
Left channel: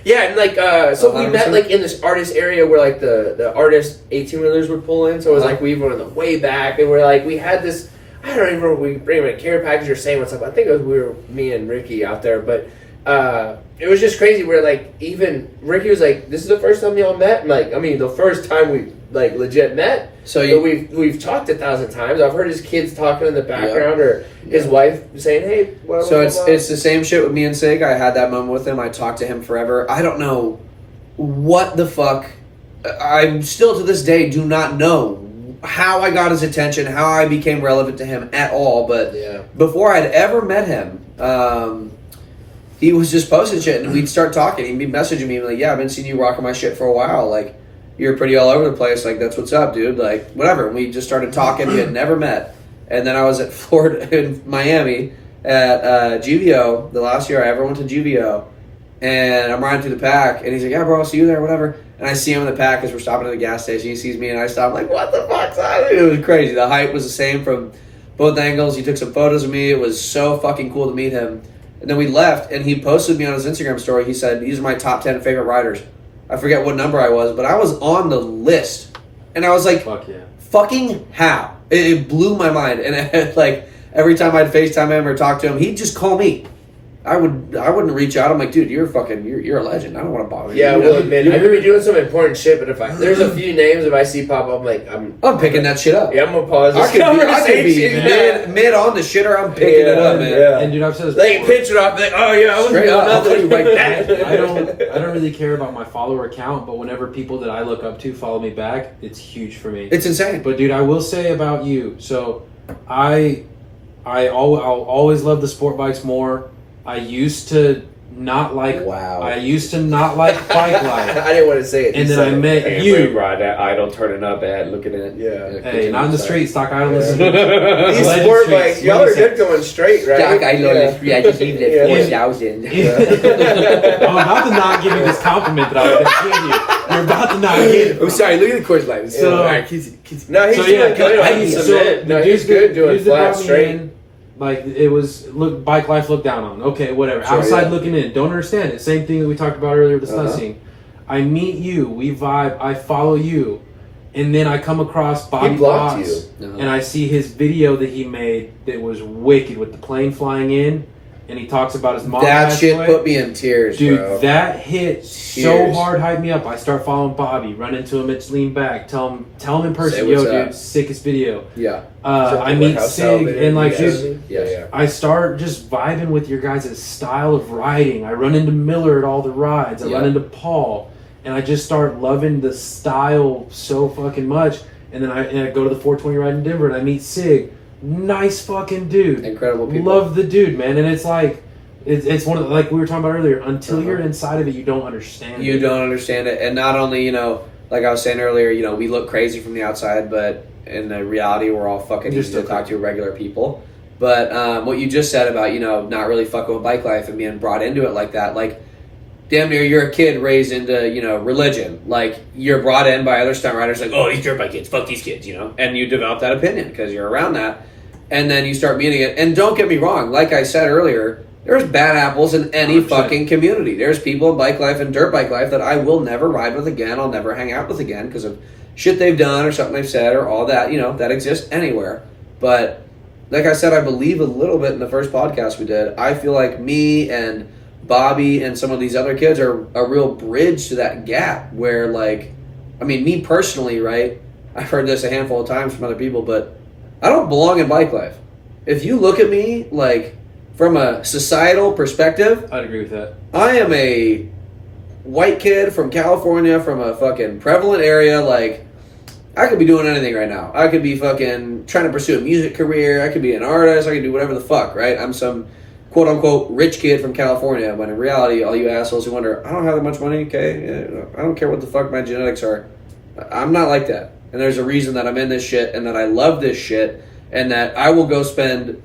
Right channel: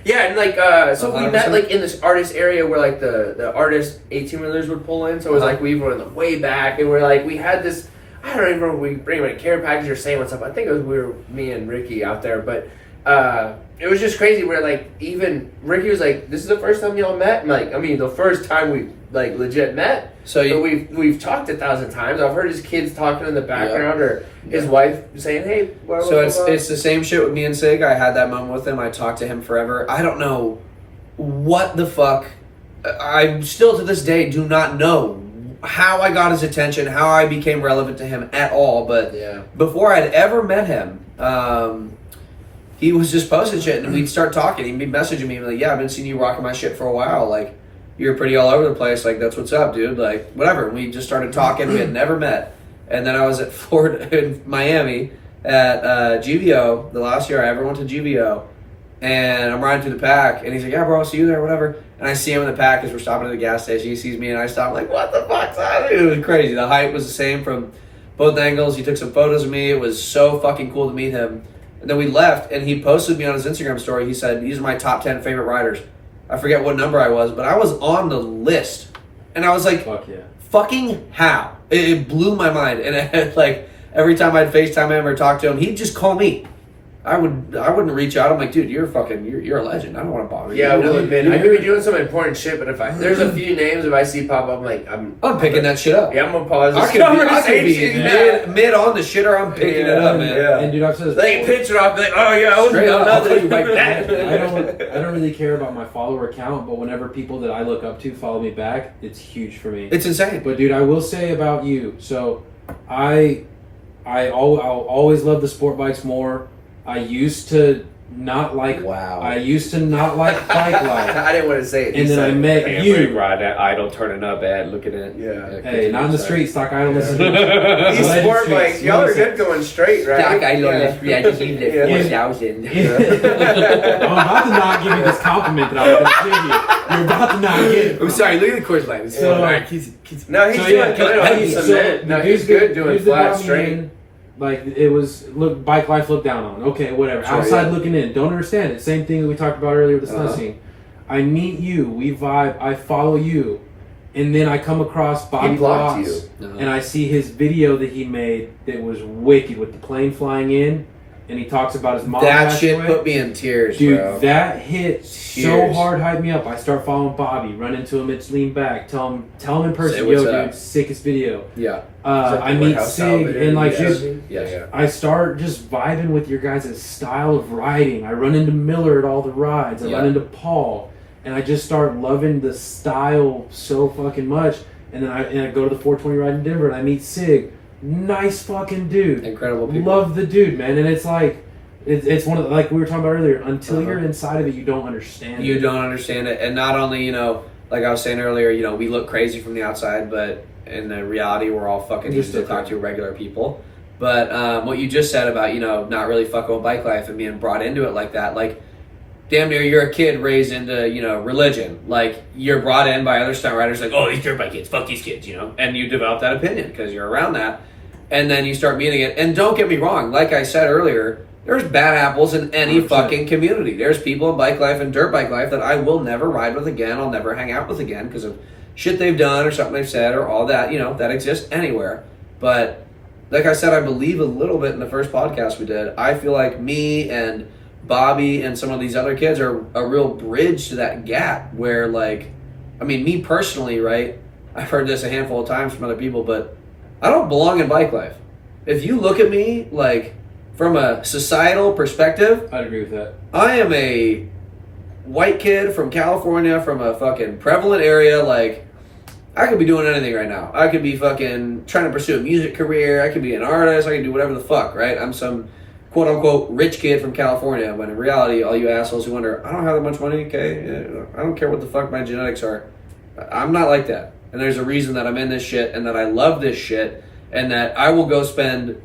Yeah, and like so we 100%. met like in this artist area where like the artist 18-wheelers would pull in. So it was like we were in the way back, and we're like we had this. I don't even remember if we bring him a care package or saying what's up. I think it was me and Ricky out there, but it was just crazy. Where like even Ricky was like, "This is the first time y'all met." And, like, I mean, the first time we like legit met. So But you, we've talked 1,000 times. I've heard his kids talking in the background, or his wife saying, "Hey." Blah, blah, so blah, blah. it's the same shit with me and Sig. I had that moment with him. I talked to him forever. I don't know what the fuck. I still to this day do not know how I got his attention, how I became relevant to him at all. But Yeah. before I'd ever met him, he was just posting shit, and we'd start talking. He'd be messaging me like, "Yeah, I've been seeing you rocking my shit for a while. Like, you're pretty all over the place. Like, that's what's up, dude. Like, whatever." And we just started talking. We had never met. And then I was at Florida in Miami at GVO, the last year I ever went to GVO. And I'm riding through the pack, and he's like, "Yeah, bro, I'll see you there, whatever." And I see him in the pack as we're stopping at the gas station. He sees me, and I stop, like, "What the fuck's that?" It was crazy. The height was the same from both angles. He took some photos of me. It was so fucking cool to meet him. And then we left, and he posted me on his Instagram story. He said, "These are my top 10 favorite riders." I forget what number I was, but I was on the list. And I was like, Fuck yeah. fucking how? It blew my mind. And it, like, every time I'd FaceTime him or talk to him, he'd just call me. I wouldn't reach out. I'm like, "Dude, you're a legend. I don't want to bother you." Yeah, You know? well, admit, I could be doing some important shit, but there's a few names if I see pop up, I'm like, I'm picking that shit up. Yeah, I'm gonna pause. I this could be conversation. mid on the shitter. I'm picking it up, man. Yeah. And dude, I've said this Like before. pitch it off, be like, oh yeah, I was Straight doing up, I'll nothing. tell you right back. I don't really care about my follower count, but whenever people that I look up to follow me back, it's huge for me. It's insane. But dude, I will say about you. So, I'll always love the sport bikes more. I used to not like. Wow. I used to not like bike life, I didn't want to say it. and then I met Hey, you. ride that idle, turning up at, looking at it. Yeah. Hey, not in the street, stock idleness. These Legend sport streets, bikes, y'all are good going straight, right? I just need that Yeah. 4,000. I'm about to not give you this compliment that I was going to give you. You're about to not get it. I'm sorry, look at the course line. So- Alright, kids. No, he's So doing yeah, good on hey, the so cement. No, the he's dudes good that- doing dudes that flat brought me straight. in, like it was look bike life looked down on. Okay, whatever. Sure, Outside yeah. looking in, don't understand it. Same thing that we talked about earlier with the stunt scene. I meet you, we vibe, I follow you, and then I come across Bobby blocked Potts, you. and I see his video that he made that was wicked with the plane flying in, and he talks about his mom. That passed shit away. put me in tears, Dude, bro. that hit so Tears. hard, hyped me up. I start following Bobby, run into him at Lean Back, tell him in Say person, what's yo, up. dude, sickest video. Yeah. I meet Sig, and like, dude, yeah. I start just vibing with your guys' style of riding. I run into Miller at all the rides. I Yeah. run into Paul, and I just start loving the style so fucking much. And then I go to the 420 ride in Denver and I meet Sig. Nice fucking dude. Incredible people. Love the dude, man. And it's like, it's one of the, like we were talking about earlier, until you're inside of it, you don't understand You it. don't understand it. And not only, you know, like I was saying earlier, you know, we look crazy from the outside, but in the reality, we're all fucking You're easy to still talk to regular people. But what you just said about, you know, not really fucking with bike life and being brought into it like that, like, damn near you're a kid raised into, you know, religion. Like, you're brought in by other stunt riders, like, oh, these dirt bike kids, fuck these kids, you know? And you develop that opinion because you're around that. And then you start meeting it. And don't get me wrong, like I said earlier, there's bad apples in any 100%. fucking community. There's people in bike life and dirt bike life that I will never ride with again. I'll never hang out with again because of shit they've done or something they've said or all that, you know, that exists anywhere. But like I said, I believe a little bit in the first podcast we did. I feel like me and Bobby and some of these other kids are a real bridge to that gap where, like, I mean, me personally, right? I've heard this a handful of times from other people, but I don't belong in bike life. If you look at me, like, from a societal perspective, I'd agree with that. I am a white kid from California, from a fucking prevalent area. Like, I could be doing anything right now. I could be fucking trying to pursue a music career. I could be an artist. I could do whatever the fuck, right? I'm some quote-unquote rich kid from California, when in reality, all you assholes who wonder, I don't have that much money, okay? I don't care what the fuck my genetics are. I'm not like that. And there's a reason that I'm in this shit and that I love this shit and that I will go spend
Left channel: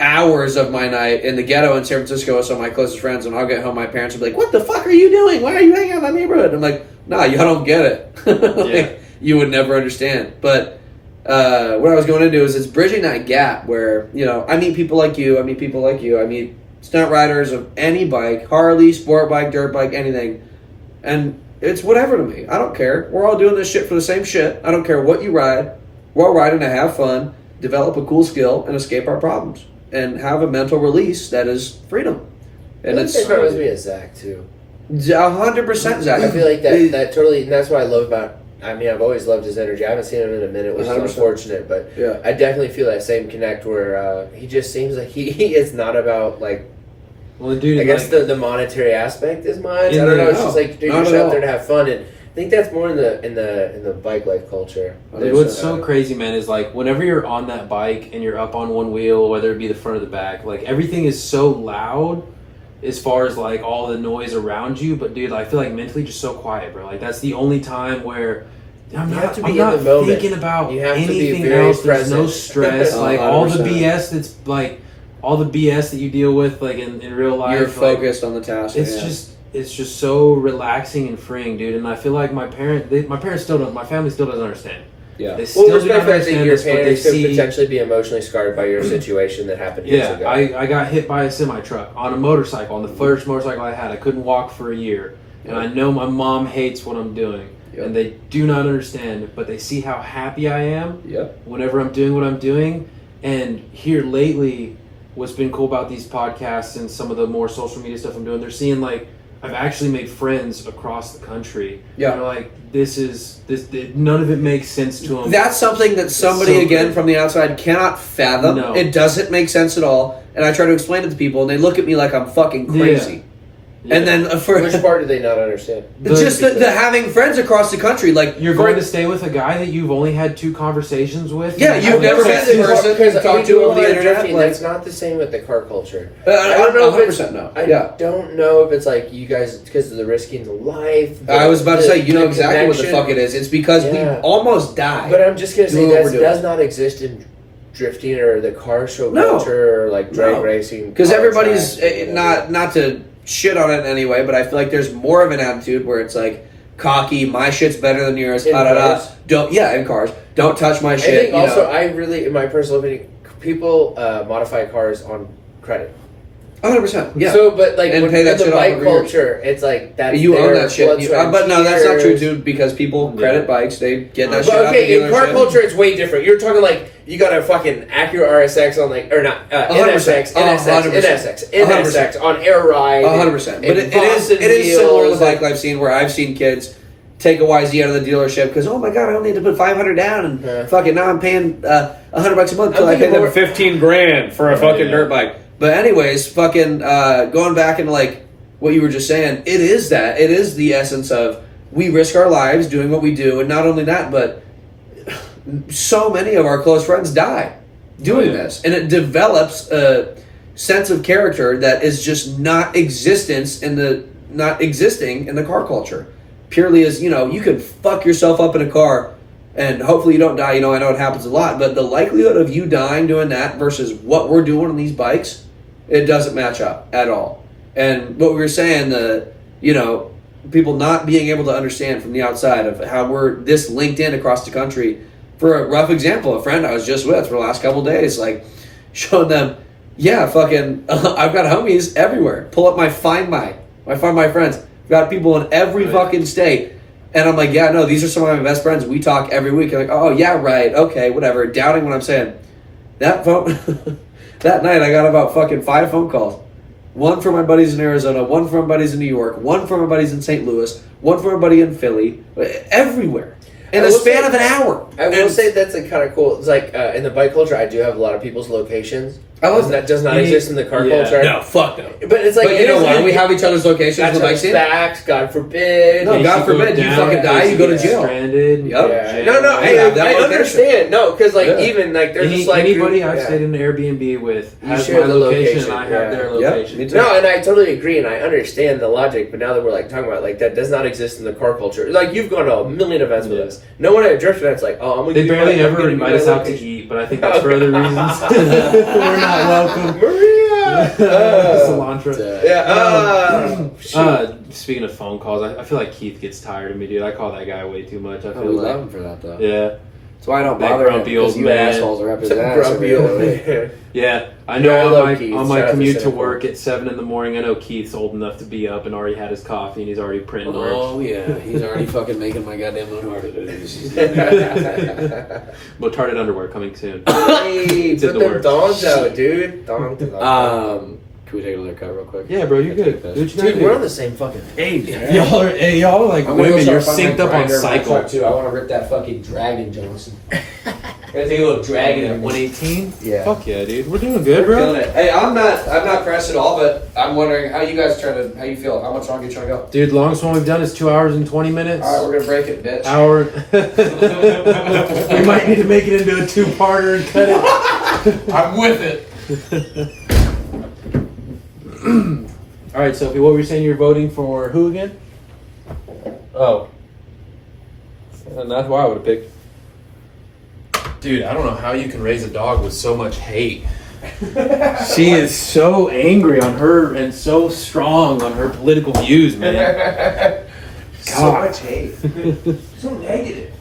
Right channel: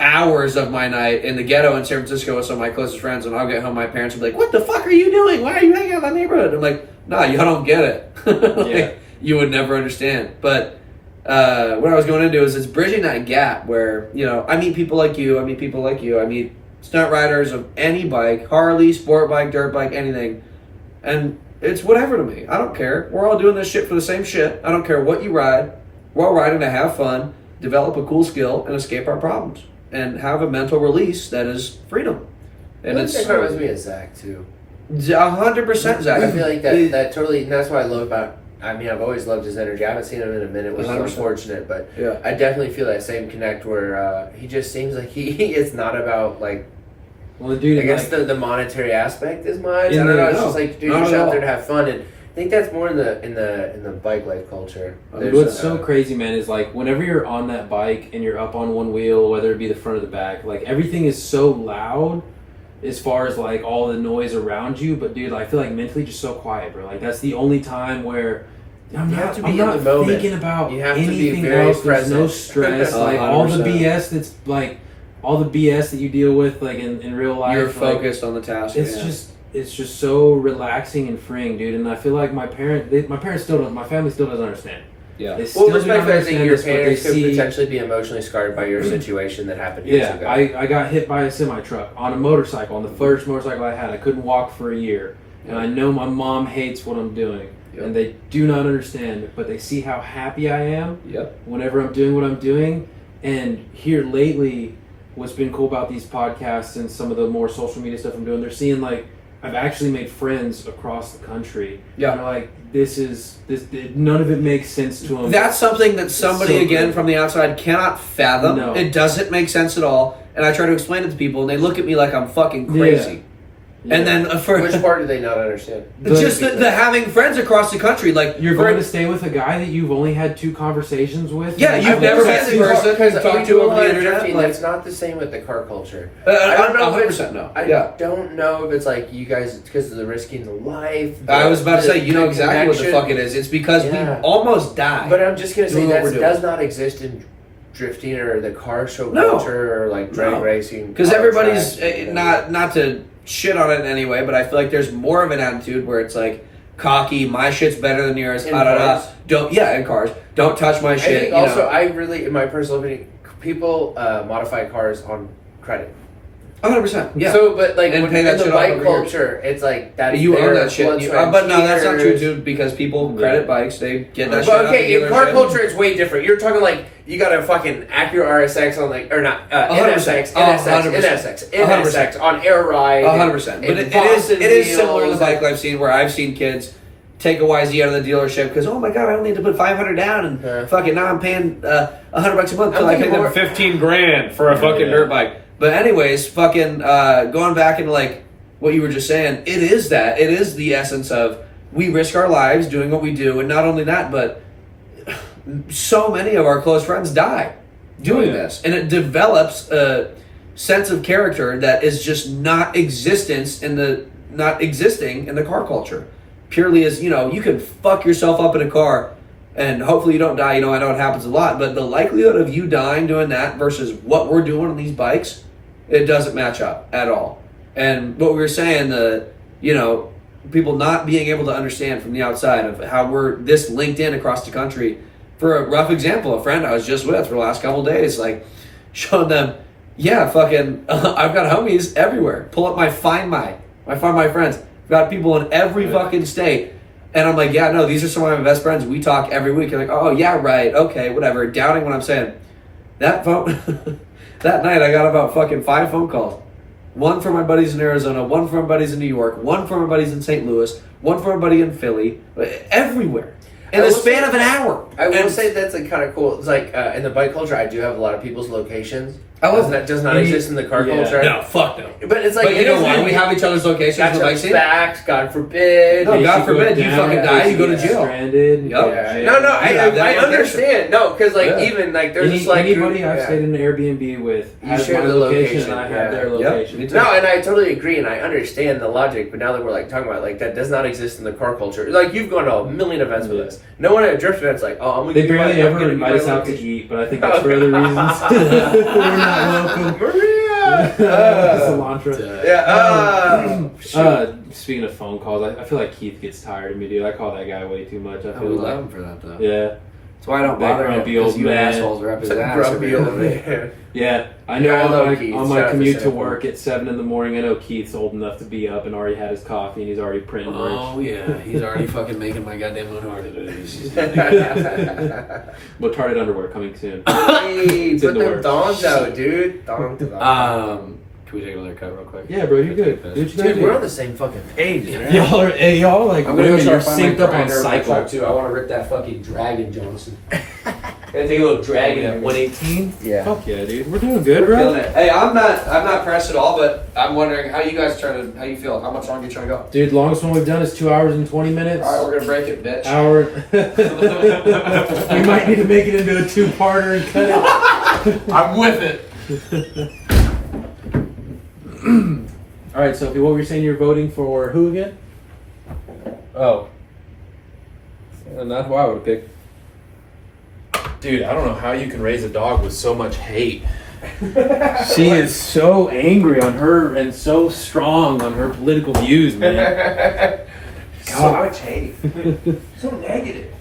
hours of my night in the ghetto in San Francisco with some of my closest friends, and I'll get home, my parents will be like, what the fuck are you doing? Why are you hanging out in that neighborhood? I'm like, nah, y'all don't get it. Like, Yeah. You would never understand. But what I was going into is it's bridging that gap where, you know, I meet people like you, I meet stunt riders of any bike, Harley, sport bike, dirt bike, anything, and it's whatever to me. I don't care. We're all doing this shit for the same shit. I don't care what you ride. We're all riding to have fun, develop a cool skill, and escape our problems, and have a mental release that is freedom. And it's that reminds me of Zach too. 100% Zach. I feel like that totally, and that's what I love about. I mean, I've always loved his energy. I haven't seen him in a minute, which is 100%. unfortunate, but Yeah. I definitely feel that same connect where he just seems like he is not about, like, Well, the dude, I guess like, the monetary aspect as much. I In don't the- know. It's no, just like, dude, not you're just at out all. there to have fun, and I think that's more in the bike life culture. Dude, There's what's a- so crazy, man, is like whenever you're on that bike and you're up on one wheel, whether it be the front or the back, like everything is so loud as far as like all the noise around you. But dude, I feel like mentally just so quiet, bro. Like that's the only time where I'm You have not, to I'm be in not the moment. thinking about You have to be anything very else. There's no present. stress. Oh, Like all the 100%. BS that's like all the BS that you deal with like in real life. You're like, focused on the task. it's just so relaxing and freeing, dude. And I feel like my family still doesn't understand. Yeah. They still Well, do respect not that I think understand your this, but they parents could see. potentially be emotionally scarred by your situation that happened years Yeah, ago. I got hit by a semi truck on a motorcycle, on the first motorcycle I had. I couldn't walk for a year, and I know my mom hates what I'm doing, Yep. and they do not understand. But they see how happy I am Yep. whenever I'm doing what I'm doing. And here lately, what's been cool about these podcasts and some of the more social media stuff I'm doing, they're seeing like I've actually made friends across the country. Yeah. And they're like, this. None of it makes sense to them. That's something that somebody, so again, good. from the outside cannot fathom. No. It doesn't make sense at all. And I try to explain it to people, and they look at me like I'm fucking crazy. And then for Which part do they not understand? just the having friends across the country, like You're for- going to stay with a guy that you've only had 2 conversations with? Yeah, you've I've never been met the to person because you talk we to do a over lot the of internet. drifting. Like, That's not the same with the car culture. I don't know if 100% no. I Yeah. don't know if it's like you guys because of the risking life. I was about to say, you know the exactly what the connection. fuck it is. It's because Yeah. we almost died. But I'm just gonna say Doing what that we're doing. does not exist in drifting or the car show No. culture or like drag No. racing. Because car everybody's tracks. not to shit on it in any way, but I feel like there's more of an attitude where it's like cocky. My shit's better than yours. In Da, da, da. cars? Don't in cars. Don't touch my I shit. think you also know. I really, in my personal opinion, people modify cars on credit. 100%. Yeah. So, but like And when- pay that in the shit off bike over years. culture, it's like that's you own their that shit. blood, sweat, and But no, that's not true, tears. dude. Because people credit bikes, they get that shit But out the okay, in car dealership. culture, it's way different. You're talking like you got a fucking Acura RSX on like, or not 100%. NSX, NSX on air ride. 100%. But it is similar to the bike life scene where I've seen kids take a YZ out of the dealership because, oh my god, I only need to put $500 down and fucking now I'm paying $100 a month till I thinking can more- $15,000 for a fucking dirt bike. But anyways, fucking going back into like what you were just saying, it is the essence of we risk our lives doing what we do, and not only that, but so many of our close friends die doing this, and it develops a sense of character that is just not existing in the car culture. Purely as, you know, you can fuck yourself up in a car and hopefully you don't die. You know, I know it happens a lot, but the likelihood of you dying doing that versus what we're doing on these bikes, it doesn't match up at all. And what we were saying, you know, people not being able to understand from the outside of how we're this linked in across the country. For a rough example, a friend I was just with for the last couple of days, like, showing them, yeah, fucking, I've got homies everywhere. Pull up my Find My friends. I've got people in every fucking state. And I'm like, yeah, no, these are some of my best friends. We talk every week. I'm like, oh, yeah, right, okay, whatever. Doubting what I'm saying. That night, I got about fucking 5 phone calls. One from my buddies in Arizona, one from my buddies in New York, one from my buddies in St. Louis, one from my buddy in Philly, everywhere. In the span of an hour. I will say that's like kind of cool. It's like in the bike culture, I do have a lot of people's locations. I love that. Does not exist in the car culture. No, fuck no. But it's like, but you know why? We have each other's locations for bike scene. Backs, God forbid. No, God forbid, you fucking die, you go to jail. Stranded. Yep. Yeah. No, I understand. No, because like even like there's just like anybody I've stayed in an Airbnb with has my location, and I have their location. Yep. No, and I totally agree, and I understand the logic. But now that we're like talking about like that does not exist in the car culture. Like you've gone to a million events with us. No one at a drift event's like, oh, I'm gonna. They barely ever invite us out to eat, but I think that's for other reasons. We're not welcome. Maria! Cilantro. Yeah. Speaking of phone calls, I feel like Keith gets tired of me, dude. I call that guy way too much. I feel we like, love him for that, though. Yeah. That's why I don't That bother him, grumpy old because you man. assholes are up his ass. Grumpy old man. Yeah, I know Yeah, I love Keith. on Shout my out to commute to Sam. work at 7 in the morning, I know Keith's old enough to be up and already had his coffee and he's already printing merch. Oh, yeah. He's already fucking making my goddamn Motarded. Motarded underwear coming soon. Hey, It's in put the them works. thongs out, dude. Thong to the Can we take another cut real quick? Yeah, bro, you're good. Do what you gotta Dude, we're on do. the same fucking page, man. Y'all are like I'm gonna go women. try You're to find my synced up on grinder in my cycle. truck, too. I want to rip that fucking Dragon Johnson. Gotta take a little Dragon At 118? Yeah. Fuck yeah, dude. We're doing good, bro. Hey, I'm not pressed at all, but I'm wondering how you guys how you feel? How much longer you trying to go? Dude, longest one we've done is 2 hours and 20 minutes. All right, we're gonna break it, bitch. Hour. We might need to make it into a 2-parter and cut it. I'm with it. All right, Sophie, what were you saying? You're voting for who again? Oh. And that's why I would have picked. Dude, I don't know how you can raise a dog with so much hate. She is so angry on her and so strong on her political views, man. So much hate. So negative.